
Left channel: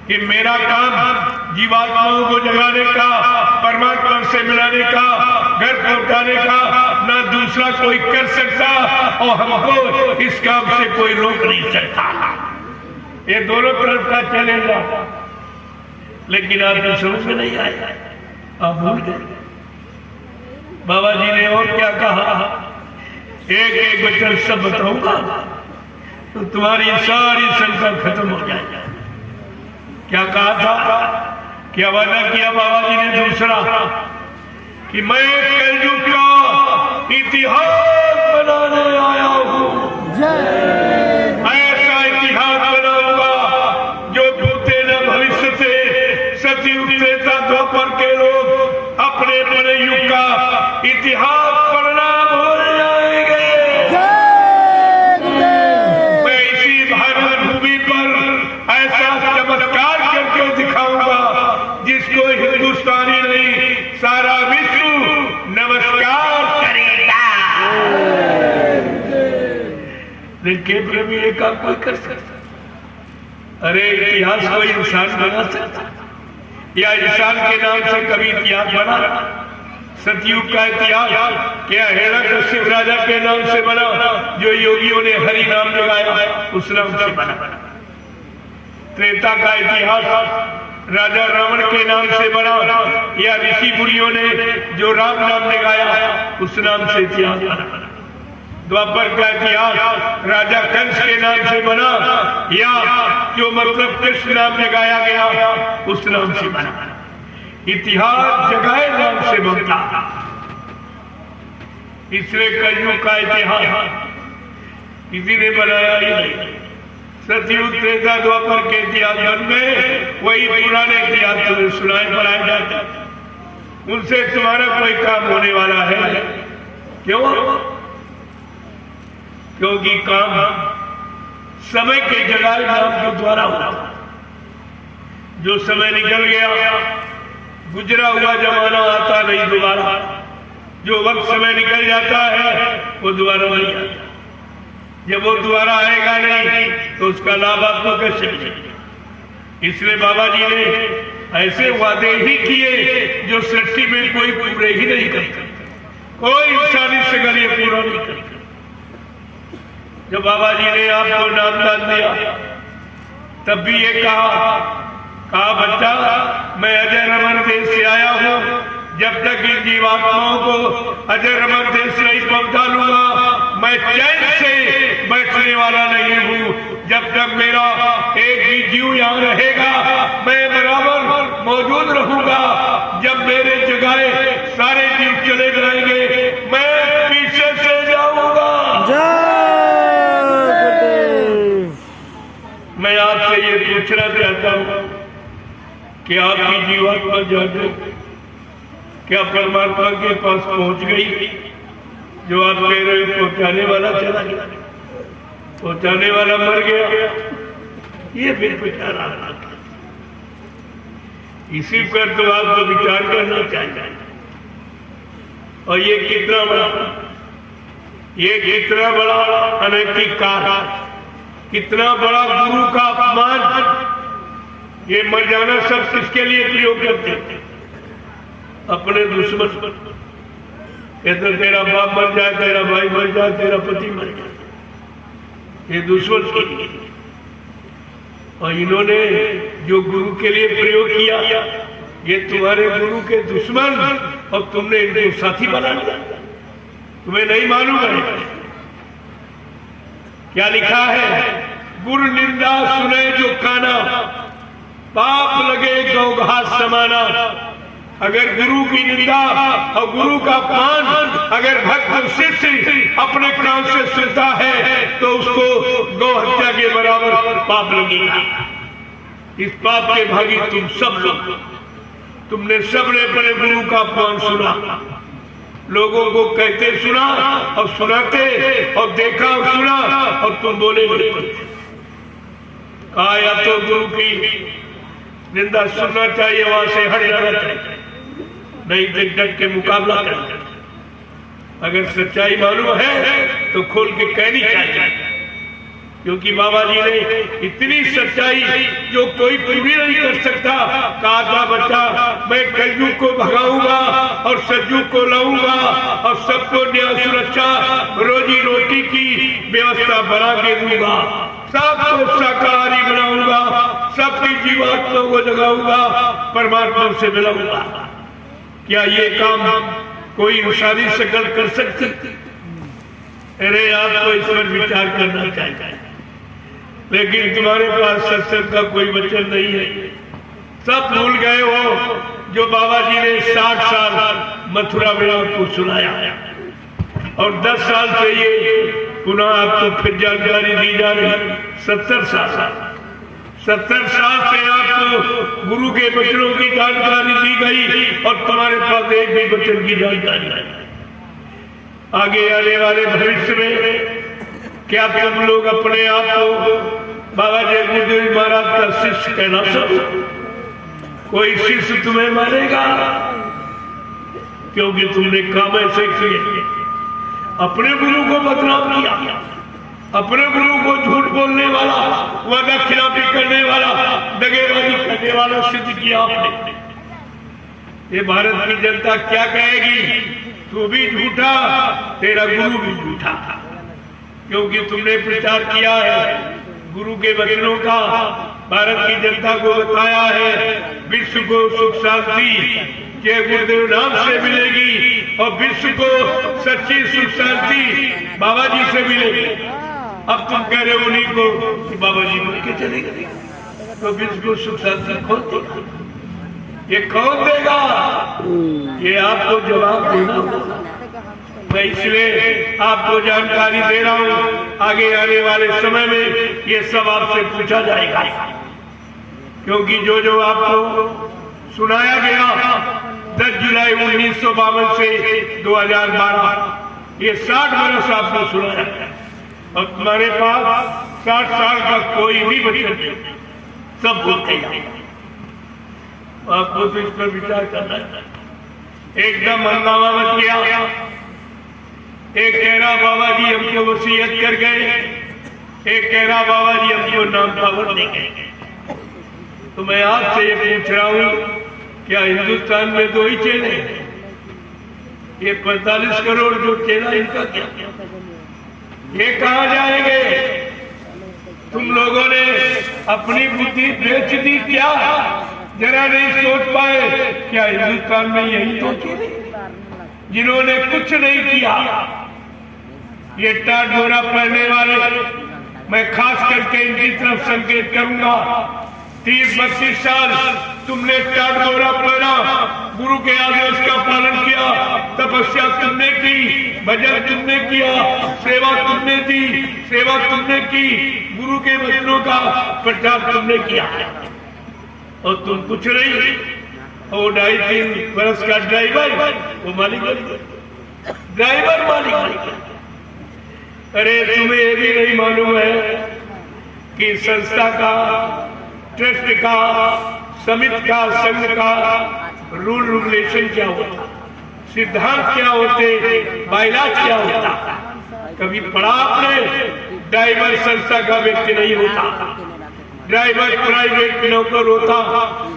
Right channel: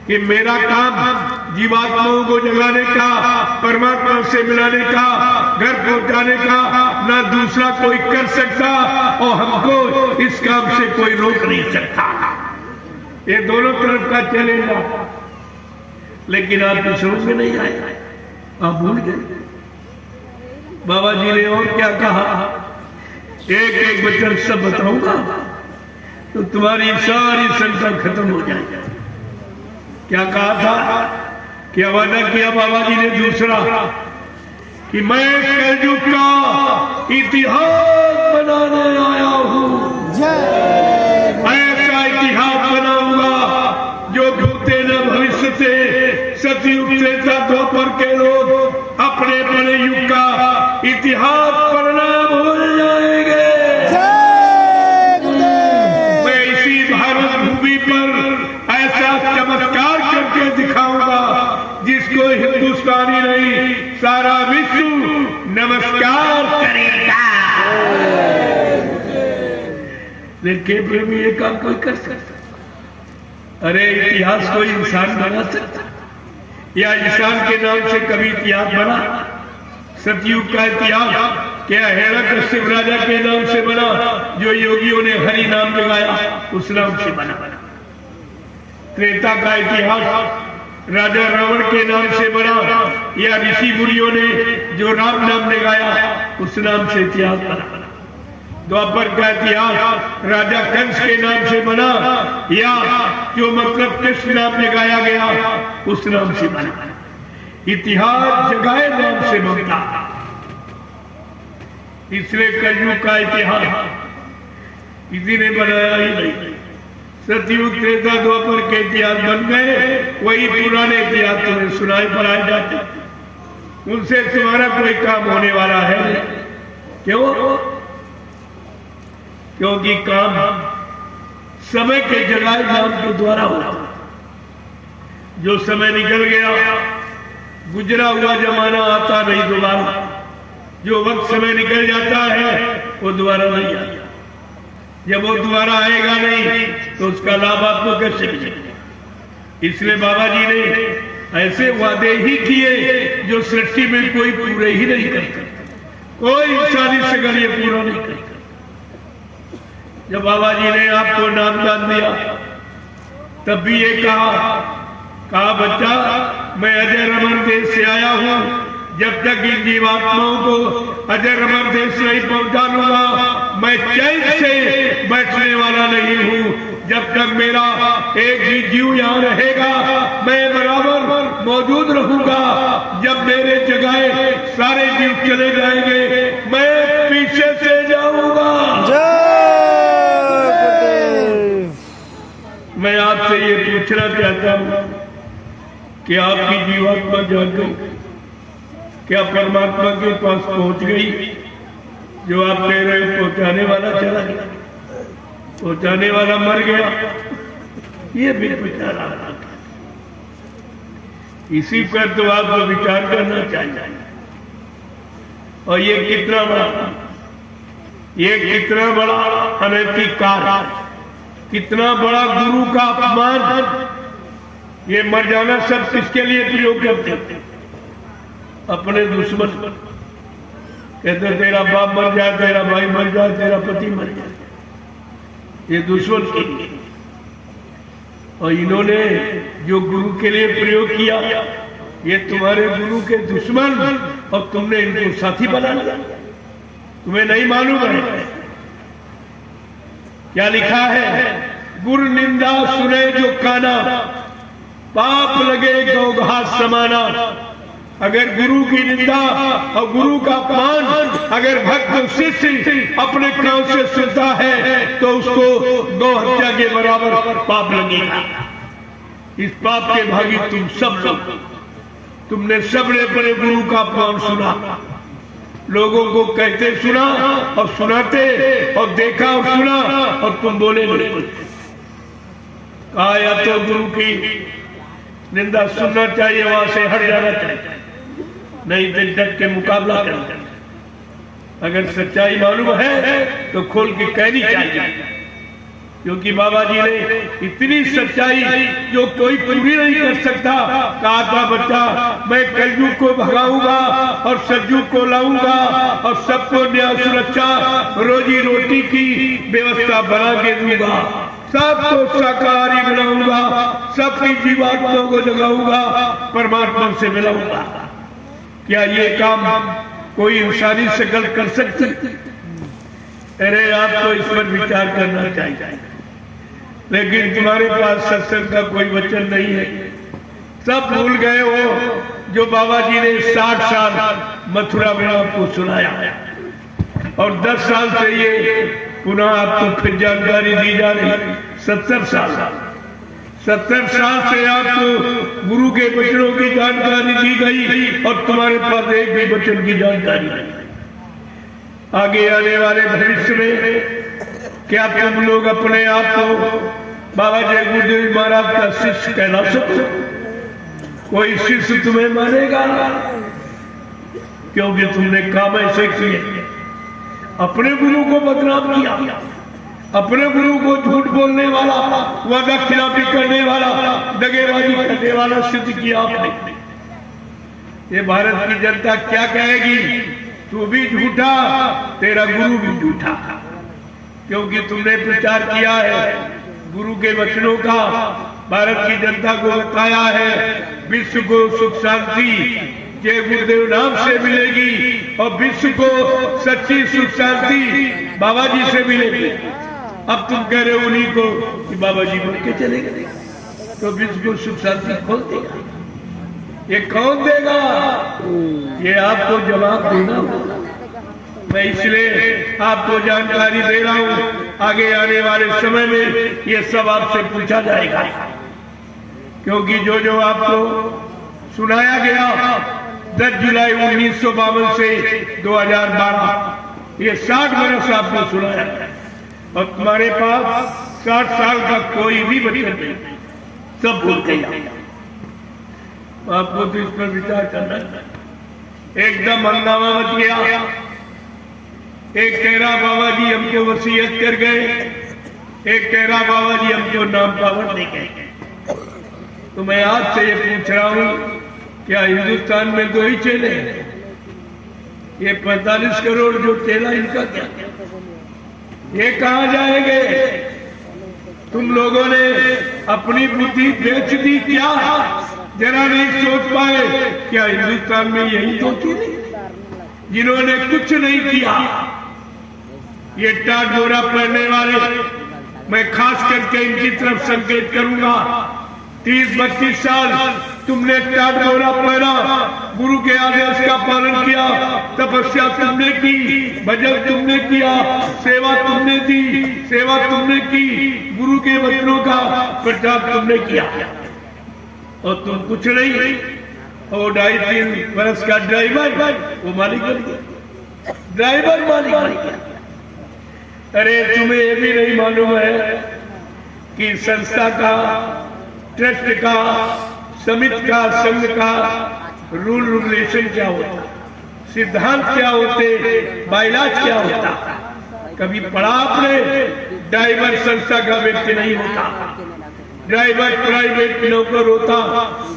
कि मेरा काम जीवात्माओं को जगाने का, परमात्मा से मिलाने का, घर पहुंचाने का ना दूसरा कोई कर सकता और हमको इस काम से कोई रोक नहीं सकता। ये दोनों तरफ का चैलेंज है, लेकिन आपकी समझ में नहीं आया, आप भूल गए। बाबा जी ने और क्या कहा? एक एक वचन सब बताऊंगा तो तुम्हारी सारी शंका खत्म हो जाएगी। क्या कहा था? क्या वादा किया बाबा जी ने? दूसरा कि मैं कलयुग का इतिहास बनाने आया हूं। ऐसा इतिहास बनाऊंगा जो भूते न भविष्य से, सतयुग से द्वापर के लोग अपने अपने युग का इतिहास पढ़ना भूल जाएंगे। मैं इसी भारत भूमि पर ऐसा चमत्कार करके दिखाऊंगा जिसको हिंदुस्तानी नहीं सारा विश्व नमस्कार करेगा। लेकिन फिर भी एक काम कोई कर सकता? अरे इतिहास कोई इंसान बना सकता या इंसान के नाम से कभी इतिहास बना? सतयुग का इतिहास क्या हिरण्यकश्यप राजा के नाम से बना, जो योगियों ने हरि नाम लगाया उस नाम से बना? त्रेता का इतिहास राजा रावण के नाम से बना या ऋषि मुनियों ने जो राम नाम लगाया उस नाम से इतिहास बना? द्वापर का इतिहास राजा कंस के नाम से बना या जो मतलब कृष्ण नाम लगाया गया उस नाम से बना? इतिहास जगह नाम से बनता। इसलिए कलयुग का इतिहास किसी ने बनाया ही नहीं। सतयुग त्रेता द्वापर के इतिहास बन गए, वही पुराने इतिहास तुम्हें सुनाई पढ़ाए जाते, उनसे तुम्हारा कोई काम होने वाला है? क्यों? क्योंकि काम समय के जगाए नाम के द्वारा होता। जो समय निकल गया, गुजरा हुआ जमाना आता नहीं दोबारा। जो वक्त समय निकल जाता है वो दोबारा नहीं आता। जब वो दोबारा आएगा नहीं तो उसका लाभ आपको कैसे मिलेगा? इसलिए बाबा जी ने ऐसे वादे ही किए जो सृष्टि में कोई पूरे ही नहीं करता, कोई इंसानी शकल ये पूरा नहीं करता। जब बाबा जी ने आपको नामदान दिया तब भी ये कहा बच्चा मैं अजय रमन देश से आया हूं, जब तक इन जीवात्माओं को अजय रमन देश नहीं पहुंचा लूंगा मैं चैन से बैठने वाला नहीं हूं। जब तक मेरा एक भी जीव यहाँ रहेगा मैं बराबर मौजूद रहूंगा। जब मेरे जगह सारे जीव चले जाएंगे मैं पीछे से जाऊंगा। मैं आपसे ये पूछना चाहता हूं कि आपकी जीवात्मा जाग गई? क्या परमात्मा के पास पहुंच गई? जो आप कह रहे हो पहुंचाने वाला चला गया, पहुंचाने वाला मर गया, ये भी विचार आता। इसी पर तो आप विचार करना चाहिए। और ये कितना बड़ा अनैतिक कार्य है, कितना बड़ा गुरु का अपमान। ये मर जाना सब किसके लिए प्रयोग करते हैं? अपने दुश्मन। कहते तेरा बाप मर जाए, तेरा भाई मर जाए, तेरा पति मर जाए, ये दुश्मन के लिए। और इन्होंने जो गुरु के लिए प्रयोग किया ये तुम्हारे गुरु के दुश्मन, और तुमने इनको साथी बना लिया। तुम्हें नहीं मालूम है क्या लिखा है? गुरु निंदा सुने जो काना, पाप लगे गौ घास समाना। अगर गुरु की निंदा और गुरु का अपमान अगर भक्त शिष्य अपने कान से सुनता है तो उसको गौ हत्या के बराबर पाप लगेगा। इस पाप के भागी तुम सब लोग। तुमने सबने अपने गुरु का अपमान सुना, लोगों को कहते सुना और सुनाते, और देखा और सुना, और तुम बोले नहीं। कहा या तो गुरु की निंदा सुनना चाहिए, वहां से हट जाना चाहिए, नहीं तो डट के मुकाबला करना। अगर सच्चाई मालूम है तो खोल के कहनी चाहिए, क्योंकि बाबा जी ने इतनी सच्चाई जो कोई पूरी नहीं कर सकता। कहा था बच्चा मैं कलयुग को भगाऊंगा और सतयुग को लाऊंगा और सबको न्याय सुरक्षा रोजी रोटी की व्यवस्था बना के दूंगा, सबको शाकाहारी बनाऊंगा, सबकी जीवात्माओं को जगाऊंगा, परमात्मा से मिलाऊंगा। क्या ये काम कोई इंसानी शकल कर सकती? अरे आपको इस पर विचार करना चाहिए। लेकिन तुम्हारे पास सत्संग का कोई वचन नहीं है, सब भूल गए हो जो बाबा जी ने 60 साल मथुरा वृंदावन को सुनाया, और 10 साल से ये पुनः आपको फिर जानकारी दी जा रही। 70 साल से आपको गुरु के वचनों की जानकारी दी गई, और तुम्हारे पास एक भी वचन की जानकारी नहीं। आगे आने वाले भविष्य में क्या तुम लोग अपने आप को बाबा जगदीश महाराज का शिष्य कहना सकते? कोई शिष्य तुम्हें मानेगा? क्योंकि तुमने काम ऐसे किए, अपने गुरु को बदनाम किया, अपने गुरु को झूठ बोलने वाला, वादा खिलाफी करने वाला, दगेबाजी करने वाला सिद्ध किया आपने। ये भारत की जनता क्या कहेगी? तू भी झूठा, तेरा गुरु भी झूठा, क्योंकि तुमने प्रचार किया है गुरु के वचनों का, भारत की जनता को बताया है विश्व को सुख शांति जय गुरुदेव नाम से मिलेगी, और विश्व को सच्ची सुख शांति बाबा जी से मिलेगी। अब तुम कह रहे हो उन्हीं को कि बाबा जी मर के चले गए, तो विश्व को सुख शांति कौन देगा? ये कौन देगा? ये आपको जवाब देना। मैं इसलिए आपको जानकारी दे रहा हूं, आगे आने वाले समय में ये सब आपसे पूछा जाएगा, क्योंकि जो आपको सुनाया गया 10 जुलाई 1952 से 2012 ये 60 वर्ष आपको सुनाया गया, और तुम्हारे पास 60 साल का कोई भी वचन नहीं, सब भूल गए। आपको तो इस पर विचार करना चाहिए। एकदम हंगामा मच गया। एक कह रहा बाबा जी हमको वसीयत कर गए, एक कह रहा बाबा जी हमको नाम पावर दे गए। तो मैं आज से ये पूछ रहा हूं, क्या हिंदुस्तान में दो ही चेले हैं? ये 45 करोड़ जो चेला, इनका क्या? ये कहां जाएंगे? तुम लोगों ने अपनी बुद्धि बेच दी क्या? जरा नहीं सोच पाए क्या हिंदुस्तान में यही दो चेले जिन्होंने कुछ नहीं किया? ये टाट बोरा पहनने वाले, मैं खास करके इनकी तरफ संकेत करूंगा। 30-32 साल तुमने टाट बोरा पहना, गुरु के आदेश का पालन किया, तपस्या तुमने की, भजन तुमने किया, सेवा तुमने दी, सेवा तुमने की, गुरु के वचनों का प्रचार तुमने किया, और तुम कुछ नहीं। और 2.5-3 वर्ष का ड्राइवर वो मालिक बन गया, ड्राइवर मालिक बन गया। अरे तुम्हें ये भी नहीं मालूम है कि संस्था का, ट्रस्ट का, समिति का, संघ का रूल रेगुलेशन क्या होता, सिद्धांत क्या होते, बायलाज क्या होता? कभी पढ़ा आपने? ड्राइवर संस्था का व्यक्ति नहीं होता, ड्राइवर प्राइवेट नौकर होता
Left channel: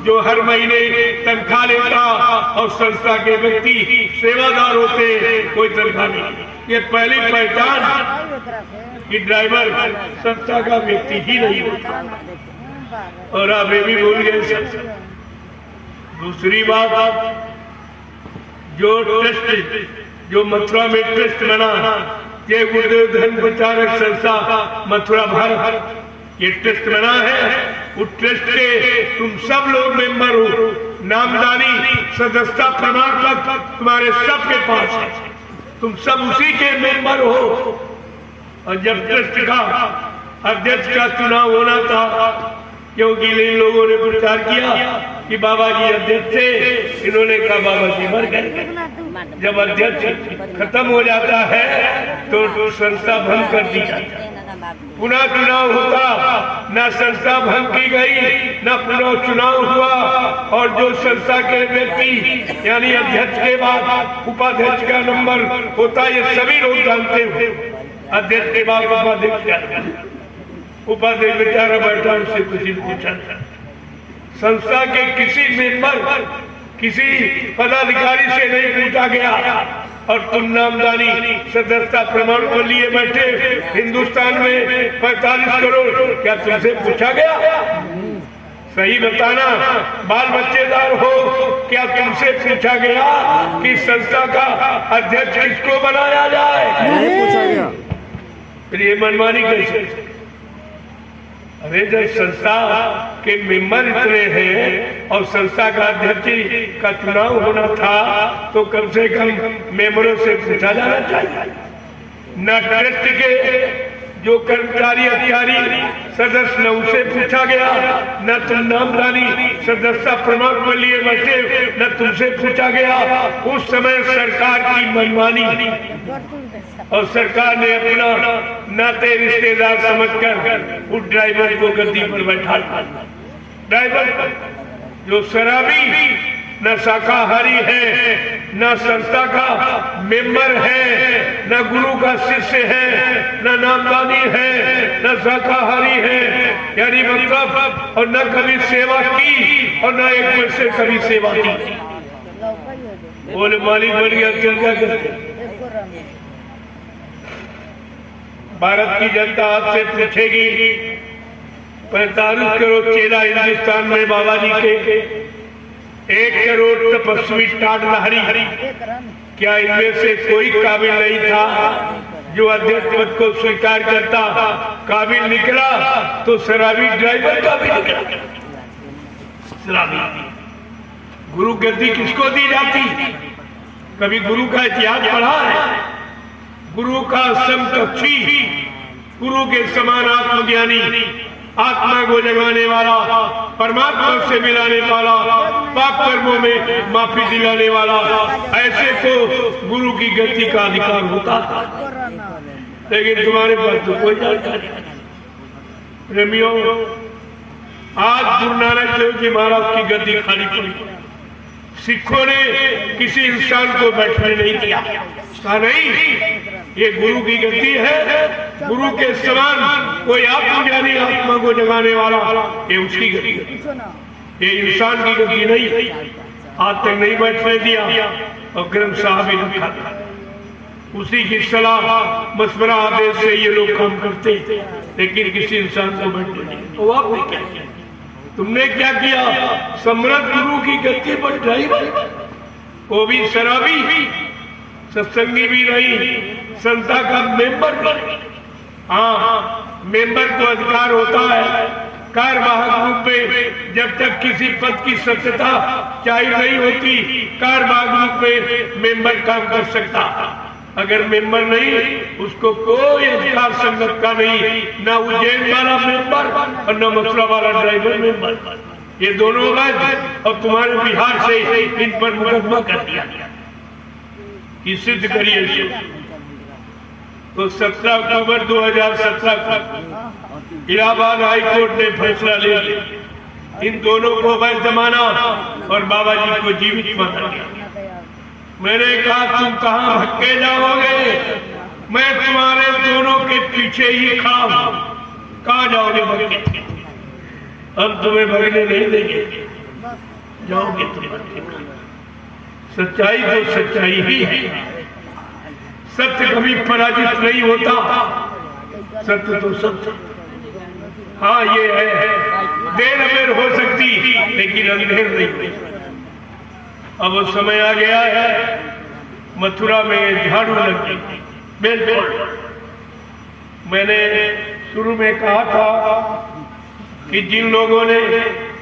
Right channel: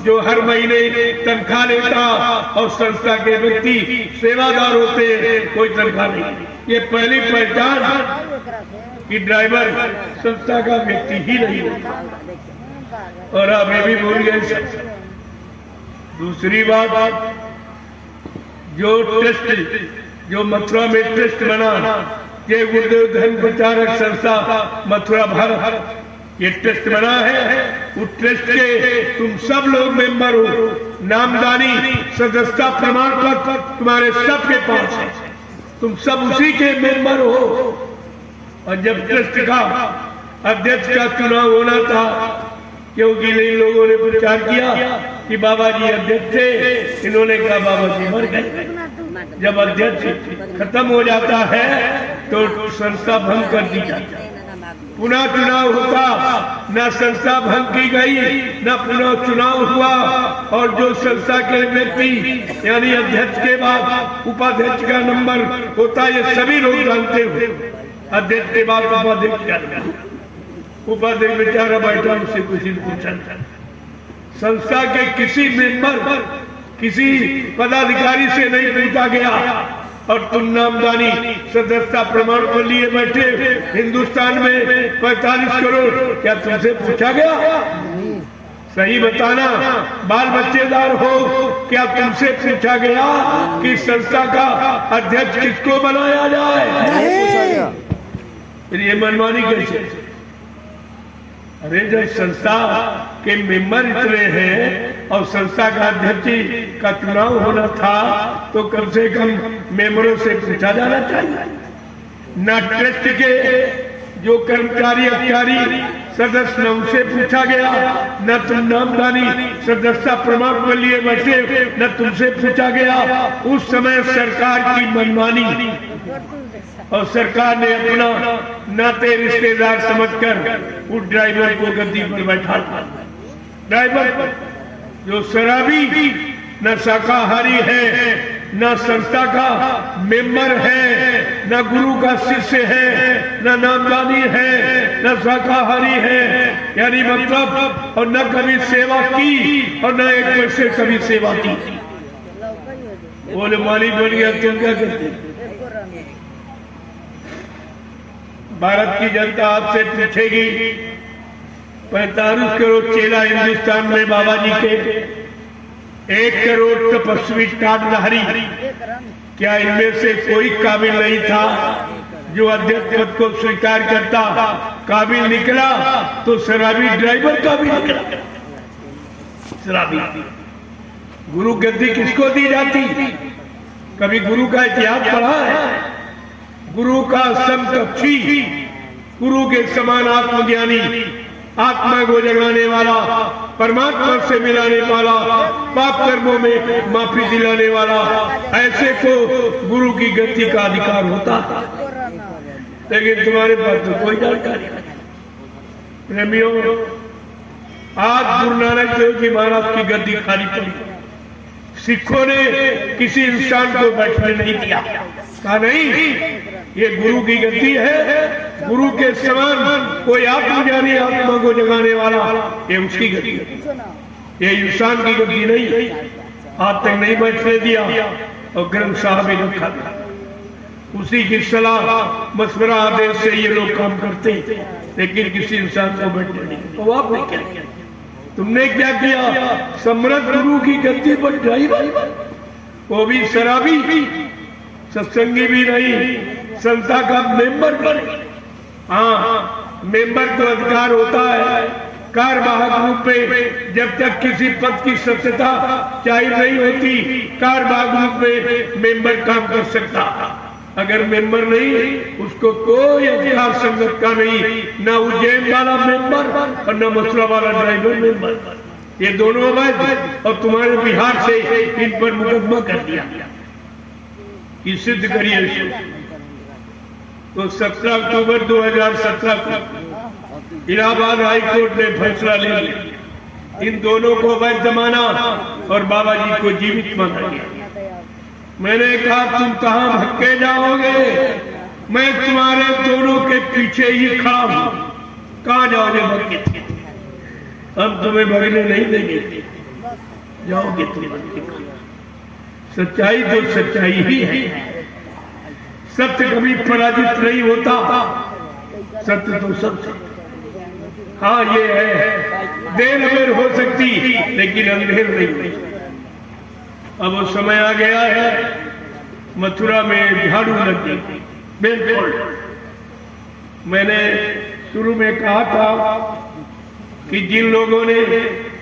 जो हर महीने तनख्वाह लेता, और संस्था के व्यक्ति सेवादार होते, कोई तनख्वाह नहीं। ये पहली पहचान कि ड्राइवर संस्था का व्यक्ति ही नहीं होता। और आप ये भी बोल गए। दूसरी बात, जो टेस्ट, जो मथुरा में टेस्ट बना, ये गुरुदेव धर्म प्रचारक संस्था मथुरा भारत, ये टेस्ट बना है। उस टेस्ट के तुम सब लोग मेंबर हो, नामदानी सदस्यता प्रमाण पत्र तुम्हारे सबके पास है, तुम सब उसी के मेंबर हो। और जब ट्रस्ट का अध्यक्ष का चुनाव होना था, क्योंकि इन लोगों ने प्रचार किया कि बाबा जी अध्यक्ष थे, इन्होंने कहा बाबा जी मर गए। जब अध्यक्ष खत्म हो जाता है तो संस्था भंग कर दी जाती है। पुनः चुनाव होता, न संस्था भंग की गई, न पुनः चुनाव हुआ। और जो संस्था के व्यक्ति यानी अध्यक्ष के बाद उपाध्यक्ष का नंबर होता, ये सभी लोग जानते हो। अध्यक्ष के बाद उपाध्यक्ष बेचारा बैठा, उससे कुछ पूछा। संस्था के किसी मेंबर, किसी पदाधिकारी से नहीं पूछा गया, और तुम नामदानी सदस्यता प्रमाण पर लिए बैठे हिंदुस्तान में 45 करोड़, क्या तुमसे पूछा गया? सही बताना, बाल बच्चेदार हो, क्या तुमसे पूछा गया कि संस्था का अध्यक्ष किसको बनाया जाए? नहीं पूछा गया। फिर ये मनमानी कैसे? अरे जब संस्था के मेंबर इतने हैं और संस्था का अध्यक्ष का चुनाव होना था, तो कम से कम मेंबरों से पूछा जाना चाहिए। न ट्रस्ट के जो कर्मचारी अधिकारी सदस्य न उनसे पूछा गया, न तुम नामदानी सदस्यता प्रमाण पर लिए बैठे, न तुमसे पूछा गया। उस समय सरकार की मनमानी, और सरकार ने अपना नाते रिश्तेदार समझकर उस ड्राइवर को गद्दी पर बैठा। ड्राइवर जो शराबी, न शाकाहारी है, न संस्था का मेंबर है, न गुरु का शिष्य है, न नामदानी है, न शाकाहारी है, यानी मतलब, और न कभी सेवा की और न एक पैसे कभी सेवा की, बोले मालिक बन गया, क्यों क्या करते? भारत की जनता आपसे पूछेगी, 45 करोड़ चेला हिंदुस्तान में बाबा जी के, 1 करोड़ तपस्वी टाटधारी, क्या इनमें से कोई काबिल नहीं था जो अध्यक्ष पद को स्वीकार करता? काबिल निकला तो शराबी ड्राइवर काबिल निकला। शराबी गुरु गद्दी किसको दी जाती? कभी गुरु का इतिहास पढ़ा है? गुरु का समकक्षी, गुरु के समान आत्मज्ञानी, आत्मा को जगाने वाला, परमात्मा से मिलाने वाला, पाप कर्मों में माफी दिलाने वाला, ऐसे को गुरु की गति का अधिकार होता था। लेकिन तुम्हारे पास तो कोई जानकारी नहीं। प्रेमियों, आज गुरु नानक देव जी महाराज की गद्दी खाली पड़ी, सिखों ने किसी इंसान को बैठने नहीं दिया, कहा नहीं ये गुरु की गति है, गुरु के समान कोई आत्मज्ञानी आत्मा को जगाने वाला ये उसकी गति है, ये इंसान की गति नहीं। आज तक नहीं बैठने दिया और ग्रंथ साहब ही रखा दिया, उसी की सलाह मशवरा आदेश से ये लोग काम करते, लेकिन किसी इंसान को बैठने नहीं। तो आपने क्या किया, तुमने क्या किया, सम्राट गुरु की गद्दी पर ढाई, वो भी शराबी, सत्संगी भी नहीं, संस्था का मेंबर भी नहीं। हाँ, मेंबर को अधिकार होता है कार्यवाहक रूप में, जब तक किसी पद की सत्यता जाहिर नहीं होती कार्यवाहक रूप में मेंबर काम कर सकता। अगर मेंबर नहीं उसको कोई अधिकार संगत का नहीं, न उज्जैन वाला मेंबर और न मथुरा वाला ड्राइवर मेंबर, ये दोनों अवैध, और तुम्हारे बिहार से इन पर मुकदमा कर दिया, ये सिद्ध करिए। तो 17 अक्टूबर 2017 को इलाहाबाद हाई कोर्ट ने फैसला ले लिया, इन दोनों को अवैध माना और बाबा जी को जीवित माना गया। मैंने कहा तुम कहां भटके जाओगे, मैं तुम्हारे दोनों के पीछे ही खड़ा हूं, कहां जाओगे भटके, हम तुम्हें भगने नहीं देंगे, जाओगे तुम भटके। सच्चाई तो सच्चाई ही है, सत्य कभी पराजित नहीं होता, सत्य तो सत्य। हाँ ये है, देर अबेर हो सकती लेकिन अंधेर नहीं। अब वो समय आ गया है, मथुरा में झाड़ू लग गई। बिल्कुल, मैंने शुरू में कहा था कि जिन लोगों ने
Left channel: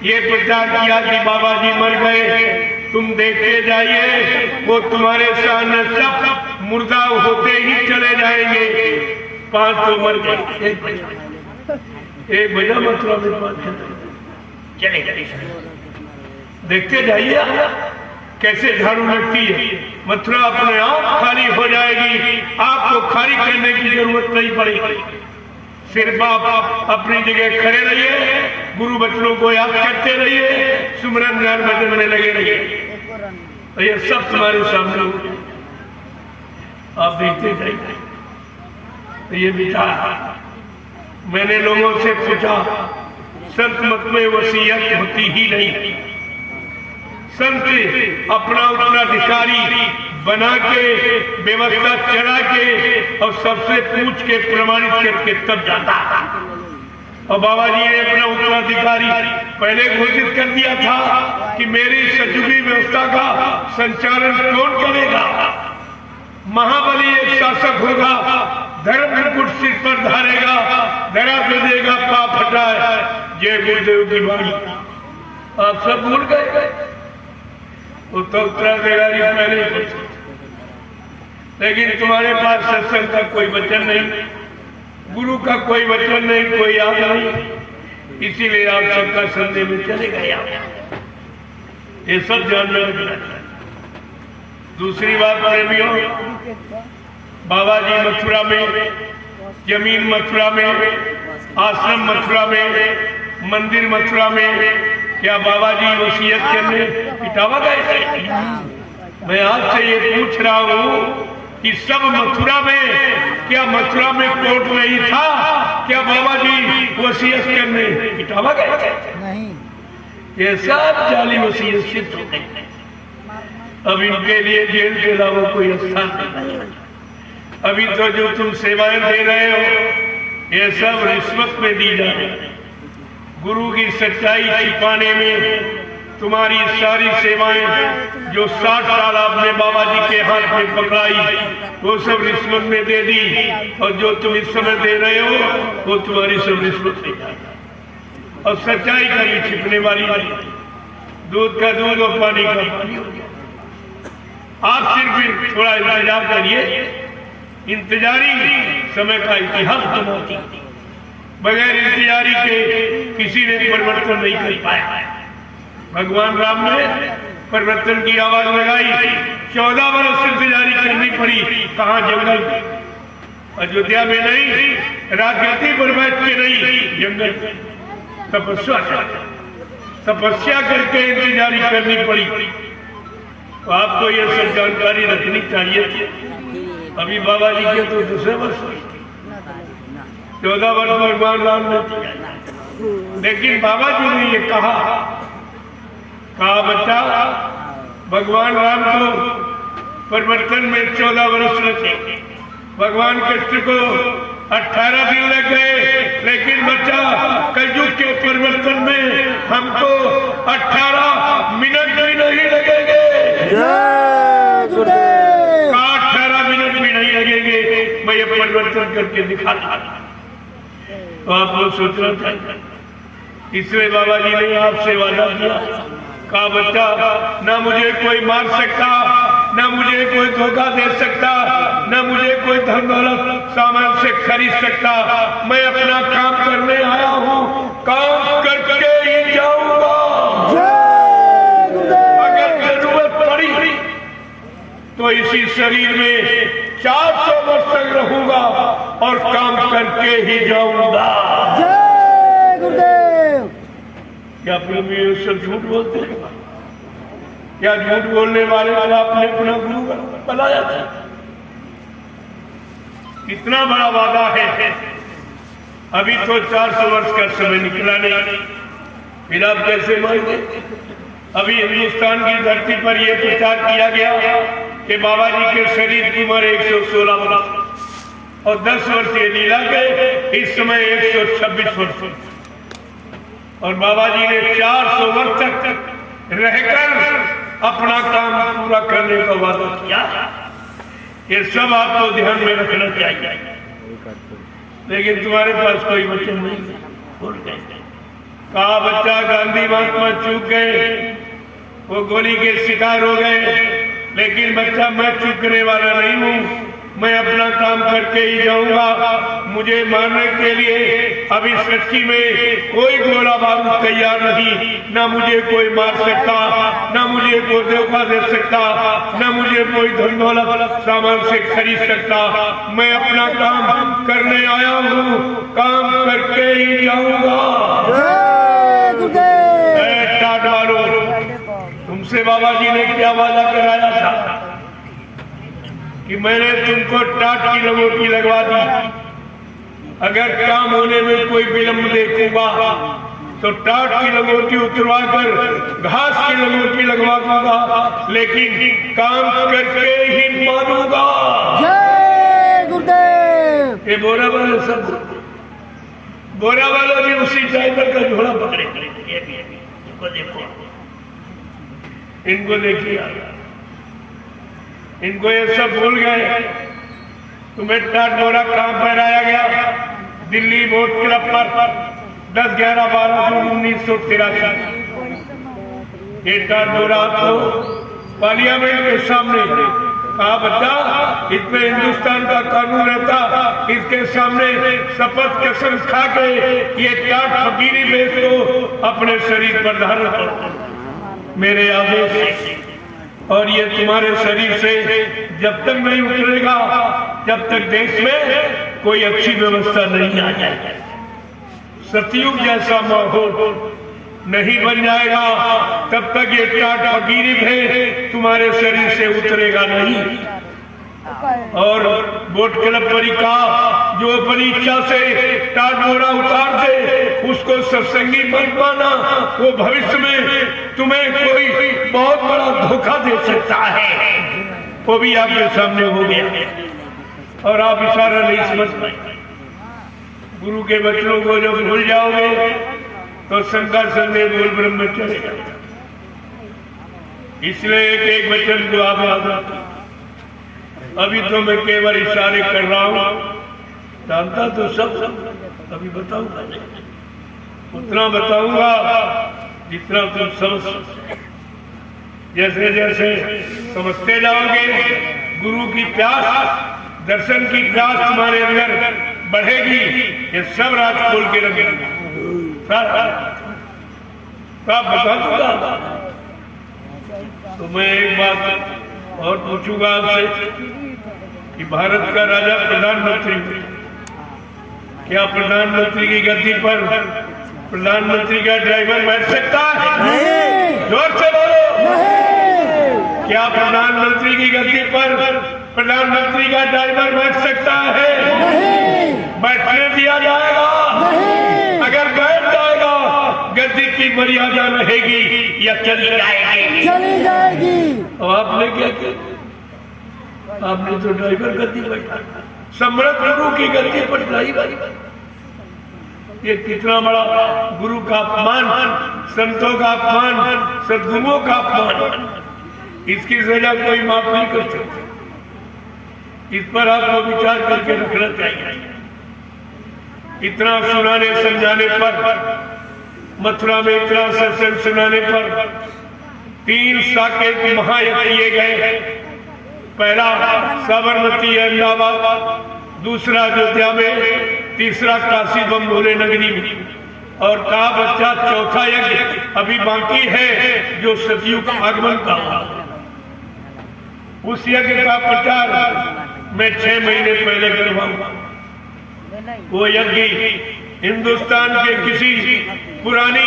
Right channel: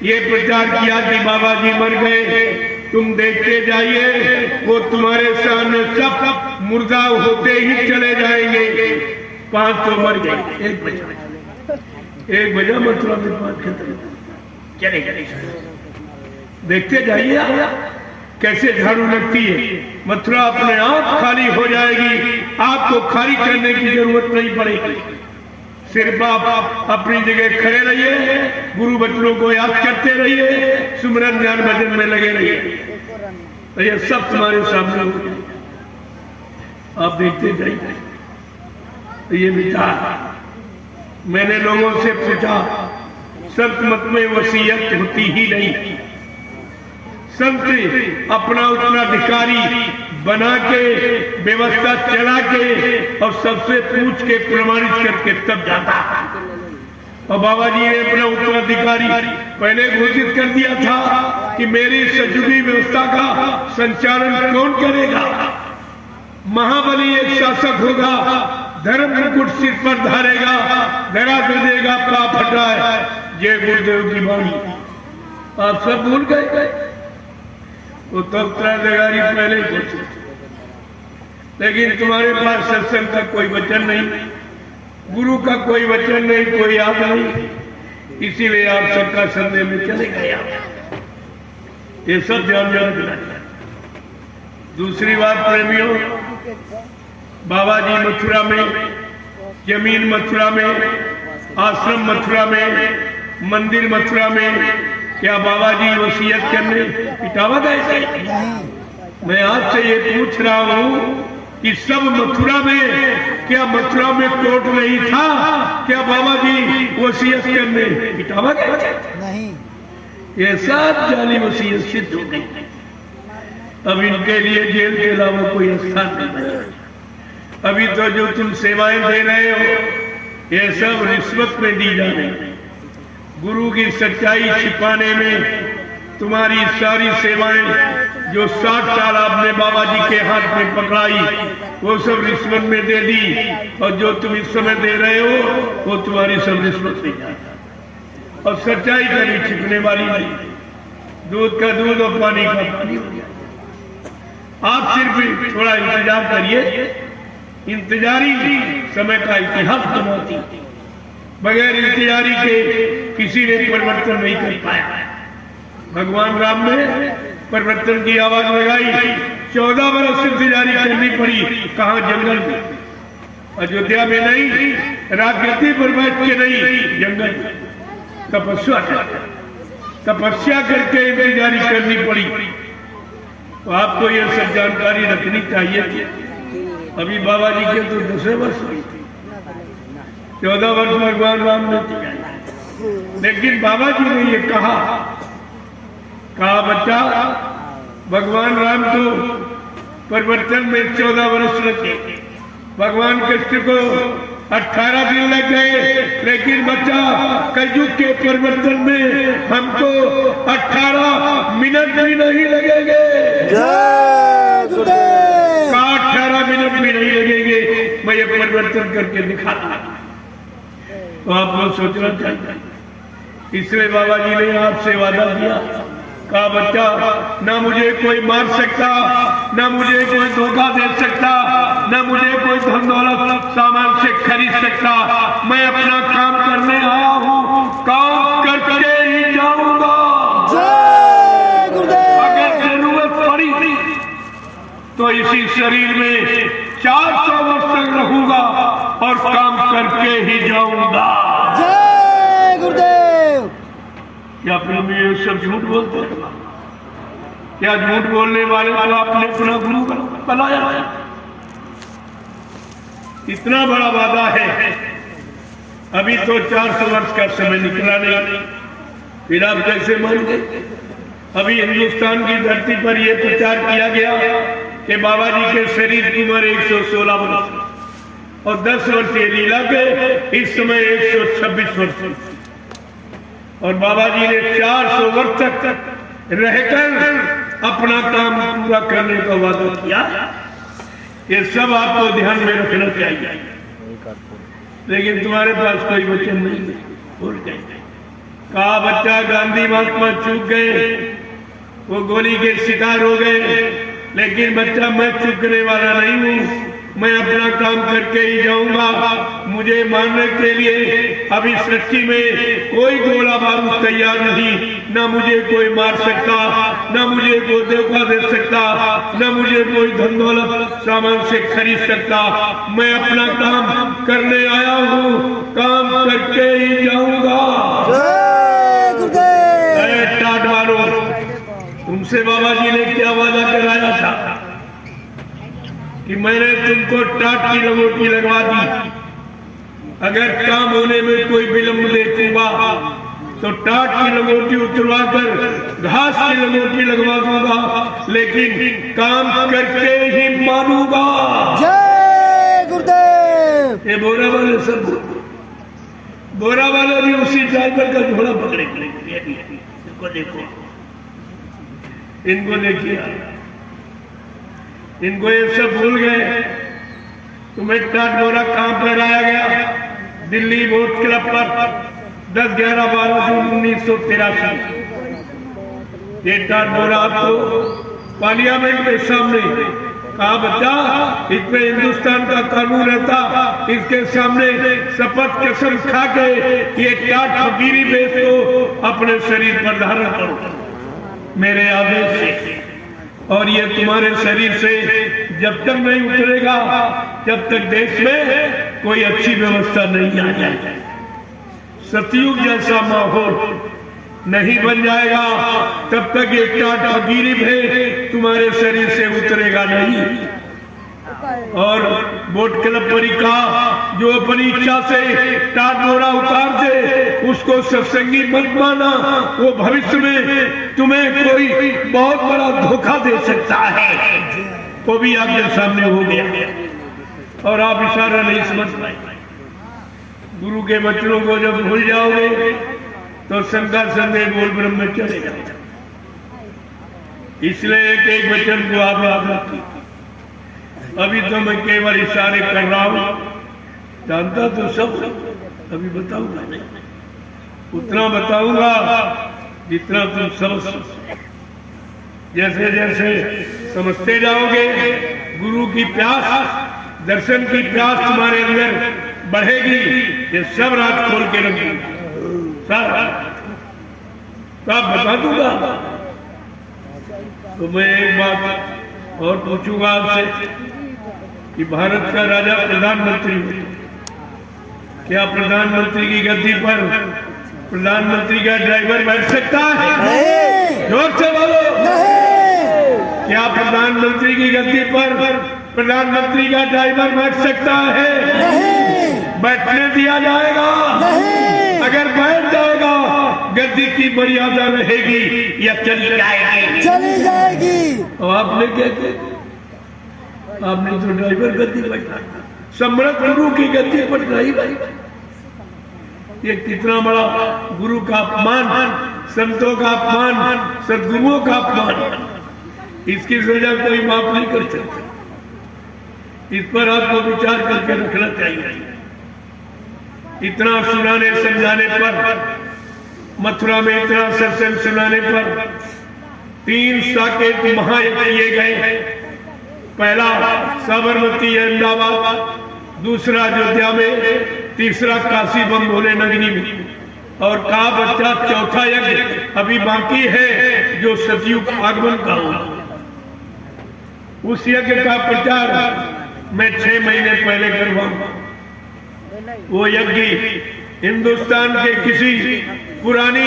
ये प्रचार किया कि बाबा जी मर गए, तुम देखते जाइए, वो तुम्हारे सामने सब मुर्दा होते ही चले जाएंगे। 5 तो मर गए, 1 बजा मथुरा में 5 चले जाएंगे। देखते जाइए कैसे झाड़ू लगती है, मथुरा अपने आप खाली हो जाएगी, आपको खाली करने की जरूरत नहीं पड़ेगी। सिर्फ आप अपनी जगह खड़े रहिए, गुरु बचनों को याद करते रहिए, सुमिरन ध्यान भजन में लगे रहिए, तो ये सब तुम्हारे सामने हो, आप देखते जाइए। तो ये विचार मैंने लोगों से पूछा, संत मत में वसीयत होती ही नहीं, संत अपना उत्तराधिकारी बना के व्यवस्था चला के और सबसे पूछ के प्रमाणित करके तब जाता है। और बाबा जी ने अपना उत्तराधिकारी पहले घोषित कर दिया था कि मेरी सचुगी व्यवस्था का संचालन कौन करेगा, महाबली एक शासक होगा, धर्म मुकुट सिर पर धारेगा, धरा दे देगा पाप हटाए, जय गुरुदेव की वाणी। आप सब भूल गए, वो तो उत्तराधिकारी पहले ही कुछ, लेकिन तुम्हारे पास सत्संग का कोई वचन नहीं, गुरु का कोई वचन नहीं, कोई याद नहीं, इसीलिए आप सबका संदेह में चले गए। ये सब ध्यान में रखना चाहिए। दूसरी बात प्रेमियों, बाबा जी मथुरा में, जमीन मथुरा में, आश्रम मथुरा में, मंदिर मथुरा में, क्या बाबा जी वसीयत करने इटावा गए? मैं आपसे ये पूछ रहा हूँ कि सब मथुरा में, क्या मथुरा में कोर्ट नहीं था, क्या बाबा जी वसीयत करने इटावा गए? नहीं, ये सब जाली वसीयत सिद्ध हो गई। अब इनके लिए जेल के अलावा कोई स्थान नहीं। अभी तो जो तुम सेवाएं दे रहे हो ये सब रिश्वत में दी जा रही। गुरु की सच्चाई छिपाने में तुम्हारी सारी सेवाएं जो 60 साल आपने बाबा जी के हाथ में पकड़ाई वो सब रिश्वत में दे दी, और जो तुम इस समय दे रहे हो वो तुम्हारी सब रिश्वत नहीं। और सच्चाई कभी छिपने वाली नहीं, दूध का दूध और पानी का पानी हो गया। आप सिर्फ थोड़ा इंतजार करिए, इंतजारी समय का इतिहास बनाती, बगैर इंतजारी के किसी ने परिवर्तन नहीं कर पाया। भगवान राम ने परिवर्तन की आवाज लगाई, 14 बरस इंतजारी करनी पड़ी, कहा जंगल में, अयोध्या में नहीं, राजगद्दी पर बैठ के नहीं, जंगल में तपस्या करके इंतजारी करनी पड़ी। तो आपको ये सब जानकारी रखनी चाहिए थी। अभी बाबा जी के तो 10 वर्ष हुए थे, 14 वर्ष भगवान राम ने किया, लेकिन बाबा जी ने ये कहा बच्चा, भगवान राम को परिवर्तन में 14 वर्ष लगे, भगवान कृष्ण को 18 दिन लग गए, लेकिन बच्चा कलयुग के परिवर्तन में हमको 18 मिनट भी नहीं लगेंगे। जय गुरुदेव। 18 मिनट भी नहीं लगेंगे, मैं ये परिवर्तन करके दिखाता। तो आप लोग सोचना चाहिए, इसलिए बाबा जी ने आपसे वादा किया, कहा बच्चा न मुझे कोई मार सकता, न मुझे कोई धोखा दे सकता, न मुझे कोई धन दौलत सामान से खरीद सकता, मैं अपना काम करने आया हूँ, काम करके ही जाऊंगा। जय गुरुदेव। अगर जरूरत पड़ी तो इसी शरीर में 400 वर्ष तक रहूंगा और काम करके ही जाऊंगा। जय गुरुदेव। क्या प्रेम ये सब झूठ बोलते हैं? क्या झूठ बोलने वाले को आपने अपना गुरु बनाया था? इतना बड़ा वादा है, अभी तो 400 वर्ष का समय निकला नहीं, फिर आप कैसे मानते? अभी हिंदुस्तान की धरती पर यह प्रचार किया गया कि बाबा जी के शरीर की उम्र 116 वर्ष और 10 वर्ष ये लीला के इस समय 126 वर्ष, और बाबा जी ने 400 वर्ष तक रहकर अपना काम पूरा करने का वादा किया। ये सब आपको ध्यान में रखना चाहिए, लेकिन तुम्हारे पास कोई वचन नहीं है, भूल गए। कहा बच्चा गांधी महात्मा चूक गए, वो गोली के शिकार हो गए, लेकिन बच्चा मैं चूकने वाला नहीं हूँ, मैं अपना काम करके ही जाऊंगा। मुझे मारने के लिए अभी सृष्टि में कोई गोला बारूद तैयार नहीं, न मुझे कोई मार सकता, न मुझे कोई धोखा दे सकता, न मुझे कोई धन दौलत सामान से खरीद सकता। मैं अपना काम करने आया हूँ, काम करके ही जाऊंगा। जय गुरुदेव। टाट मारो, तुमसे बाबा जी ने क्या वादा कराया था कि मैंने तुमको टाट की लंगोटी लगवा दी, अगर काम होने में कोई विलंब देखूंगा तो टाट की लंगोटी उतरवा कर घास की लंगोटी लगवा दूंगा, लेकिन काम करके ही मारूंगा। जय गुरुदेव। ये बोरा वाले सब, बोरा वाले भी उसी ड्राइवर का झोला पकड़े, ये भी इनको देखो, इनको देखिए, इनको ये सब भूल गए। तुम्हें टाट बोरा कहां पर आया गया? दिल्ली बोट क्लब पर 10, 11, 12 जून 1983 ये टाट बोरा तो पार्लियामेंट के सामने कहा बच्चा, इसमें हिंदुस्तान का कानून रहता, इसके सामने शपथ कसम खा के ये टाट फकीरी भेष को अपने शरीर पर धारण करो मेरे आदेश से, और ये तुम्हारे शरीर से जब तक नहीं उतरेगा जब तक देश में कोई अच्छी व्यवस्था नहीं आ जाए, सतयुग जैसा माहौल नहीं बन जाएगा, तब तक ये टाट फकीरी भेष तुम्हारे शरीर से उतरेगा नहीं। और बोट क्लब पर कहा, जो अपनी इच्छा से टाट बोरा उतार दे उसको सत्संगी मत माना, वो भविष्य में तुम्हें कोई बहुत बड़ा धोखा दे सकता है। वो भी आपके सामने हो गया और आप इशारा नहीं समझ पाए। गुरु के वचनों को जब भूल जाओगे तो शंका संदेह बोल ब्रह्म चलेगा। इसलिए एक एक वचन को आप याद रखिए। अभी तो मैं केवल इशारे कर रहा हूं, जानता तो सब, अभी बताऊंगा नहीं, उतना बताऊंगा जितना तुम समझ सकते। जैसे जैसे समझते जाओगे गुरु की प्यास, दर्शन की प्यास तुम्हारे अंदर बढ़ेगी। ये सब रात खोल के रखेंगे, सब बता दूंगा। तो मैं एक बात और पूछूंगा आपसे कि भारत का राजा प्रधानमंत्री, क्या प्रधानमंत्री की गद्दी पर प्रधानमंत्री का ड्राइवर बैठ सकता है? जोर से बोलो। क्या प्रधानमंत्री की गद्दी पर प्रधानमंत्री का ड्राइवर बैठ सकता है? नहीं बैठने दिया जाएगा? नहीं अगर बैठ जाएगा गद्दी की मर्यादा रहेगी या चली जाएगी? चली जाएगी। तो आपने क्या किया? आपने तो ड्राइवर गद्दी बैठा, सम्राट गुरु की गद्दी पर ड्राइवर। ये कितना बड़ा गुरु का अपमान, संतों का अपमान, सदगुरुओं का अपमान। इसकी सजा कोई माफ नहीं कर सकता। इस पर आपको विचार करके रखना चाहिए। इतना सुनाने समझाने पर, मथुरा में इतना सत्संग सुनाने पर 3 साकेत महायज्ञ किए गए। पहला साबरमती अहमदाबाद, दूसरा अयोध्या में, तीसरा काशी बम भोले नगरी में, और कहा बच्चा चौथा यज्ञ अभी बाकी है जो सतयुग आगमन का होगा। उस यज्ञ का प्रचार मैं 6 महीने पहले करवाऊंगा। वो यज्ञ हिंदुस्तान के किसी पुरानी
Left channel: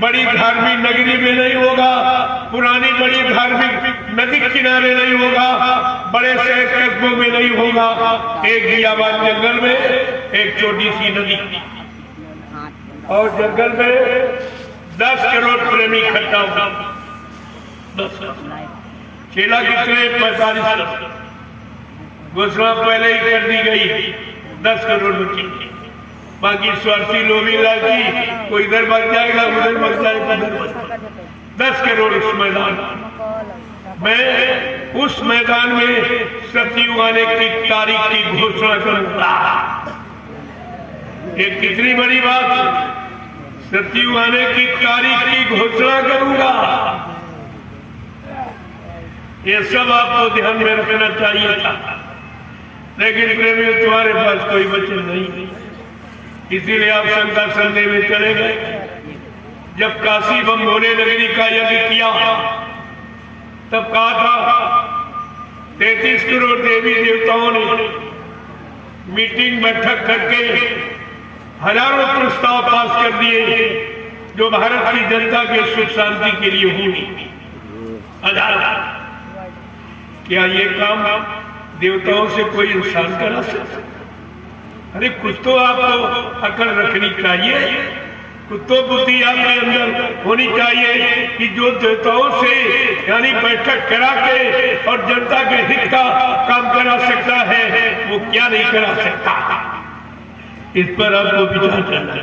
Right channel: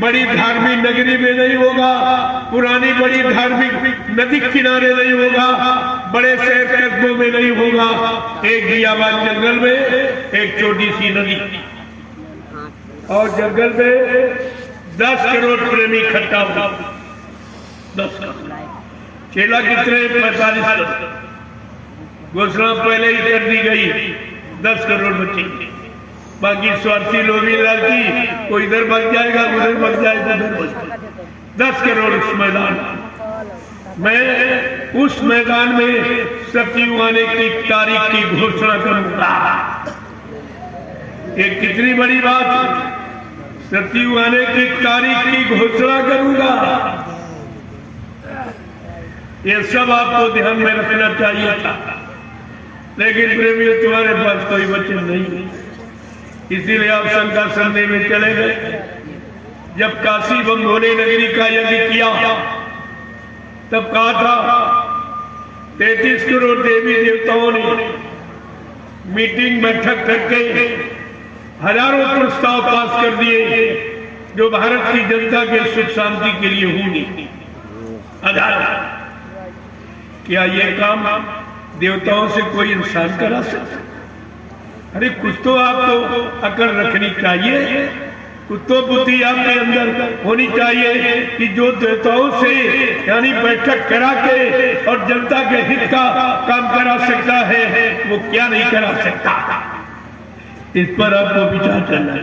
बड़ी धार्मिक नगरी में नहीं होगा, पुरानी बड़ी धार्मिक नदी किनारे नहीं होगा, बड़े शहर कस्बों में नहीं होगा। एक बियाबान जंगल में एक छोटी सी नदी, और जंगल में 10 करोड़ प्रेमी इकट्ठा होगा। 10 करोड़। चेला कितने? 45 करोड़। घोषणा पहले ही कर दी गई, 10 करोड़ बचेंगे। बाकी स्वार्थी लोभी लालची, कोई इधर भाग जाएगा, उधर भाग जाएगा, उधर 10 करोड़ उस मैदान। मैं उस मैदान में सतयुग आने की तारीख की घोषणा करूंगा। एक कितनी बड़ी बात है, सतयुग आने की तारीख की घोषणा करूंगा। ये सब आपको ध्यान में रखना चाहिए था, लेकिन प्रेमियों तुम्हारे पास कोई वचन नहीं, इसीलिए आप शंका संदेह में चले गए। जब काशी बम भोले नगरी का यज्ञ किया तब कहा था 33 करोड़ देवी देवताओं ने मीटिंग बैठक करके हजारों प्रस्ताव पास कर दिए जो भारत की जनता के सुख शांति के लिए होंगे। क्या ये काम देवताओं से कोई इंसान करा सकता? अरे कुछ तो आपको अकल रखनी चाहिए, कुछ तो बुद्धि आपके अंदर होनी चाहिए कि जो देवताओं से यानी बैठक करा के और जनता के हित का काम करा सकता है वो क्या नहीं करा सकता। इस पर आपको विचार करना है।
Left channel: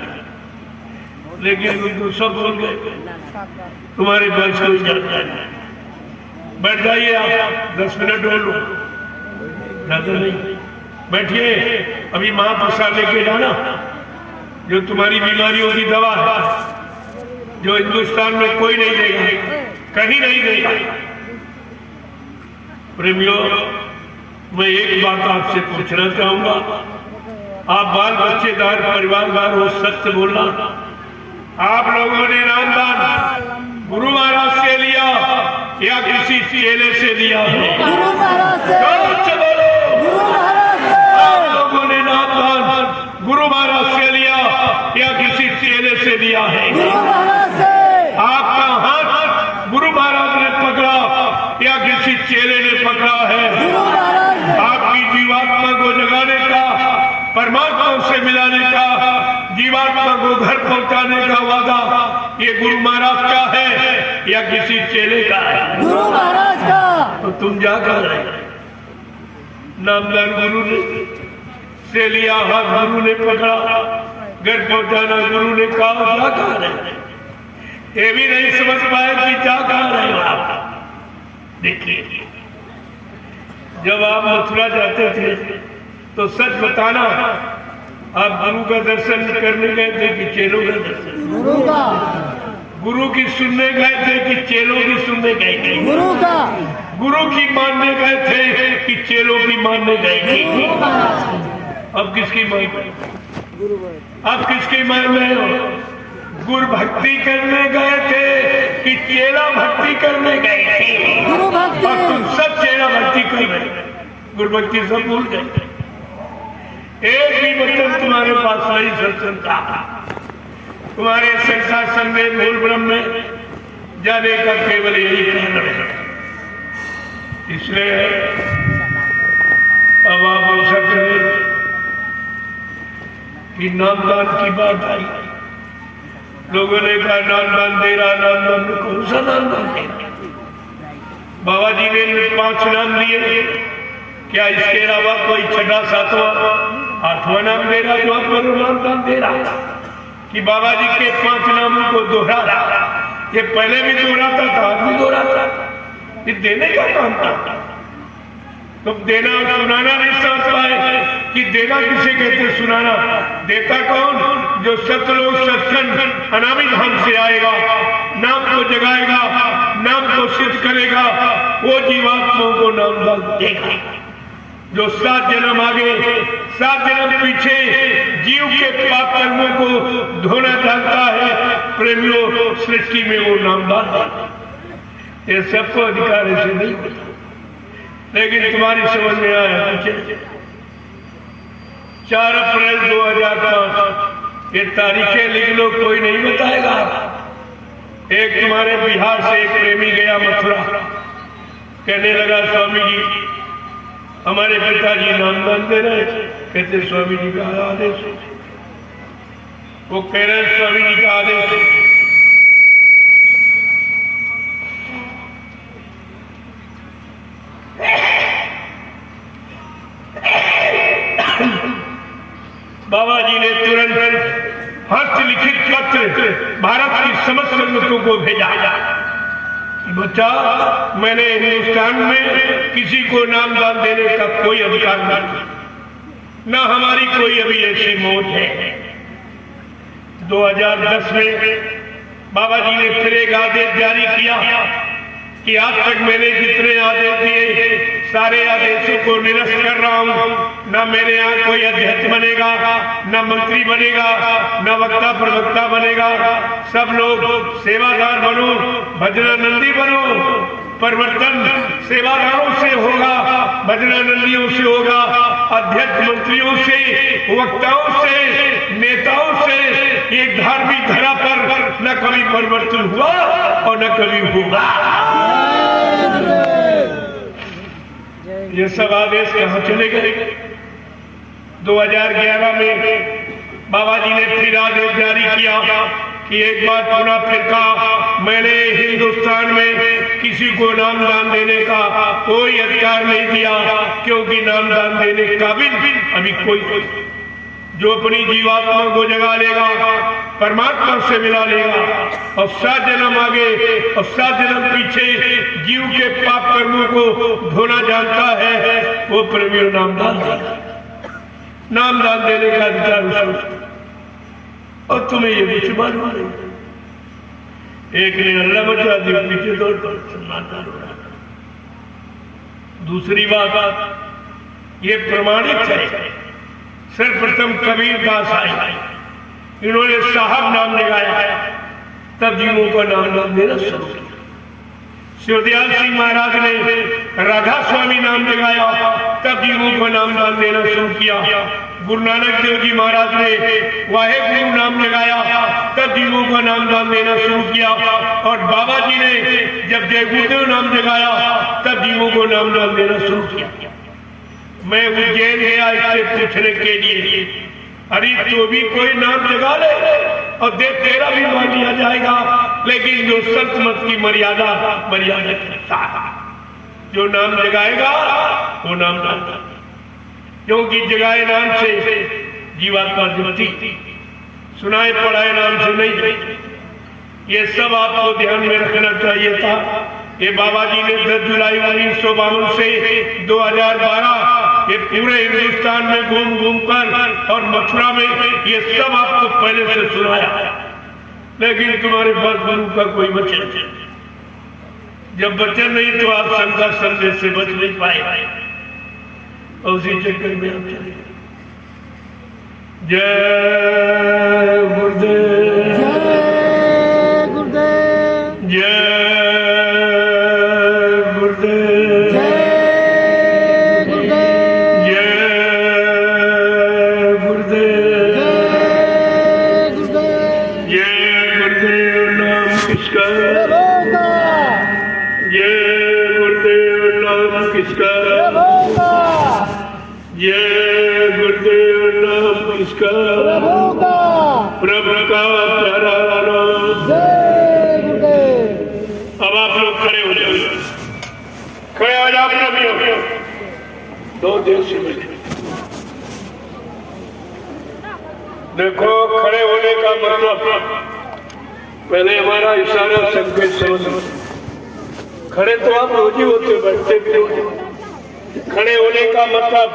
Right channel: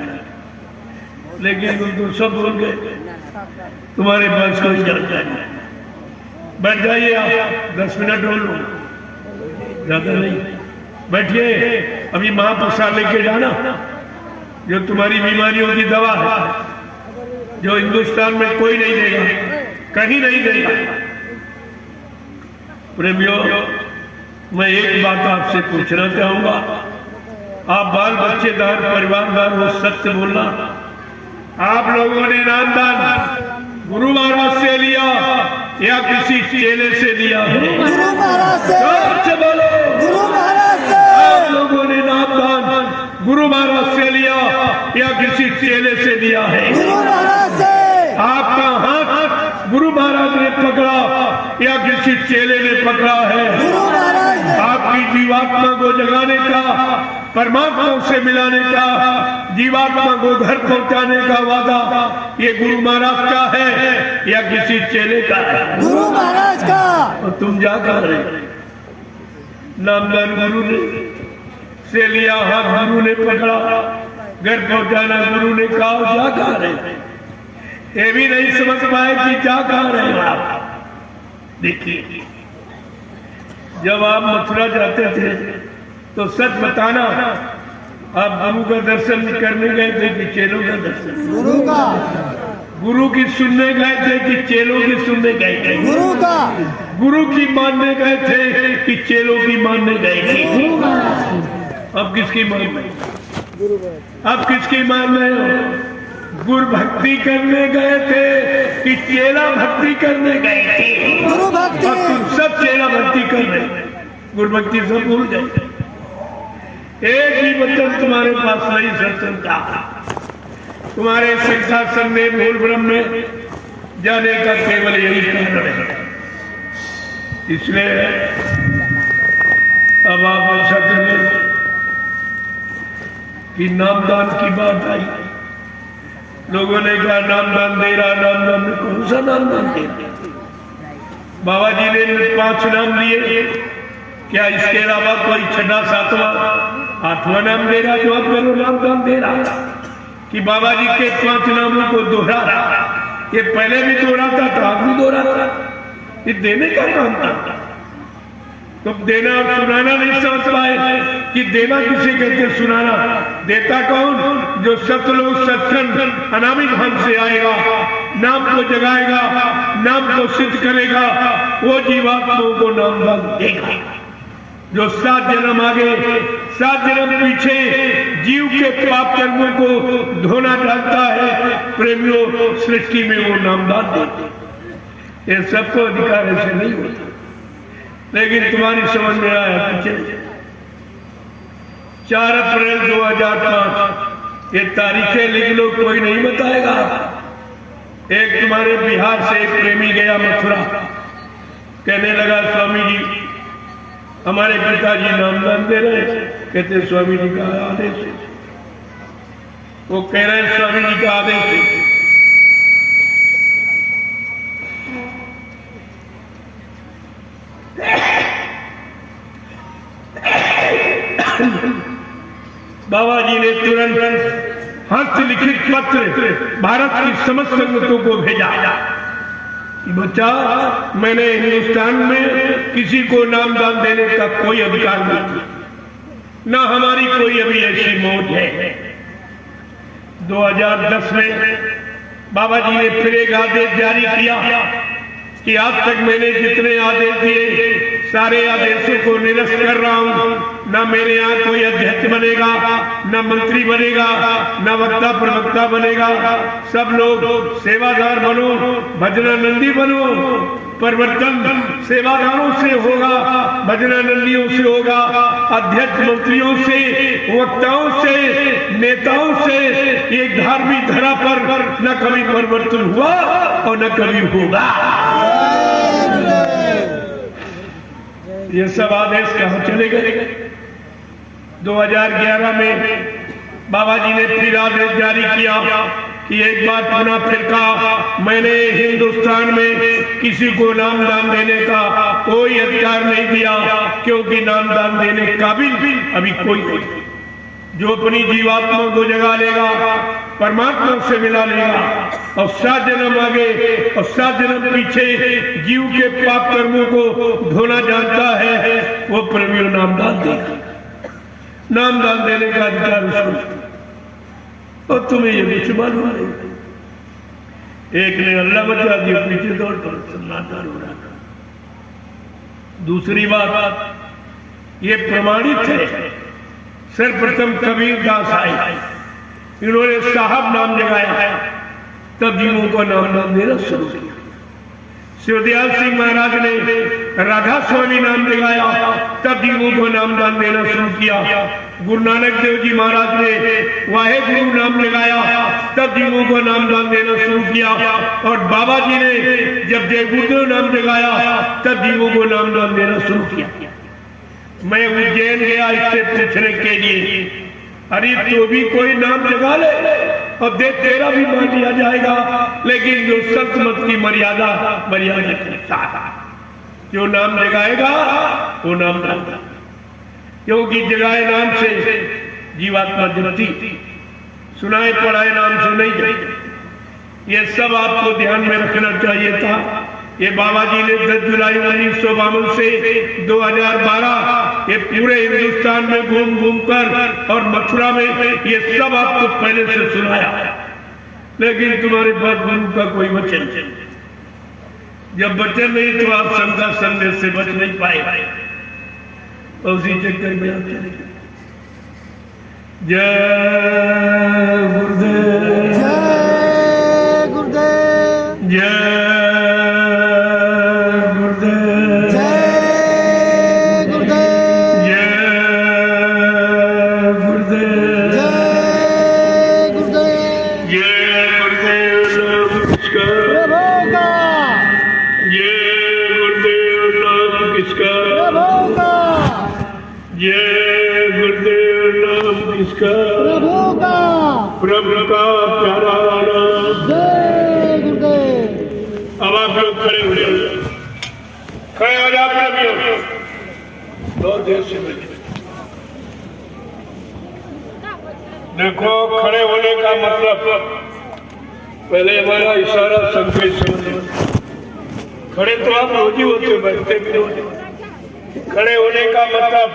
लेकिन तुम सब बोल गए, तुम्हारे पास कोई जानता नहीं। बैठ जाइए आप, 10 मिनट बोलो, ज्यादा नहीं। बैठिए, अभी महाप्रसाद लेके जाना, जो तुम्हारी बीमारियों की दवा है, जो हिंदुस्तान में कोई नहीं देगा, कहीं नहीं देगा। प्रेमियों, मैं एक बात आपसे पूछना चाहूंगा, आप बाल बच्चेदार परिवारदार हो, सत्य बोलना। आप लोगों ने नामदान गुरु महाराज से लिया या किसी चेले से लिया है? गुरु महाराज से। गुरु महाराज से। आप लोगों ने नामदान गुरु महाराज से लिया या किसी चेले से लिया है? गुरु महाराज से। आपका हाथ गुरु महाराज ने पकड़ा या किसी चेले ने पकड़ा है? गुरु महाराज ने। आपकी जीवात्मा को जगाने का, परमात्मा से मिलाने का, जीवात्मा को घर पहुंचाने का वादा ये गुरु महाराज का है या किसी चेले का है? गुरु महाराज का। तो तुम जा कहां रहे? नामदान गुरु ने से लिया, हाथ गुरु ने पकड़ा, घर पहुंचाना गुरु ने कहा, जा कहां रहे? ये भी नहीं समझ पाए कि जा कहां रहे आप। देखिए, जब आप मथुरा जाते थे तो सच बताना, आप गुरु का दर्शन करने गए थे कि चेलों का दर्शन? गुरु का। गुरु की सुनने गए थे कि चेलों की सुनने गए थे? गुरु का। गुरु की मानने गए थे कि चेलों की मानने गए थे? अब किसकी मान रहे? अब किसकी मान रहे हो? गुरु भक्ति करने गए थे कि चेला भक्ति करने गए थे? गुरु भक्ति। अब तुम सब चेला भक्ति कर रहे, गुरु भक्ति सब भूल गए। एक भी वचन तुम्हारे पास नहीं सत्संग का। तुम्हारे संसार में मूल ब्रह्म में जाने का केवल यही कारण है। इसलिए अब आप ऐसा करें कि नामदान की बात आई, लोगों ने कहा नामदान दे रहा, नामदान कौन सा नामदान दे रहा? बाबा जी ने 5 नाम लिए, क्या इसके अलावा कोई 6वां 7वां 8वां नाम दे रहा? जो आप नामदान दे रहा कि बाबा जी के 5 नामों को दोहरा, ये पहले भी दोहराता था, अब भी दोहराता, ये देने का काम था। तो देना और सुनाना नहीं समझ पाए कि देना किसे कहते, सुनाना। देता कौन? जो सतलोक सत्संग अनामी धाम से आएगा, नाम को जगाएगा, नाम को सिद्ध करेगा, वो जीवात्माओं को नाम देगा। जो 7 जन्म आगे 7 जन्म पीछे जीव के पाप कर्मों को धोना चाहता है, प्रेमियों सृष्टि में वो नामदान देते। ये सबको अधिकार ऐसे नहीं होता, लेकिन तुम्हारी समझ में आया पीछे 4 अप्रैल 2005 ये तारीखें लिख लो, कोई नहीं बताएगा। एक तुम्हारे बिहार से एक प्रेमी गया मथुरा, कहने लगा स्वामी जी हमारे पिताजी नामदान दे रहे, कहते स्वामी जी का आदेश है। वो कह रहे स्वामी जी का आदेश है। बाबा जी ने तुरंत हस्तलिखित पत्र भारत की समस्त लोगों को भेजा कि बच्चा, मैंने हिंदुस्तान में किसी को नामदान देने का कोई अधिकार नहीं, ना हमारी कोई अभी ऐसी मौज है। 2010 में बाबा जी ने फिर एक आदेश जारी किया कि आज तक मैंने जितने आदेश दिए सारे आदेशों को निरस्त कर रहा हूं। न मेरे यहाँ कोई अध्यक्ष बनेगा, न मंत्री बनेगा, न वक्ता प्रवक्ता बनेगा। सब लोग सेवादार बनो, भजनानंदी बनो। परिवर्तन सेवादारों से होगा, भजनानंदियों से होगा, अध्यक्ष मंत्रियों से, वक्ताओं से, नेताओं से। ये धार्मिक धरा पर न कभी परिवर्तन हुआ और न कभी होगा। ये सब आदेश कहां चले गए? 2011 में बाबा जी ने फिर आदेश जारी किया कि एक बार पुनः फिर कहा, मैंने हिंदुस्तान में किसी को नामदान देने का कोई अधिकार नहीं दिया, क्योंकि नामदान देने काबिल अभी कोई नहीं। जो अपनी जीवात्मा को जगा लेगा, परमात्मा से मिला लेगा और 7 जन्म आगे और 7 जन्म पीछे जीव के पाप कर्मों को धोना जानता है, वो प्रेमियों नामदान देगा। नामदान देने का अधिकार और तुम्हें ये कुछ मालूम नहीं। एक ने अल्लाह बचा दिया, पीछे दौड़ सन्नाटा हो रहा। दूसरी बात ये प्रमाणित है, सर्वप्रथम कबीर दास आए, इन्होंने साहब नाम लगाया, तब जीवों को नामदान देना शुरू किया। शिवदयाल सिंह महाराज ने राधा स्वामी नाम लगाया, तब जीवों को नामदान देना शुरू किया। गुरु नानक देव जी महाराज ने वाहे गुरु नाम लगाया, तब जीवों को नामदान देना शुरू किया। और बाबा जी ने जब जय गुरुदेव नाम जगाया, तब जीवों को नामदान देना शुरू किया। मैं उज्जैन गया इससे पूछने के लिए, अरे तो भी कोई नाम जगा ले और देख तेरा भी मान लिया जाएगा, लेकिन जो संत मत की मर्यादा करता है, जो नाम जगाएगा वो नाम जगाएगा, क्योंकि जगाए नाम से जीवात्मा जगती, सुनाए पढ़ाए नाम से नहीं जगती। ये सब आपको ध्यान में रखना चाहिए था। ये बाबा जी ने 10 जुलाई 1952 से 2012 ये पूरे हिंदुस्तान में घूम घूम कर और मथुरा में ये सब आपको पहले से सुनाया, लेकिन तुम्हारे पास गुरु का कोई वचन नहीं। जब वचन नहीं तो आप संता संदेश से बच नहीं पाए, उसी चक्कर में आप चले गए। जय गुरुदेव, जय गुरुदेव, जय गुरुदेव, जय गुरुदेव, जय गुरुदेव, जय गुरुदेव, जय गुरुदेव नमस्कार, प्रभु का जय गुरुदेव नमस्कार। किसका? प्रभु का। प्रभु का प्यारा नाम। जय गुरुदेव। अब आप लोग खड़े हो जाओ, खड़े हो जाओ प्रभु। दो देर से मिले। देखो, खड़े होने का मतलब पहले हमारा इशारा संकेत समझ। खड़े तो आप रोज ही होते, बैठते भी होते। खड़े होने का मतलब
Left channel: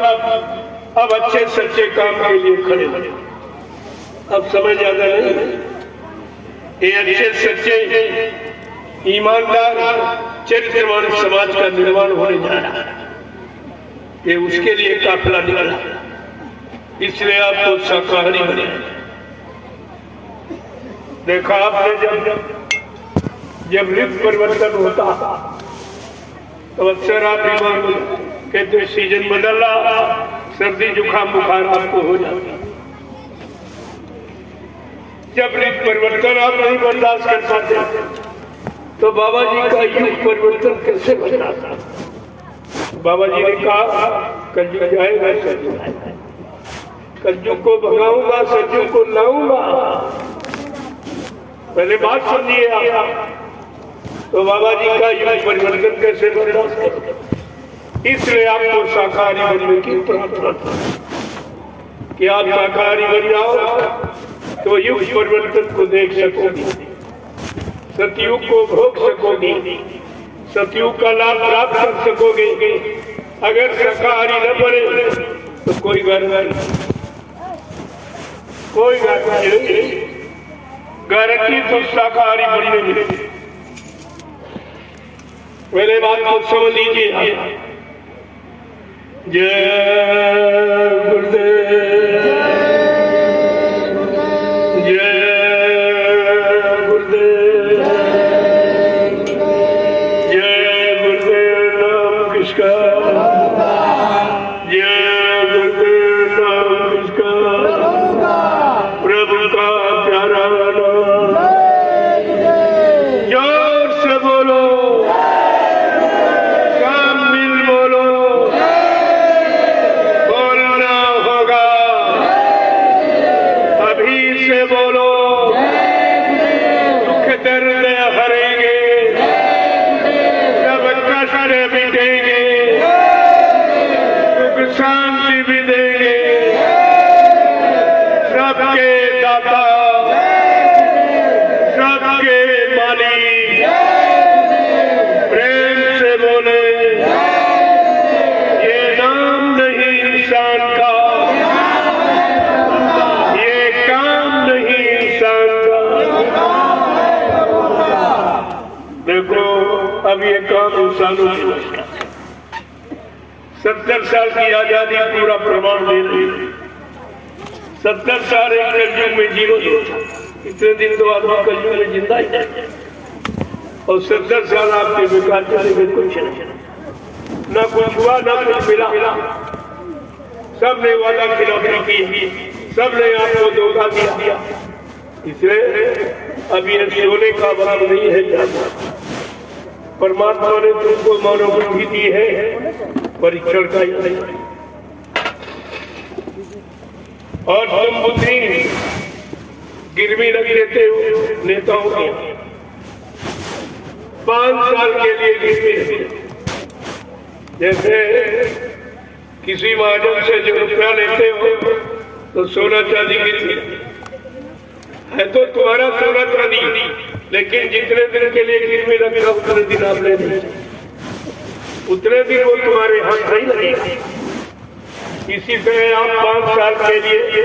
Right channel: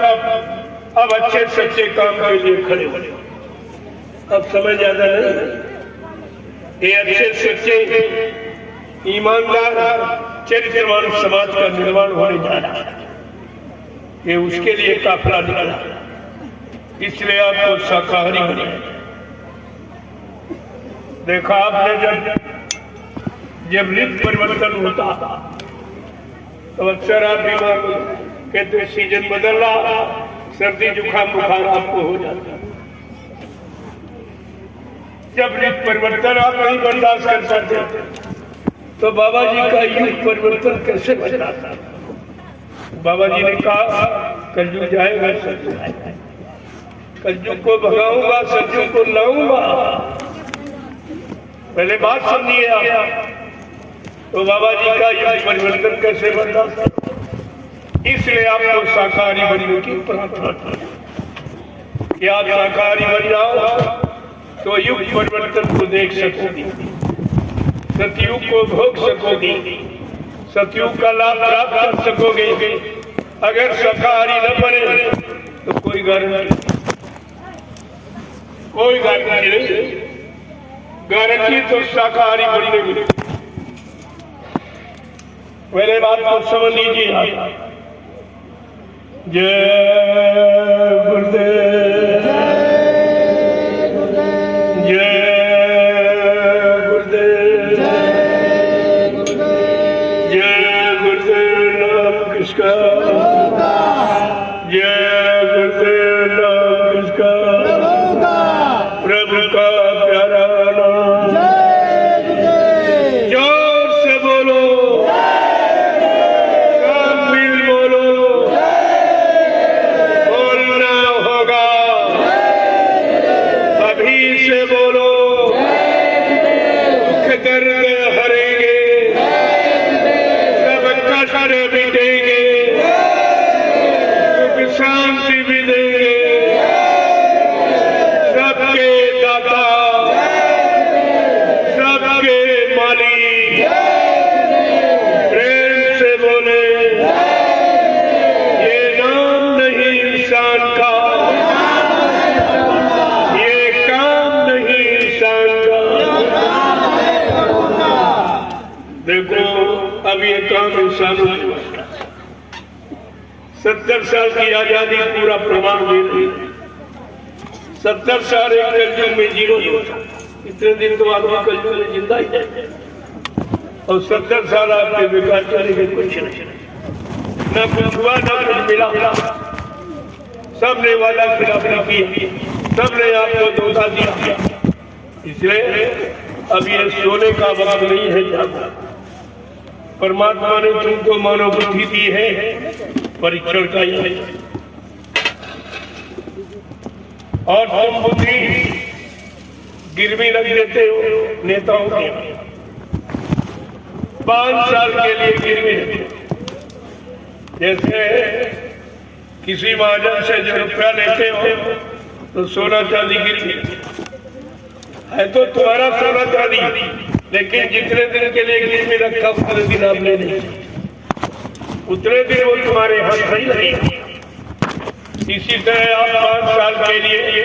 अब अच्छे सच्चे काम के लिए खड़े हो। अब समझ ज्यादा नहीं, ये अच्छे सच्चे ईमानदार चरित्रवान समाज का निर्माण होने जा रहा है। ये उसके लिए काफिला निकला, इसलिए आपको शाकाहारी बने। देखा आपने, जब ऋतु परिवर्तन होता तो अक्सर आप बीमार हो, कहते सीजन बदल रहा, सर्दी जुकाम बुखार आपको हो जाता। जब ऋतु परिवर्तन आप नहीं बर्दाश्त कर पाते तो बाबा जी का युग परिवर्तन कैसे बदला? बाबा जी ने कहा कलयुग जाएगा, सतयुग आएगा। कलयुग को भगाऊंगा, सतयुग को लाऊंगा। पहले बात सुनिए आप। तो बाबा जी का युग परिवर्तन कैसे बर्दाश्त कर? इसलिए आपको शाकाहारी बनने की प्रार्थना कि आप शाकाहारी बन जाओ तो युग परिवर्तन को देख सकोगे, सतयुग को भोग सकोगे, सतयुग का लाभ प्राप्त कर सकोगे। अगर शाकाहारी न बने तो कोई गारंटी, कोई गारंटी नहीं। गारंटी तो शाकाहारी बनने में। मेरे बात को समझ लीजिए। जय गुरुदेव, जय गुरुदेव, जय गुरुदेव। नाम किसका? जय गुरुदेव। नाम किसका? प्रभु का प्यारा नाम। जोर से बोलो, सब मिल बोलो, बोलना होगा। अभी से बोलो, दुख दर्द हरेंगे, सब कष्ट मिटेंगे, सुख शांति भी देंगे। सबके दाता, सबके मालिक, प्रेम से बोले। ये नाम नहीं इंसान का, ये काम नहीं इंसान का। देखो, अब ये काम इंसानों की वजह से 70 साल की आजादी पूरा प्रमाण दे रही है। 70 साल एक कलयुग में जीरो था। इतने दिन तो आदमी कलयुग में जिंदा ही है, और 70 साल आपके बेकार चले गए। कुछ नहीं, न कुछ हुआ, न कुछ मिला। सबने वादा खिलाफी की, सबने आपको धोखा दिया। इसलिए अब ये सोने का वक्त नहीं है। परमात्मा ने तुमको मानव बुद्धि दी है, परीक्षण का ही है। और तुम बुद्धि गिरवी रख देते हो नेताओं के। 5 साल के लिए गिरवी रख, जैसे किसी महाजन से जो रुपया लेते हो तो सोना चांदी गिरवी है, तो तुम्हारा सोना चांदी, लेकिन जितने दिन के लिए गिरवी रखा उतने दिन आप ले नहीं, उतने दिन वो तुम्हारे हाथ नहीं लगेगा। इसी तरह आप 5 साल के लिए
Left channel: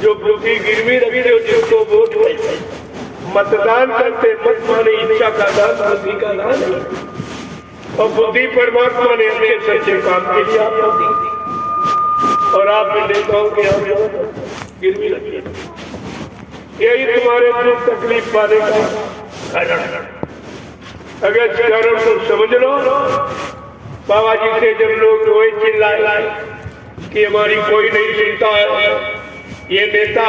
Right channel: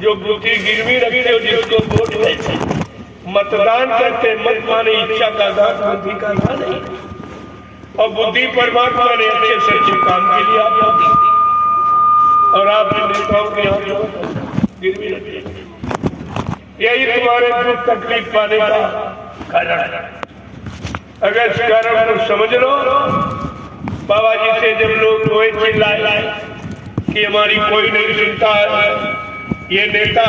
जो बुद्धि गिरवी रखते हो, जिसको वोट देते, मतदान करते, मत माने इच्छा का दान, बुद्धि का दान है। और बुद्धि परमात्मा ने अच्छे सच्चे काम के लिए आपको दी, और आप नेताओं के यहाँ गिरवी रखते। यही तुम्हारे दुख तकलीफ पाने का कारण है। अगर इस कारण को समझ लो, बाबा जी से जब लोग रोए चिल्लाए कि हमारी कोई नहीं सुनता है, ये नेता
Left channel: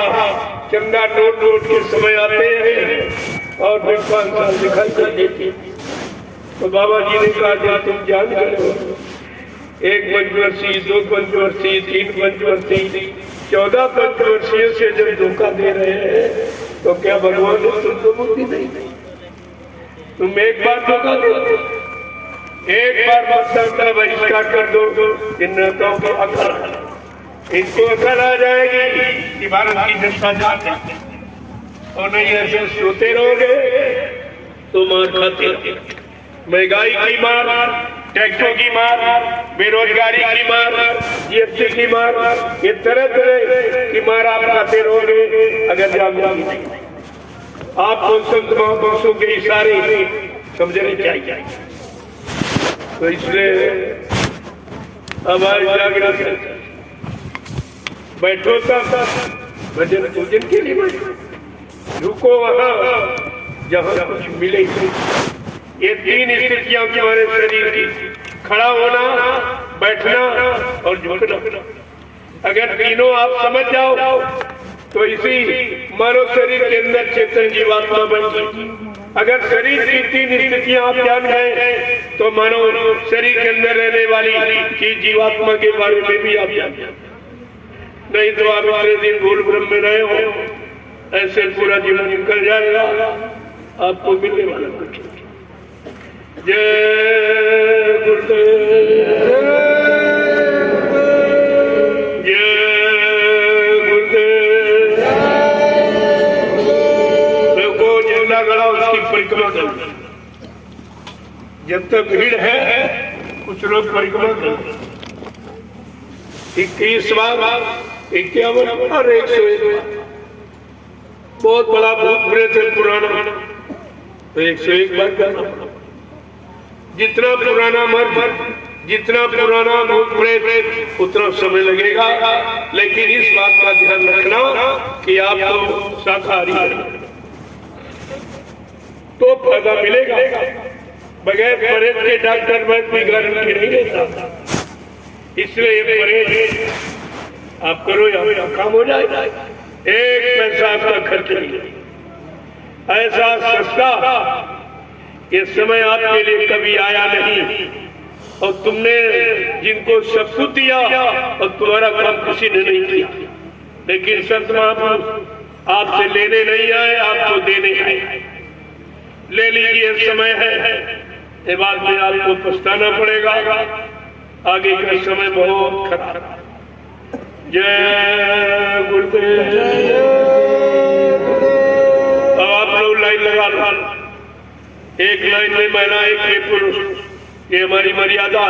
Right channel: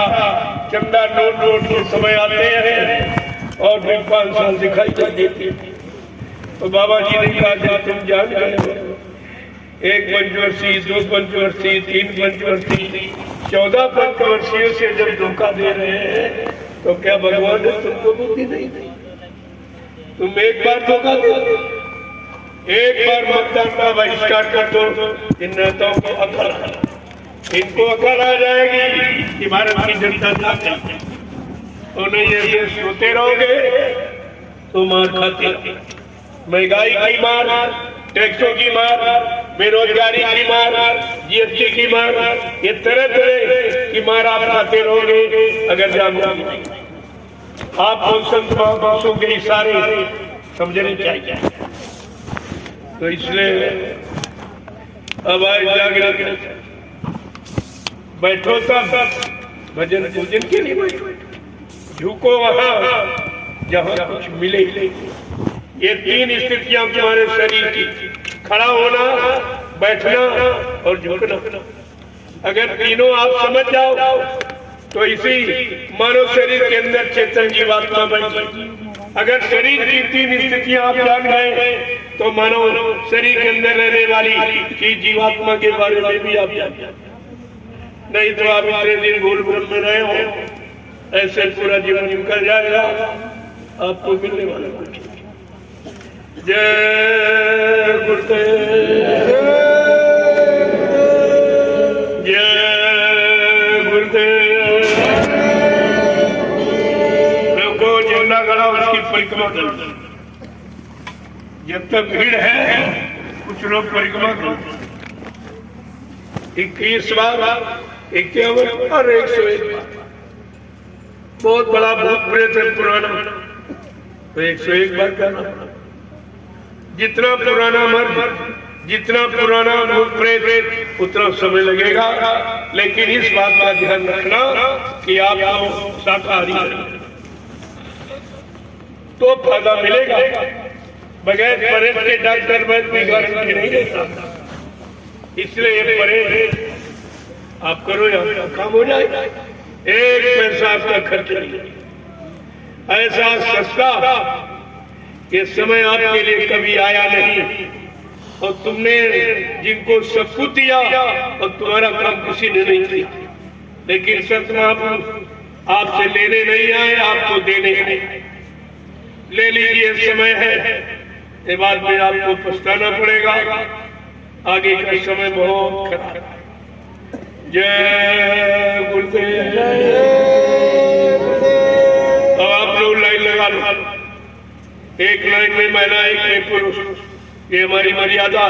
चंदा नोट के समय आते हैं और फिर 5 साल दिखाई नहीं देते, तो बाबा जी ने कहा जब तुम जान गए 1 पंचवर्षीय, 2 पंचवर्षीय, 3 पंचवर्षीय, 14 पंचवर्षीयों से जब धोखा दे रहे हैं तो क्या भगवान ने तुमको बुद्धि नहीं दी? तुम एक बार धोखा दो, एक बार मतदान का बहिष्कार कर दो, इन नेताओं को अकल, इनको अकल आ जाएगी कि भारत की जनता चाहती है। और नहीं ऐसे सोते रहोगे तो मार खाते। महंगाई की मार, टैक्सों की मार, बेरोजगारी की मार, जीएसटी की मार, ये तरह तरह की मार आप खाते रहोगे अगर जागरूक नहीं। आपको संत महापुरुषों के इशारे समझने चाहिए। तो इसलिए अब आए जागृत, बैठो तब भजन पूजन के लिए बैठो, झुको वहां जहां कुछ मिले। ये 3 स्थितियां तुम्हारे शरीर की, खड़ा होना, बैठना और झुकना। अगर तीनों आप समझ जाओ तो इसी मानव शरीर के अंदर चेतन जीवात्मा बन गई। अगर शरीर की 3 स्थितियां आप जान गए तो मानव शरीर के अंदर रहने वाली चीज जीवात्मा के बारे में भी आप जान जाए। नहीं तो आप इतने दिन गोल ब्रह्म में रहे हो, ऐसे पूरा जीवन निकल जाएगा, आपको मिलने वाला कुछ। जय गुरुदेव, जय गुरुदेव। लोगों झंडा गड़ा, उसकी परिक्रमा करो। जब तक भीड़ है कुछ लोग परिक्रमा करो। 21 बार, 51 और 101 बहुत बड़ा भूत प्रेत है पुराना, तो 101 बार करना। जितना पुराना मर्द, जितना पुराना भूत प्रेत, उतना समय लगेगा। लेकिन इस बात का ध्यान रखना कि आपको शाकाहारी तो फायदा मिलेगा। बगैर परहेज के डॉक्टर वैद्य भी गारंटी नहीं देता। इसलिए ये परहेज आप करो या आपका काम हो जाएगा। 1 पैसा आपका खर्च नहीं। ऐसा सस्ता ये समय आपके लिए कभी आया नहीं। और तुमने जिनको सब कुछ दिया और तुम्हारा काम किसी ने नहीं किया। लेकिन संत महापुरुष आपसे लेने नहीं आए, आपको देने आए। ले लीजिए, समय है, ये बात में आपको पछताना पड़ेगा। आगे का समय बहुत खराब। जय गुरुदेव। आप लोग लाइन लगा लो, एक लाइन में महिला, एक में पुरुष। ये हमारी मर्यादा।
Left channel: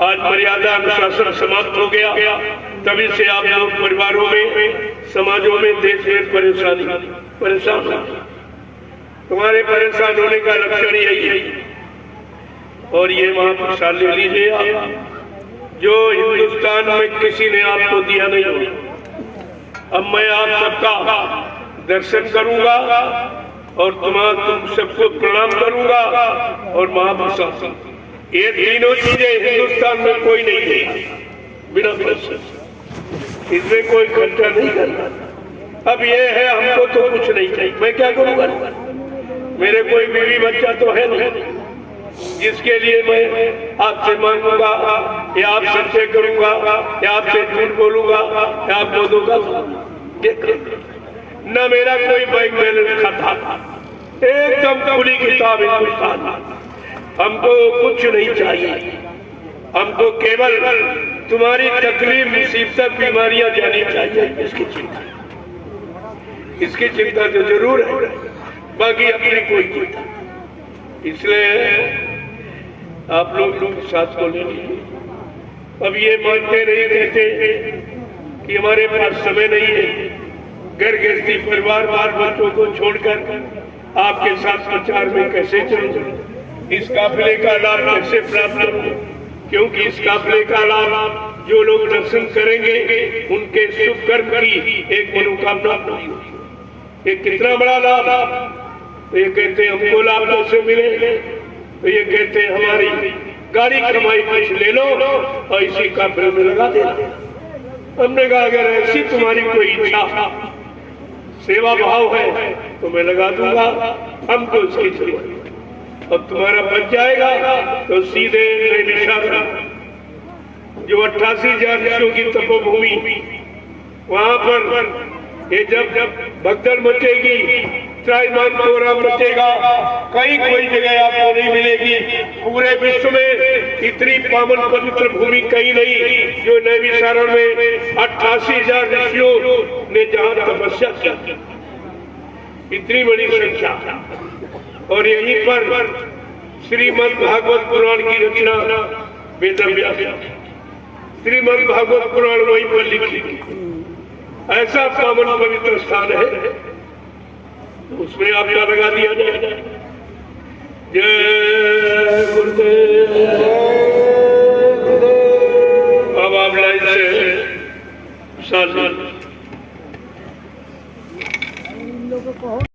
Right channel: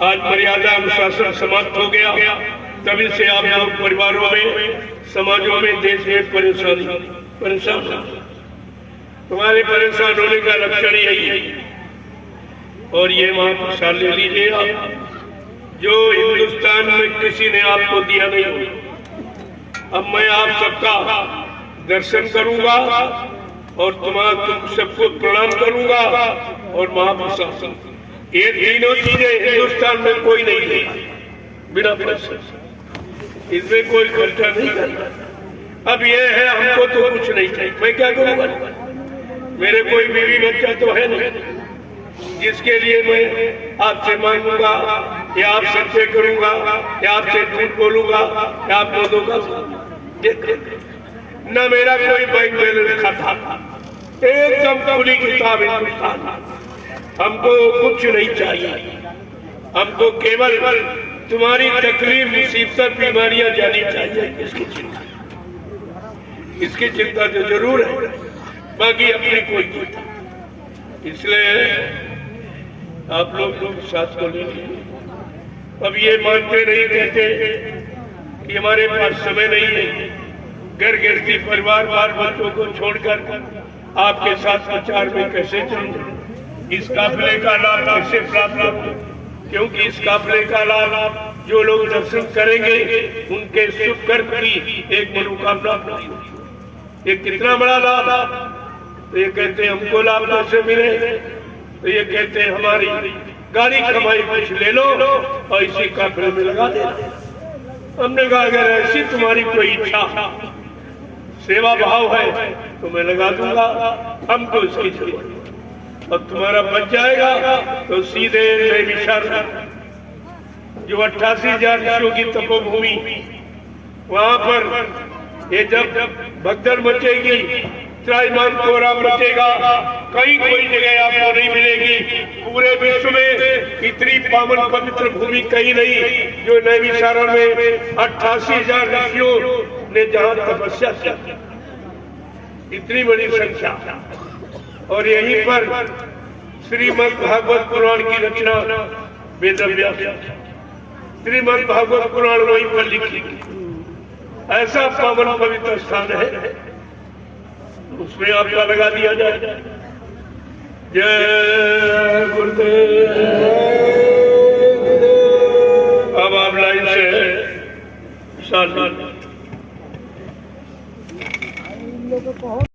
आज मर्यादा अनुशासन समाप्त हो गया। तभी से आप लोग परिवारों में, समाजों में, देश में परेशान। तुम्हारे परेशान होने का लक्षण यही है। और ये महाप्रसाद ले लीजिए आप, जो हिंदुस्तान में किसी ने आपको दिया नहीं हो। अब मैं आप सबका दर्शन करूंगा और तुम सबको प्रणाम करूंगा और महाप्रसाद। ये तीनों चीजें हिंदुस्तान में कोई नहीं देगा बिना पैसे। इसमें कोई खर्चा नहीं करना। अब ये है, हमको तो कुछ नहीं चाहिए, मैं क्या करूंगा? मेरे कोई बीवी बच्चा तो है नहीं जिसके लिए मैं आपसे मांगूंगा या आप सच्चे करूंगा या आपसे झूठ बोलूंगा या आपको धोखा दूंगा। न मेरा कोई बैंक बैलेंस खाता, एकदम खुली किताब हिंदुस्तान। हमको कुछ नहीं चाहिए। हमको केवल तुम्हारी तकलीफ, मुसीबत, बीमारियां जानी चाहिए। इसकी चिंता तो जरूर है, बाकी अपनी कोई चिंता। इसलिए आप लोग साथ को ले लीजिए। अब ये मानते नहीं, कहते कि हमारे पास समय नहीं है। घर गृहस्थी, परिवार, बाल बच्चों को छोड़कर आपके साथ प्रचार में कैसे चलूं? इस काफिले का लाभ कैसे प्राप्त करूं? क्योंकि इस काफिले का लाभ जो लोग दर्शन करेंगे उनके शुभ कर्म की एक मनोकामना पूरी होगी। ये कितना बड़ा लाभ। तो ये कहते हैं हमको लाभ कैसे मिले? तो ये कहते हैं हमारी गाड़ी कमाई कुछ ले लो और इसी काफिले में लगा देना। हमने कहा अगर ऐसी तुम्हारी कोई इच्छा, सेवा भाव है तो मैं लगा दूंगा, हमको इसकी जरूरत। और तुम्हारा बच जाएगा तो सीधे नैमिषारण्य, जो 88,000 ऋषियों की तपोभूमि वहां पर ये जब भगदड़ मचेगी, त्राहिमाम कोहराम मचेगा, कहीं कोई जगह आपको नहीं मिलेगी। पूरे विश्व में इतनी पावन पवित्र भूमि कहीं नहीं जो नैमिषारण्य में 88,000 ऋषियों ने जहां तपस्या की, इतनी बड़ी संख्या। और यहीं पर श्रीमद् भागवत पुराण की रचना वेदव्यास, श्रीमद् भागवत पुराण वहीं पर लिखी। ऐसा पावन पवित्र स्थान है, उसमें आपका लगा दिया जाए। जय गुरुदेव। अब आप लाइन से साथ